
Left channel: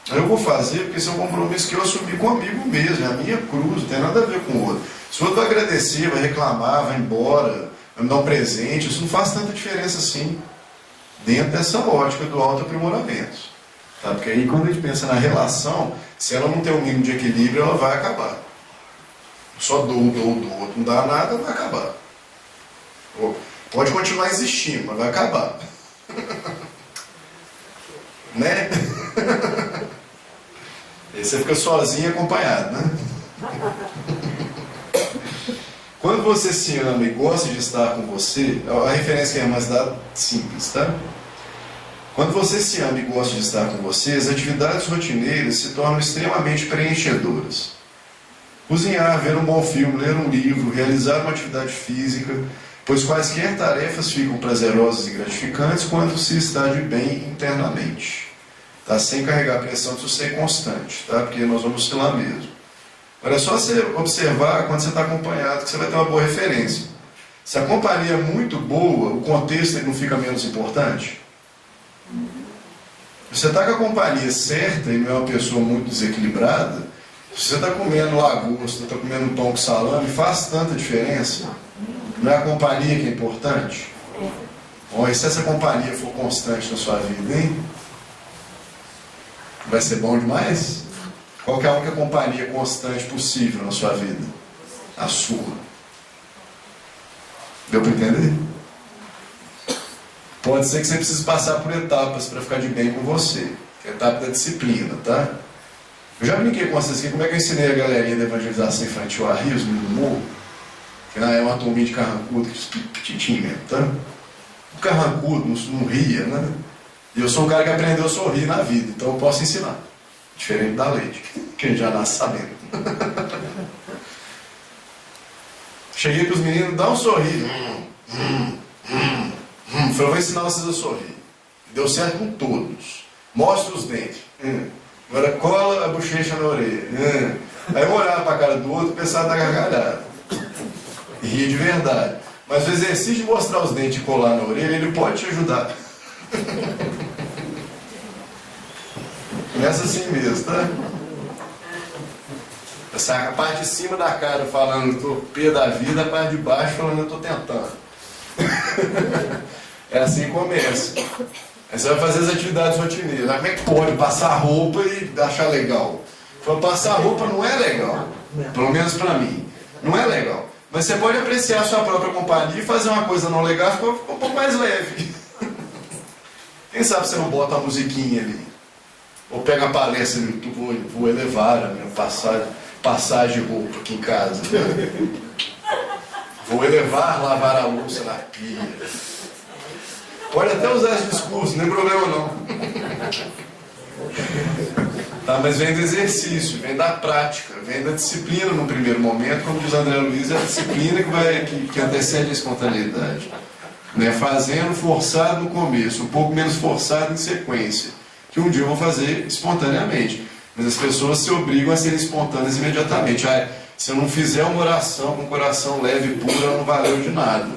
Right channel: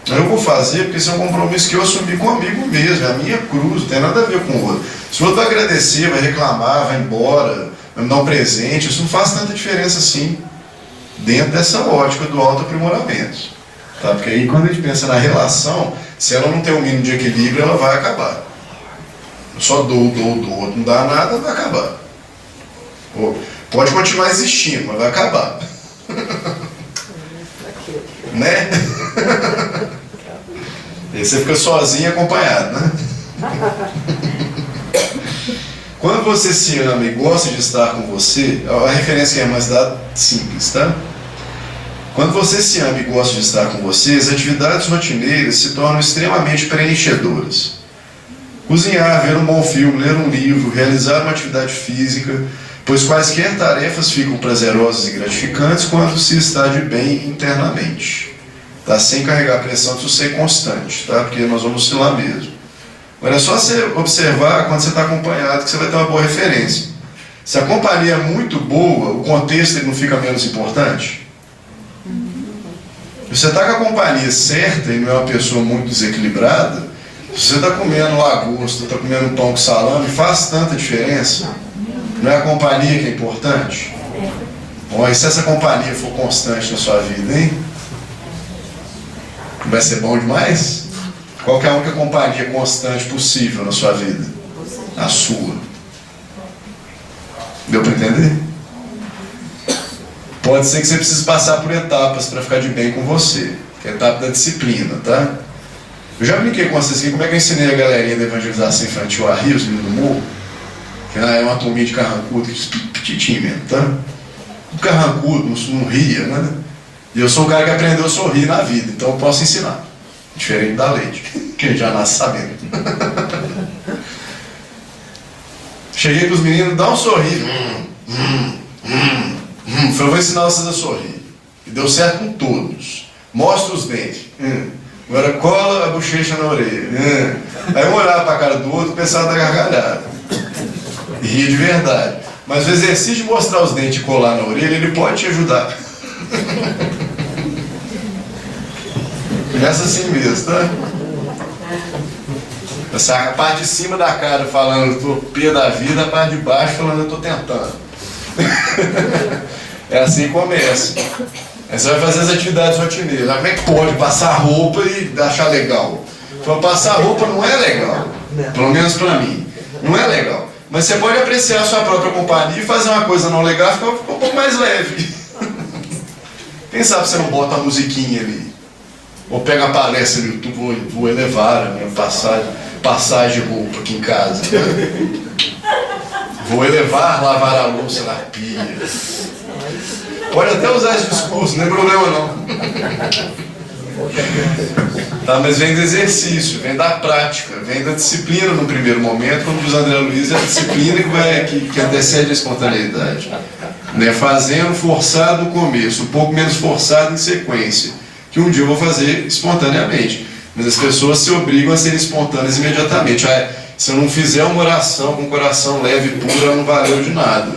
Eu vou fazer porque esse é um compromisso que eu assumi comigo mesmo, é a minha cruz, não tem nada a ver com o outro. Se o outro vai agradecer, vai reclamar, vai embora, vai me dar um presente, isso não faz tanta diferença assim, dentro dessa ótica do autoaprimoramento. Tá? Porque aí quando a gente pensa na relação, se ela não tem um mínimo de equilíbrio, ela vai acabar. Eu só dou, outro não dá nada, vai acabar. Pode continuar existindo, mas vai acabar. Né? E você fica sozinho e acompanhado, né? Quando você se ama e gosta de estar com você, a referência que a irmã dá simples, tá? Quando você se ama e gosta de estar com você, as atividades rotineiras se tornam extremamente preenchedoras. Cozinhar, ver um bom filme, ler um livro, realizar uma atividade física, pois quaisquer tarefas ficam prazerosas e gratificantes quando se está de bem internamente. Tá? Sem carregar a pressão de ser constante, tá? Porque nós vamos oscilar mesmo. Agora é só você observar quando você está acompanhado que você vai ter uma boa referência. Se a companhia é muito boa, o contexto ele não fica menos importante? Se você está com a companhia certa e não é uma pessoa muito desequilibrada, se você está comendo lagosta, está comendo um pão com salame, faz tanta diferença? Não é a companhia que é importante? Bom, e se essa companhia for constante na sua vida, hein? Vai ser bom demais? Qual que é a única companhia constante possível na sua vida? A sua. Deu para entender? Pode ser que você precise passar por etapas para ficar de bem com você, que é a etapa da disciplina, tá? Eu já brinquei com vocês aqui, como é que eu ensinei a galerinha da evangelização infantil a rir, os meninos do morro? Que é uma turminha de carrancudo, petitinho mesmo, tá? Tudo carrancudo, não ria, né? E eu sou o cara que aprendeu a sorrir na vida, então eu posso ensinar. Diferente da Leite, que a gente já nasce sabendo. Cheguei para os meninos, dá um sorriso. Falei, vou ensinar vocês a sorrir. E deu certo com todos. Mostra os dentes. Agora cola a bochecha na orelha. Aí um olhava para a cara do outro e pensava na gargalhada. E ria de verdade. Mas o exercício de mostrar os dentes e colar na orelha, ele pode te ajudar. Começa assim mesmo, tá? A parte de cima da cara falando, eu tô pé da vida, a parte de baixo falando, eu tô tentando. É assim que começa. Aí você vai fazer as atividades rotineiras. Como é que pode passar roupa e achar legal? Passar roupa não é legal. Pelo menos pra mim. Não é legal. Mas você pode apreciar a sua própria companhia e fazer uma coisa não legal e ficar um pouco mais leve. Quem sabe você não bota a musiquinha ali? Ou pega a palestra no YouTube, vou elevar a minha passagem de roupa aqui em casa. Né? Vou elevar, lavar a louça na pia. Pode até usar esse discurso, não é problema não. Tá, mas vem do exercício, vem da prática, vem da disciplina no primeiro momento, como diz André Luiz, é a disciplina que antecede a espontaneidade. Né? Fazendo forçado no começo, um pouco menos forçado em sequência, que um dia eu vou fazer espontaneamente. Mas as pessoas se obrigam a serem espontâneas imediatamente. Se eu não fizer uma oração com o coração leve e puro, ela não valeu de nada.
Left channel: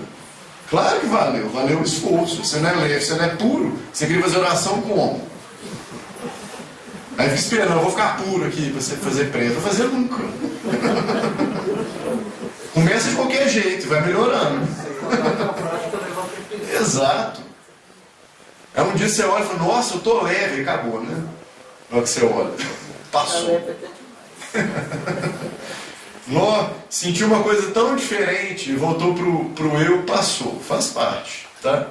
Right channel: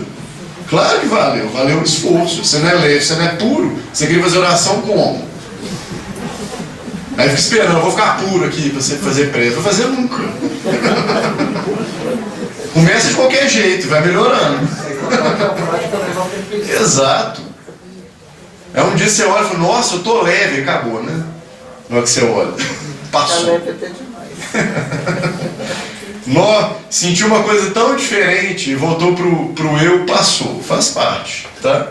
Claro que valeu, valeu o esforço. Você não é leve, você não é puro. Você queria fazer oração como? Aí fica esperando, eu vou ficar puro aqui para você fazer prece. Não vai fazer nunca. Começa de qualquer jeito, vai melhorando. Exato. Aí um dia você olha e fala, nossa, eu tô leve, acabou, né? Na hora que você olha, passou. Nó, sentiu uma coisa tão diferente e voltou pro eu, passou, faz parte, tá?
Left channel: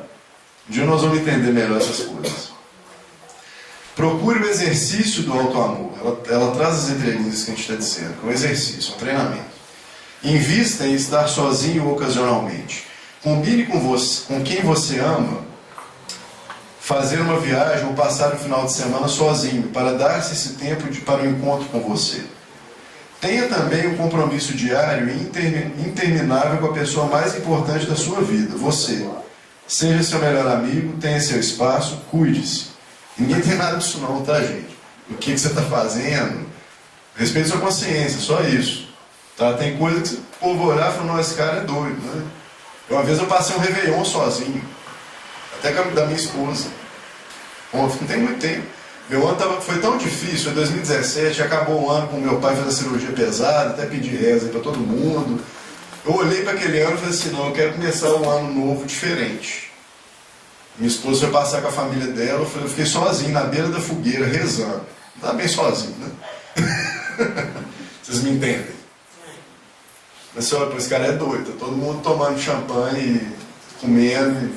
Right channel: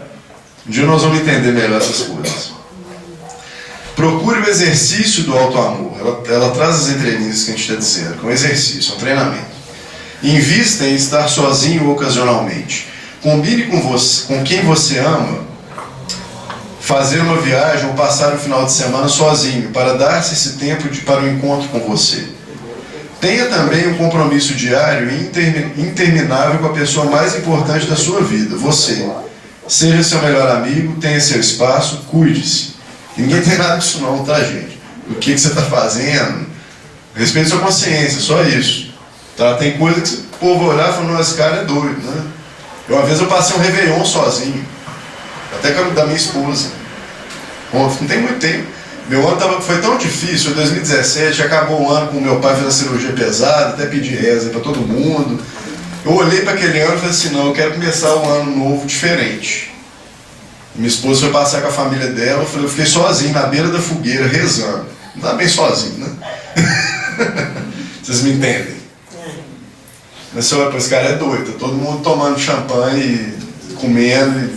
Um dia nós vamos entender melhor essas coisas. Procure o exercício do auto-amor. Ela traz as entrelinhas que a gente está dizendo, que é um exercício, um treinamento. Invista em estar sozinho ocasionalmente. Combine com quem você ama fazer uma viagem ou passar um final de semana sozinho, para dar-se esse tempo para o encontro com você. Tenha também um compromisso diário e interminável com a pessoa mais importante da sua vida, você. Seja seu melhor amigo, tenha seu espaço, cuide-se. Ninguém tem nada disso não, tá, gente? O que você está fazendo? Respeite sua consciência, só isso. Tá? Tem coisa que o povo olhar e falar, não, esse cara é doido, né? Uma vez eu passei um Réveillon sozinho, até com a da minha esposa. Ontem, não tem muito tempo. Meu ano foi tão difícil, em 2017, acabou o ano com meu pai fazendo cirurgia pesada, até pedi reza para todo mundo. Eu olhei para aquele ano e falei assim, não, eu quero começar um ano novo diferente. Minha esposa foi passear com a família dela, eu fiquei sozinho na beira da fogueira, rezando. Não tá bem sozinho, né? Vocês me entendem? Mas você olha, pô, esse cara é doido, tá todo mundo tomando champanhe, comendo.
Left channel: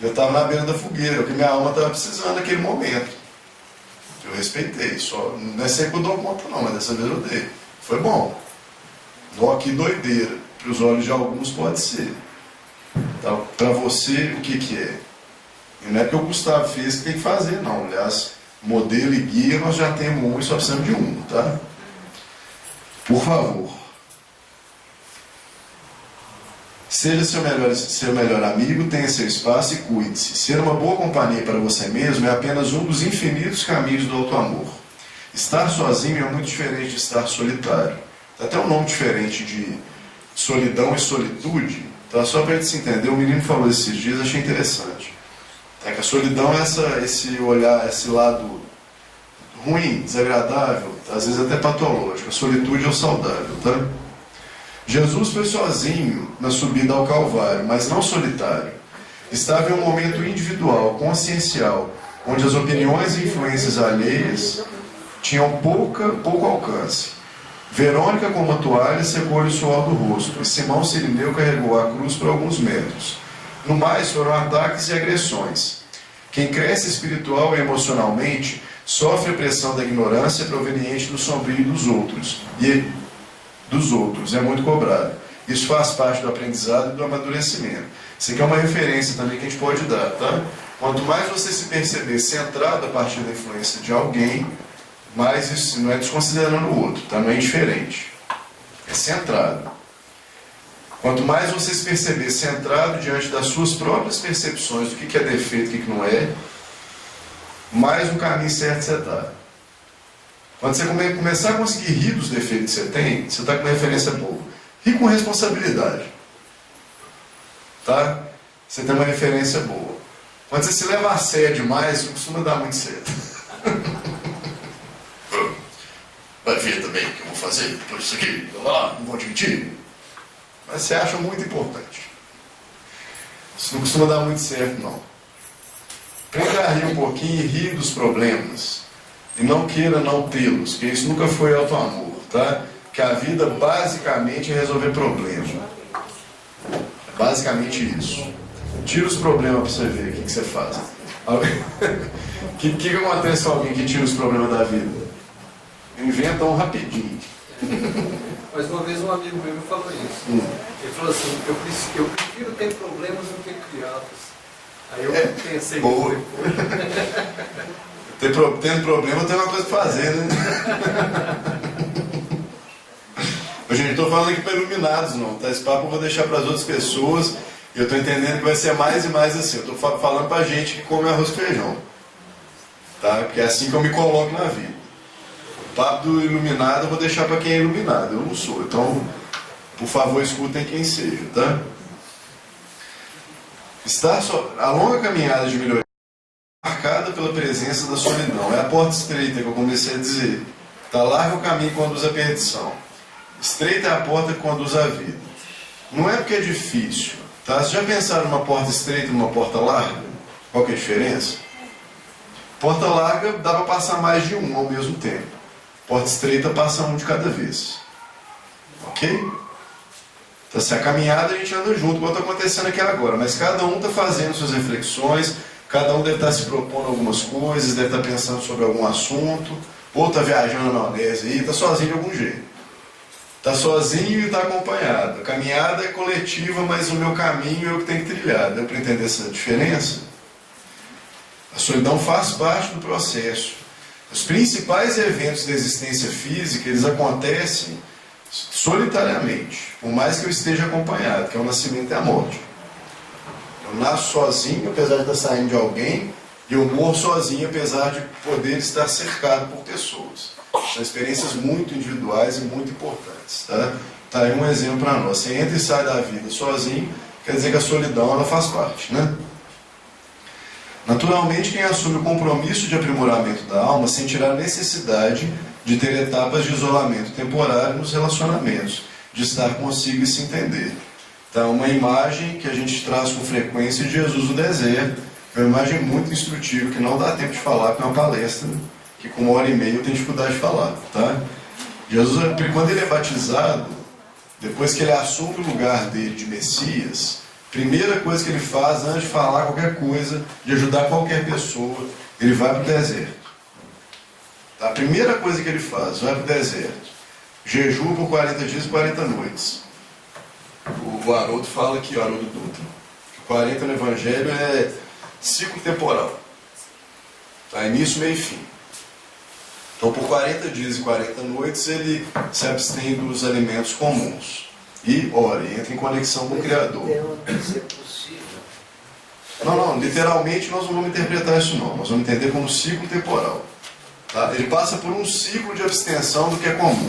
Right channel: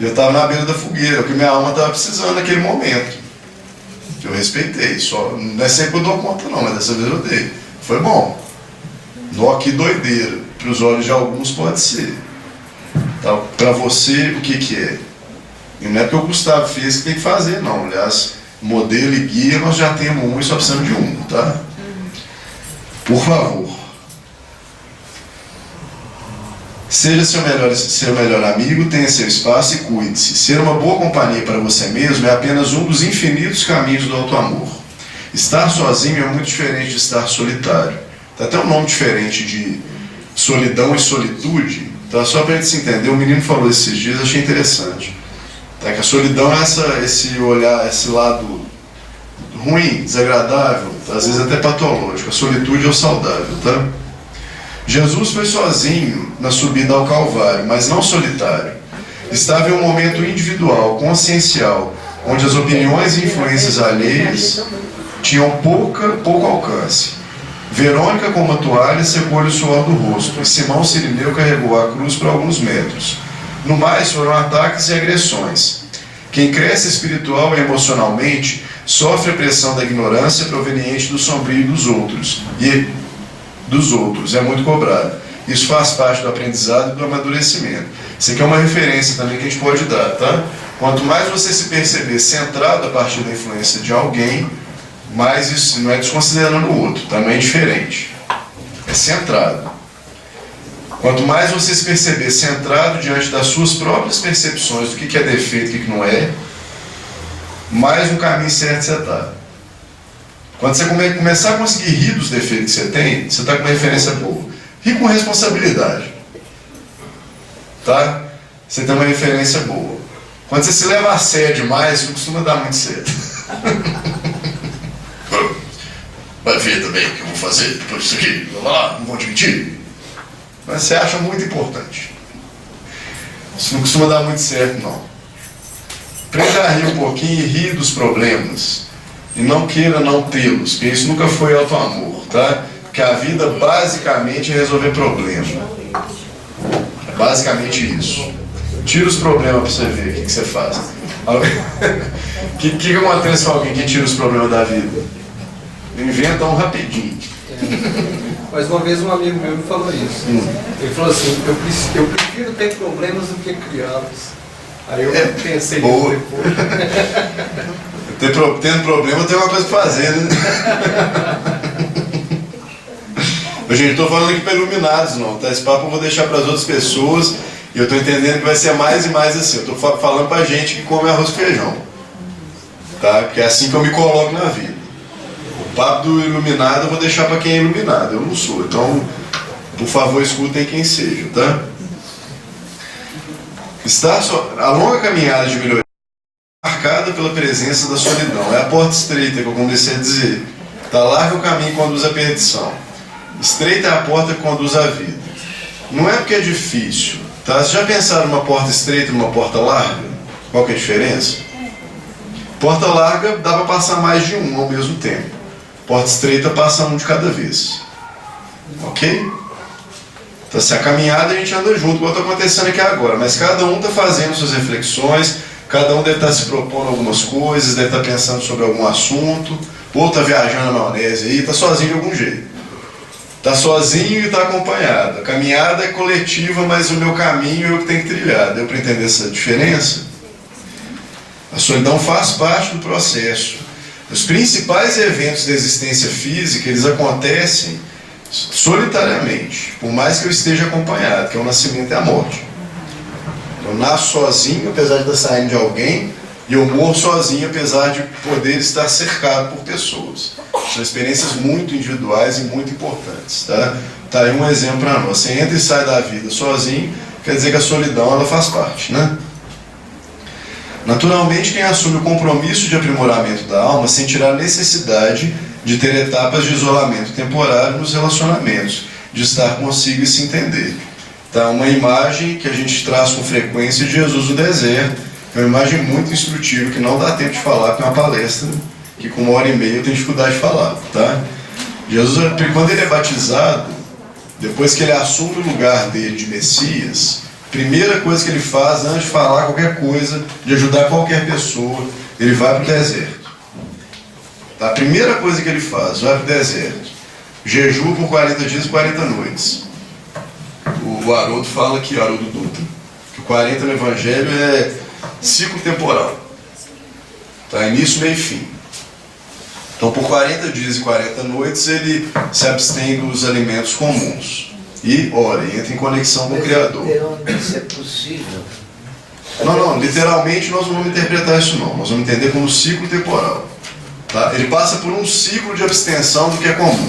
E eu estava na beira da fogueira, o que minha alma estava precisando naquele momento. Eu respeitei, só não é sempre que eu dou conta não, mas dessa vez eu dei. Foi bom. Nó, que doideira. Para os olhos de alguns pode ser. Tá? Para você, o que é? E não é porque o Gustavo fez que tem que fazer, não. Aliás, modelo e guia nós já temos um e só precisamos de um, tá? Por favor. Seja seu melhor amigo, tenha seu espaço e cuide-se. Ser uma boa companhia para você mesmo é apenas um dos infinitos caminhos do auto-amor. Estar sozinho é muito diferente de estar solitário. Tem até um nome diferente de solidão e solitude. Tá? Só para a gente se entender, o menino falou esses dias, achei interessante. Tá? Que a solidão é esse olhar, esse lado ruim, desagradável, às vezes até patológico. A solitude é o saudável, tá? Jesus foi sozinho na subida ao Calvário, mas não solitário. Estava em um momento individual, consciencial, onde as opiniões e influências alheias tinham pouco alcance. Verônica, com uma toalha, secou-lhe o suor do rosto, e Simão Cirineu carregou a cruz por alguns metros. No mais, foram ataques e agressões. Quem cresce espiritual e emocionalmente sofre a pressão da ignorância proveniente do sombrio dos outros, é muito cobrado. Isso faz parte do aprendizado e do amadurecimento. Isso aqui é uma referência também que a gente pode dar, tá? Quanto mais você se perceber centrado a partir da influência de alguém, mais isso não é desconsiderando o outro, tá? Não é indiferente. É centrado. Quanto mais você se perceber centrado diante das suas próprias percepções do que é defeito e o que não é, mais no caminho certo você está. Quando você começar a conseguir rir dos defeitos que você tem, você está com uma referência boa. Rir com responsabilidade. Tá? Você tem uma referência boa. Quando você se leva a sério demais, não costuma dar muito certo. Vai ver também o que eu vou fazer depois disso aqui. Vai lá, não vou admitir. Mas você acha muito importante. Isso não costuma dar muito certo, não. Aprenda a rir um pouquinho e rir dos problemas. E não queira não tê-los, porque isso nunca foi auto-amor, tá? Porque a vida basicamente é resolver problema. É basicamente isso. Tira os problemas para você ver o que você faz. O que acontece com alguém que tira os problemas da vida? Inventa um rapidinho. Mas uma vez um amigo meu me falou isso. Ele falou assim, eu prefiro ter problemas do que criá-los. Aí eu pensei nisso depois. Tendo problema, tem uma coisa para fazer, né? Gente, estou falando aqui para iluminados, não, tá? Esse papo eu vou deixar para as outras pessoas e eu estou entendendo que vai ser mais e mais assim. Eu estou falando para gente que come arroz e feijão, tá? Porque é assim que eu me coloco na vida. O papo do iluminado eu vou deixar para quem é iluminado, eu não sou. Então, por favor, escutem quem seja, tá? A longa caminhada de melhoria é marcada pela presença da solidão. É a porta estreita que eu comecei a dizer. Tá, larga o caminho que conduz à perdição. Estreita é a porta que conduz à vida. Não é porque é difícil, tá? Vocês já pensaram numa porta estreita e numa porta larga? Qual que é a diferença? Porta larga dá para passar mais de um ao mesmo tempo. Porta estreita passa um de cada vez. Ok? Então, se a caminhada a gente anda junto, igual está acontecendo aqui agora, mas cada um está fazendo suas reflexões, cada um deve estar se propondo algumas coisas, deve estar pensando sobre algum assunto, ou está viajando na maionese aí, está sozinho de algum jeito. Está sozinho e está acompanhado. A caminhada é coletiva, mas o meu caminho é o que tem que trilhar. Deu para entender essa diferença? A solidão faz parte do processo. Os principais eventos da existência física, eles acontecem solitariamente, por mais que eu esteja acompanhado, que é o nascimento e a morte. Eu nasço sozinho, apesar de estar saindo de alguém, e eu morro sozinho, apesar de poder estar cercado por pessoas. São experiências muito individuais e muito importantes, tá? Tá aí um exemplo para nós. Você entra e sai da vida sozinho, quer dizer que a solidão ela faz parte, né? Naturalmente, quem assume o compromisso de aprimoramento da alma sentirá a necessidade de ter etapas de isolamento temporário nos relacionamentos, de estar consigo e se entender. Tá? Uma imagem que a gente traz com frequência de Jesus no deserto, que é uma imagem muito instrutiva, que não dá tempo de falar, porque é uma palestra que com 1h30 eu tenho dificuldade de falar. Tá? Jesus, quando ele é batizado, depois que ele assume o lugar dele de Messias, primeira coisa que ele faz, antes de falar qualquer coisa, de ajudar qualquer pessoa, ele vai para o deserto. A primeira coisa que ele faz, vai para o deserto. Jejua por 40 dias e 40 noites. O Haroldo fala aqui, Haroldo Dutra, que o 40 no Evangelho é ciclo temporal. Tá? Início, meio e fim. Então, por 40 dias e 40 noites, ele se abstém dos alimentos comuns. E ora, entra em conexão com o Criador. Isso é possível. Não, literalmente nós não vamos interpretar isso não. Nós vamos entender como ciclo temporal. Tá? Ele passa por um ciclo de abstenção do que é comum.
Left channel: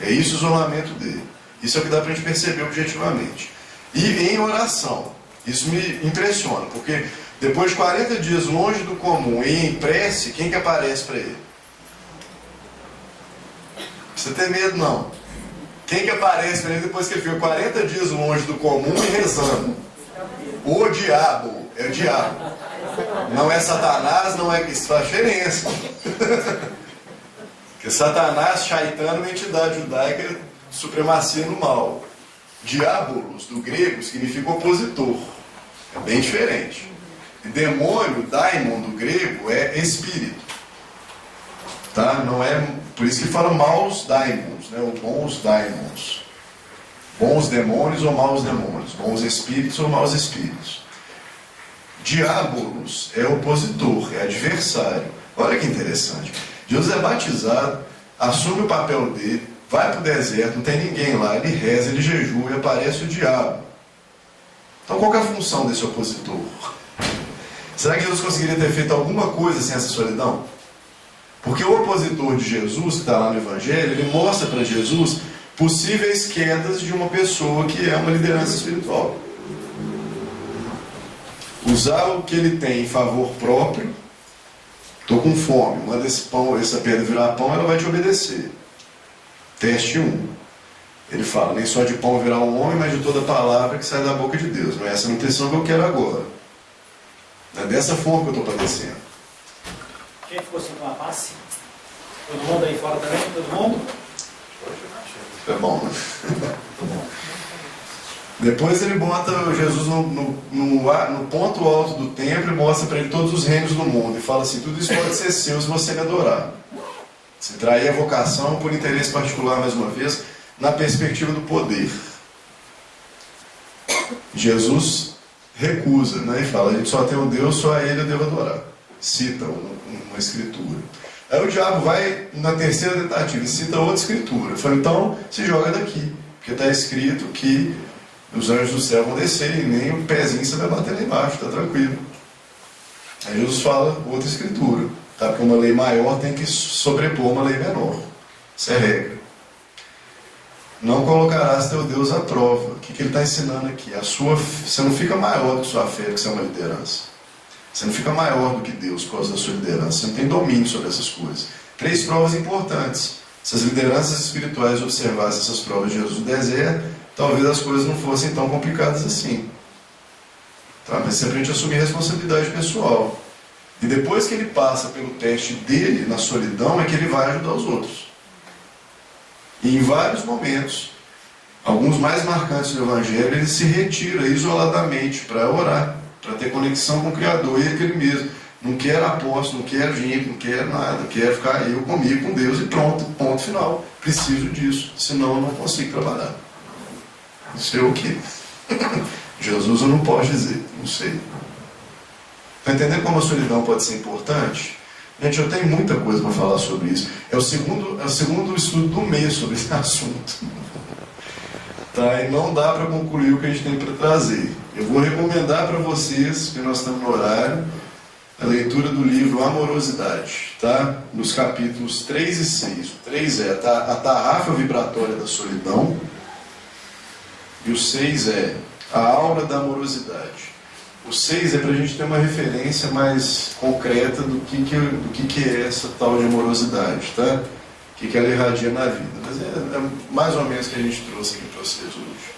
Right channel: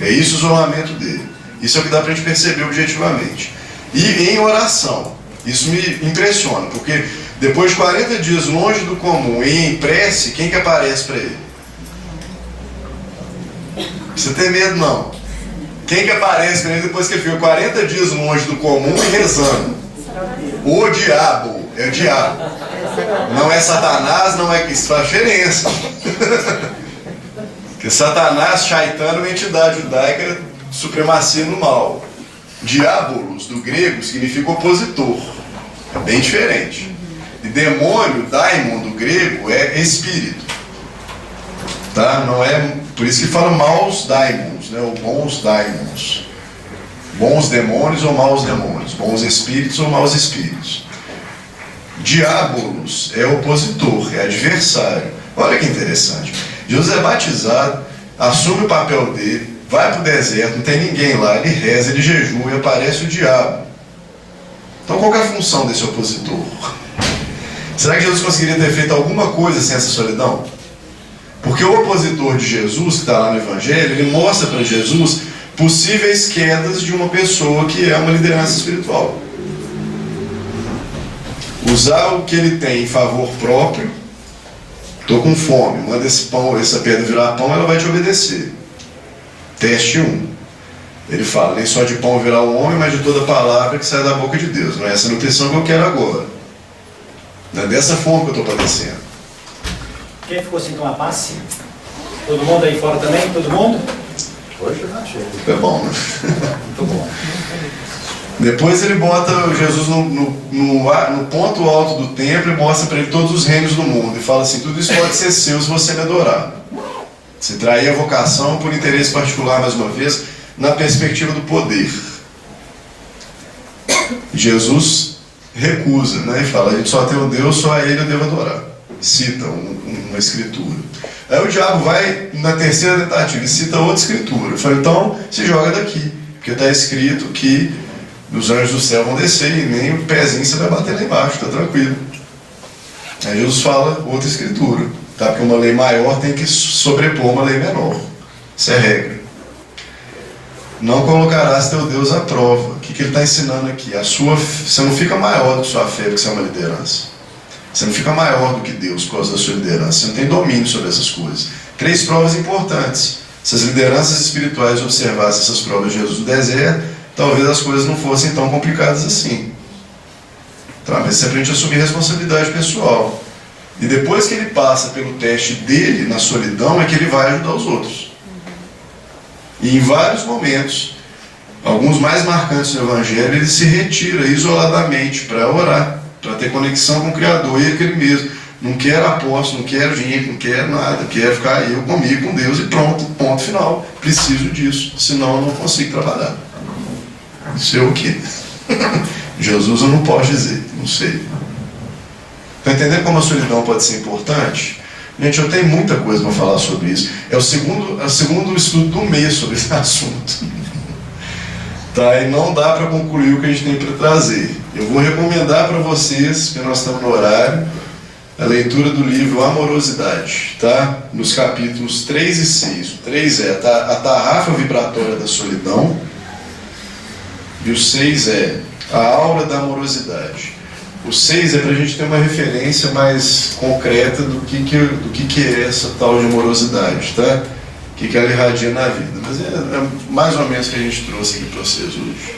É isso o isolamento dele. Isso é o que dá para a gente perceber objetivamente. E em oração. Isso me impressiona, porque depois de 40 dias longe do comum e em prece, quem que aparece para ele? Você tem medo não? Quem que aparece para ele depois que ele fica 40 dias longe do comum e rezando? O diabo. É o diabo. Não é Satanás, não é que isso faz diferença. Porque Satanás, Shaitana, é uma entidade judaica, supremacia no mal. Diabolos, do grego, significa opositor. É bem diferente. E demônio, daimon, do grego, é espírito. Tá? Não é, por isso que fala maus daimons, né? Ou bons daimons. Bons demônios ou maus demônios. Bons espíritos ou maus espíritos. Diabolos é opositor, é adversário. Olha que interessante. Jesus é batizado, assume o papel dele, vai para o deserto, não tem ninguém lá, ele reza, ele jejua e aparece o diabo. Então qual que é a função desse opositor? Será que Jesus conseguiria ter feito alguma coisa sem essa solidão? Porque o opositor de Jesus, que está lá no Evangelho, ele mostra para Jesus possíveis quedas de uma pessoa que é uma liderança espiritual. Usar o que ele tem em favor próprio. Estou com fome, manda esse pão, essa pedra virar pão, ela vai te obedecer. Teste 1. Ele fala, nem só de pão virá o homem, mas de toda palavra que sai da boca de Deus. Não é essa nutrição que eu quero agora. Não é dessa forma que eu estou padecendo. Quem ficou sem tomar passe? Todo mundo aí fora também? Todo mundo? Hoje eu não achei. É bom, né? Muito bom. Depois ele bota Jesus no ponto alto do templo e mostra para ele todos os reinos do mundo. E fala assim, tudo isso pode ser seu se você me adorar. Se trair a vocação por interesse particular, mais uma vez, na perspectiva do poder. Jesus recusa, né? E fala, a gente só tem um Deus, só a Ele eu devo adorar. Cita uma escritura. Aí o diabo vai na terceira tentativa e cita outra escritura. Fala, então se joga daqui, porque está escrito que os anjos do céu vão descer e nem o pezinho você vai bater lá embaixo, está tranquilo. Aí Jesus fala outra escritura, tá? Porque uma lei maior tem que sobrepor uma lei menor. Isso é regra. Não colocarás teu Deus à prova. O que ele está ensinando aqui? Você não fica maior do que sua fé porque você é uma liderança. Você não fica maior do que Deus por causa da sua liderança. Você não tem domínio sobre essas coisas. 3 provas importantes. Se as lideranças espirituais observassem essas provas de Jesus no deserto, talvez as coisas não fossem tão complicadas assim. Tá? Mas você aprende a assumir responsabilidade pessoal. E depois que ele passa pelo teste dele na solidão, é que ele vai ajudar os outros. E em vários momentos, alguns mais marcantes do Evangelho, ele se retira isoladamente para orar, para ter conexão com o Criador e aquele mesmo. Não quero apóstolo, não quero gente, não quero nada, quero ficar eu comigo, com Deus e pronto, ponto final. Preciso disso, senão eu não consigo trabalhar. Isso é o que? Jesus eu não posso dizer, não sei. Está entendendo como a solidão pode ser importante? Gente, eu tenho muita coisa para falar sobre isso. É o segundo estudo do mês sobre esse assunto. Tá? E não dá para concluir o que a gente tem para trazer. Eu vou recomendar para vocês, porque nós estamos no horário, a leitura do livro Amorosidade, tá? Nos capítulos 3 e 6. O 3 é a tarrafa vibratória da solidão, e o 6 é a aura da amorosidade. O 6 é para a gente ter uma referência mais concreta do que é essa tal de amorosidade, tá? O que ela irradia na vida. Mas é mais ou menos o que a gente trouxe aqui para vocês hoje.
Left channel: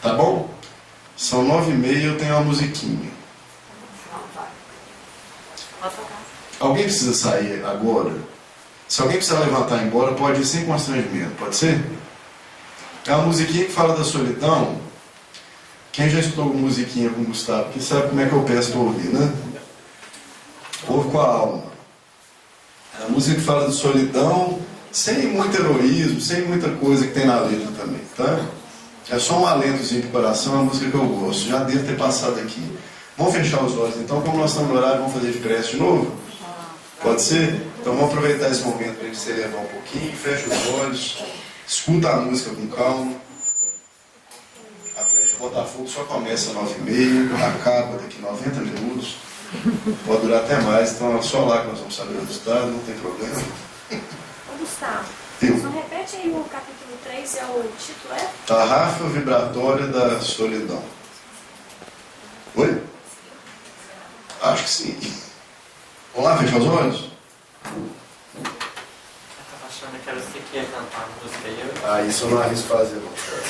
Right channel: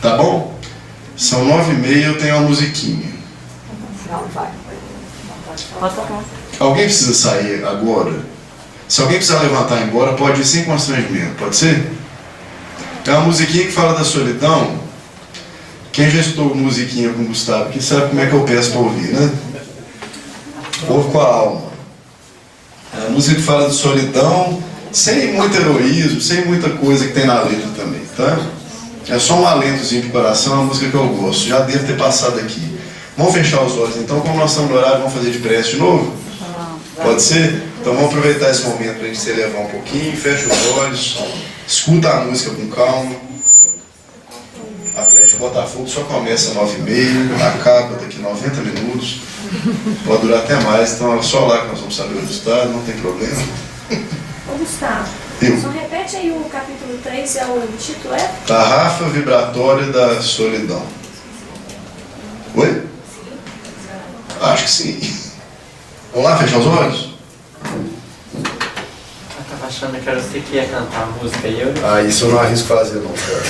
Tá bom? São 9h30, eu tenho uma musiquinha. Não, vai. Pode falar. Alguém precisa sair agora? Se alguém precisar levantar e ir embora, pode ir sem constrangimento, pode ser? É uma musiquinha que fala da solidão. Quem já estudou musiquinha com o Gustavo aqui sabe como é que eu peço para ouvir, né? Ouve com a alma. É uma música que fala de solidão, sem muito heroísmo, sem muita coisa que tem na letra também, tá? É só um alentozinho pro coração, é uma música que eu gosto. Já devo ter passado aqui. Vamos fechar os olhos então, como nós estamos no horário, vamos fazer de prece de novo? Pode ser? Então vamos aproveitar esse momento para a gente se elevar um pouquinho, fecha os olhos, escuta a música com calma. Atlético Botafogo só começa às 9h30, acaba daqui 90 minutos, pode durar até mais, então é só lá que nós vamos saber o resultado, não tem problema. Ô Gustavo, só repete aí o capítulo 3, o título é? Tarrafa vibratória da solidão. Oi? Acho que sim. Vamos lá, fechar os olhos? Eu tava achando que era você que ia cantar a música e eu... Ah, isso eu não arrisco fazer não, cara.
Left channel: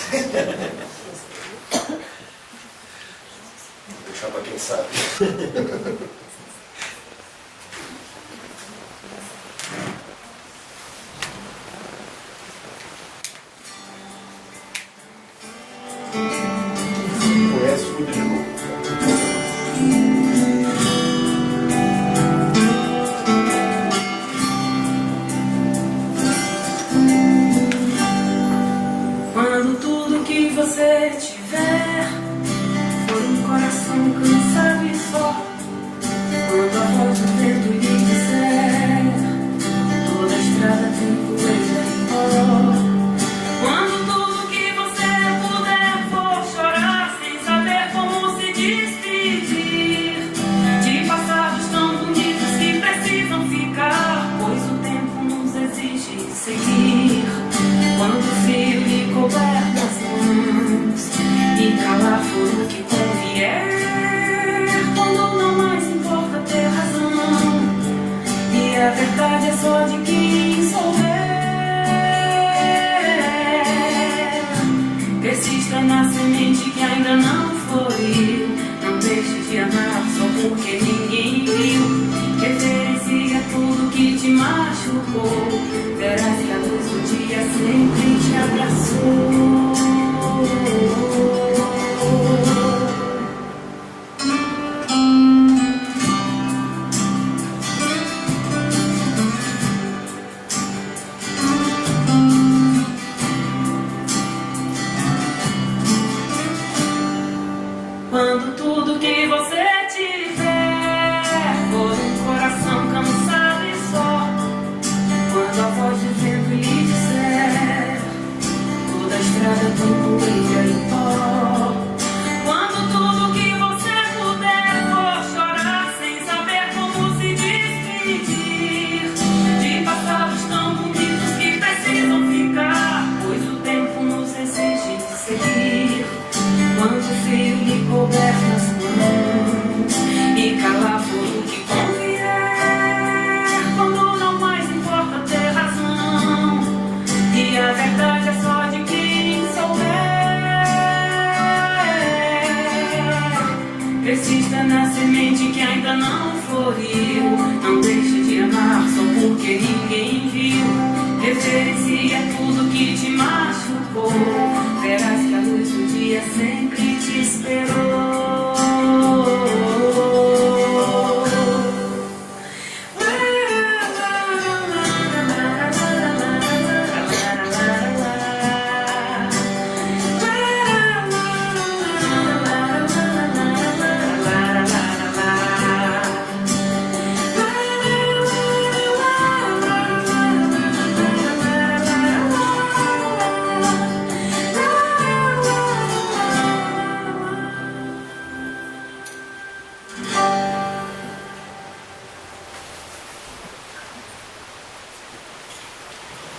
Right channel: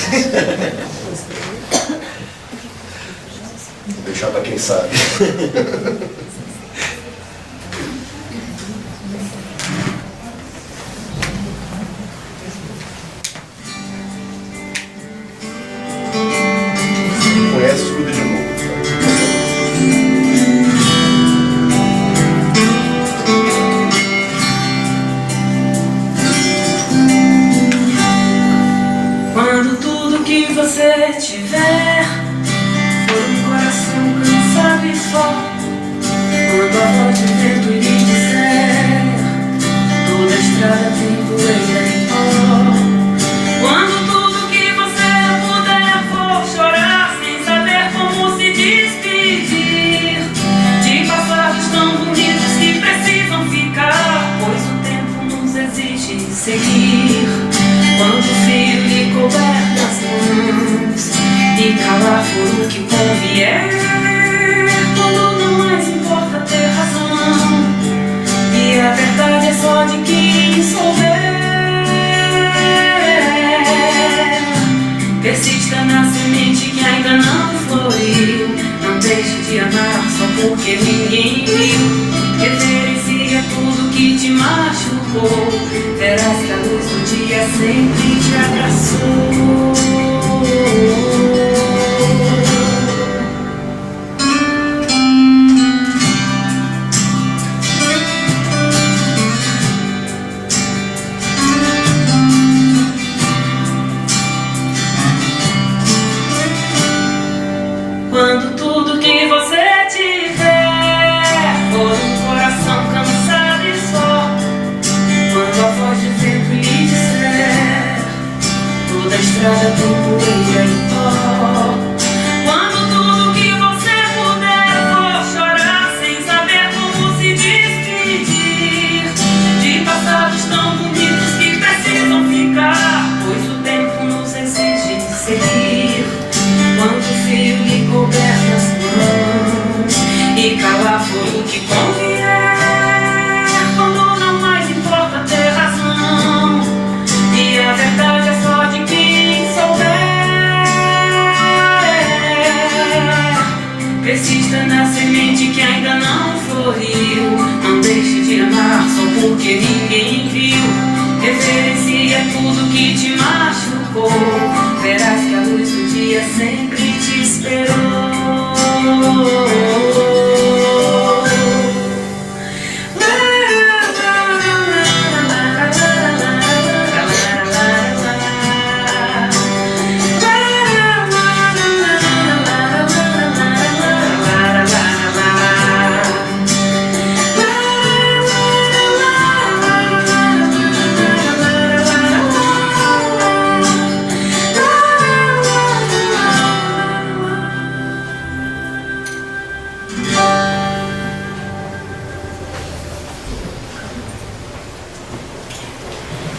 Vou deixar para quem sabe. Conhece, escuta de novo. Quando tudo que você tiver for um coração cansado e só, quando a voz do vento lhe disser toda a estrada tem poeira e pó, quando tudo que você puder for chorar sem saber como se despedir de passados tão bonitos que precisam ficar, pois o tempo nos exige seguir. Quando o frio lhe couber nas mãos e calar for o que convier, quando não mais importa ter razão e a verdade é só de quem souber, persista na semente que ainda não floriu, não deixe de amar só porque ninguém viu. Reverencia tudo que te machucou. Verás que a luz do dia sempre te abraçou. Quando tudo que você tiver for um coração cansado e só, quando a voz de vento lhe disser toda a estrada tem poeira e pó, quando tudo que você puder for chorar sem saber como se despedir de passados tão bonitos que precisam ficar, pois o tempo nos exige seguir. Quando o frio lhe couber nas mãos e calar fogo que convier, quando não mais importa ter razão e a verdade é só de quem souber, persista na semente que ainda não floriu, não deixe de amar só porque ninguém viu. Reverencia tudo que te machucou, verás que a luz do dia sempre te esperou.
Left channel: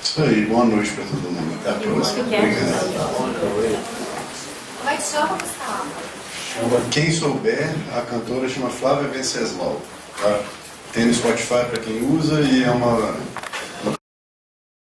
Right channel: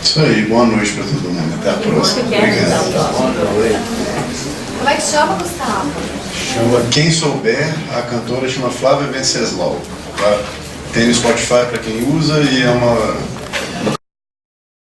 Isso aí, boa noite para todo mundo. Até a próxima. Obrigado. Como é que chama, Gustavo? Chama Quem Souber, a cantora chama Flávia Venceslau. Tá? Tem no Spotify para quem usa e é uma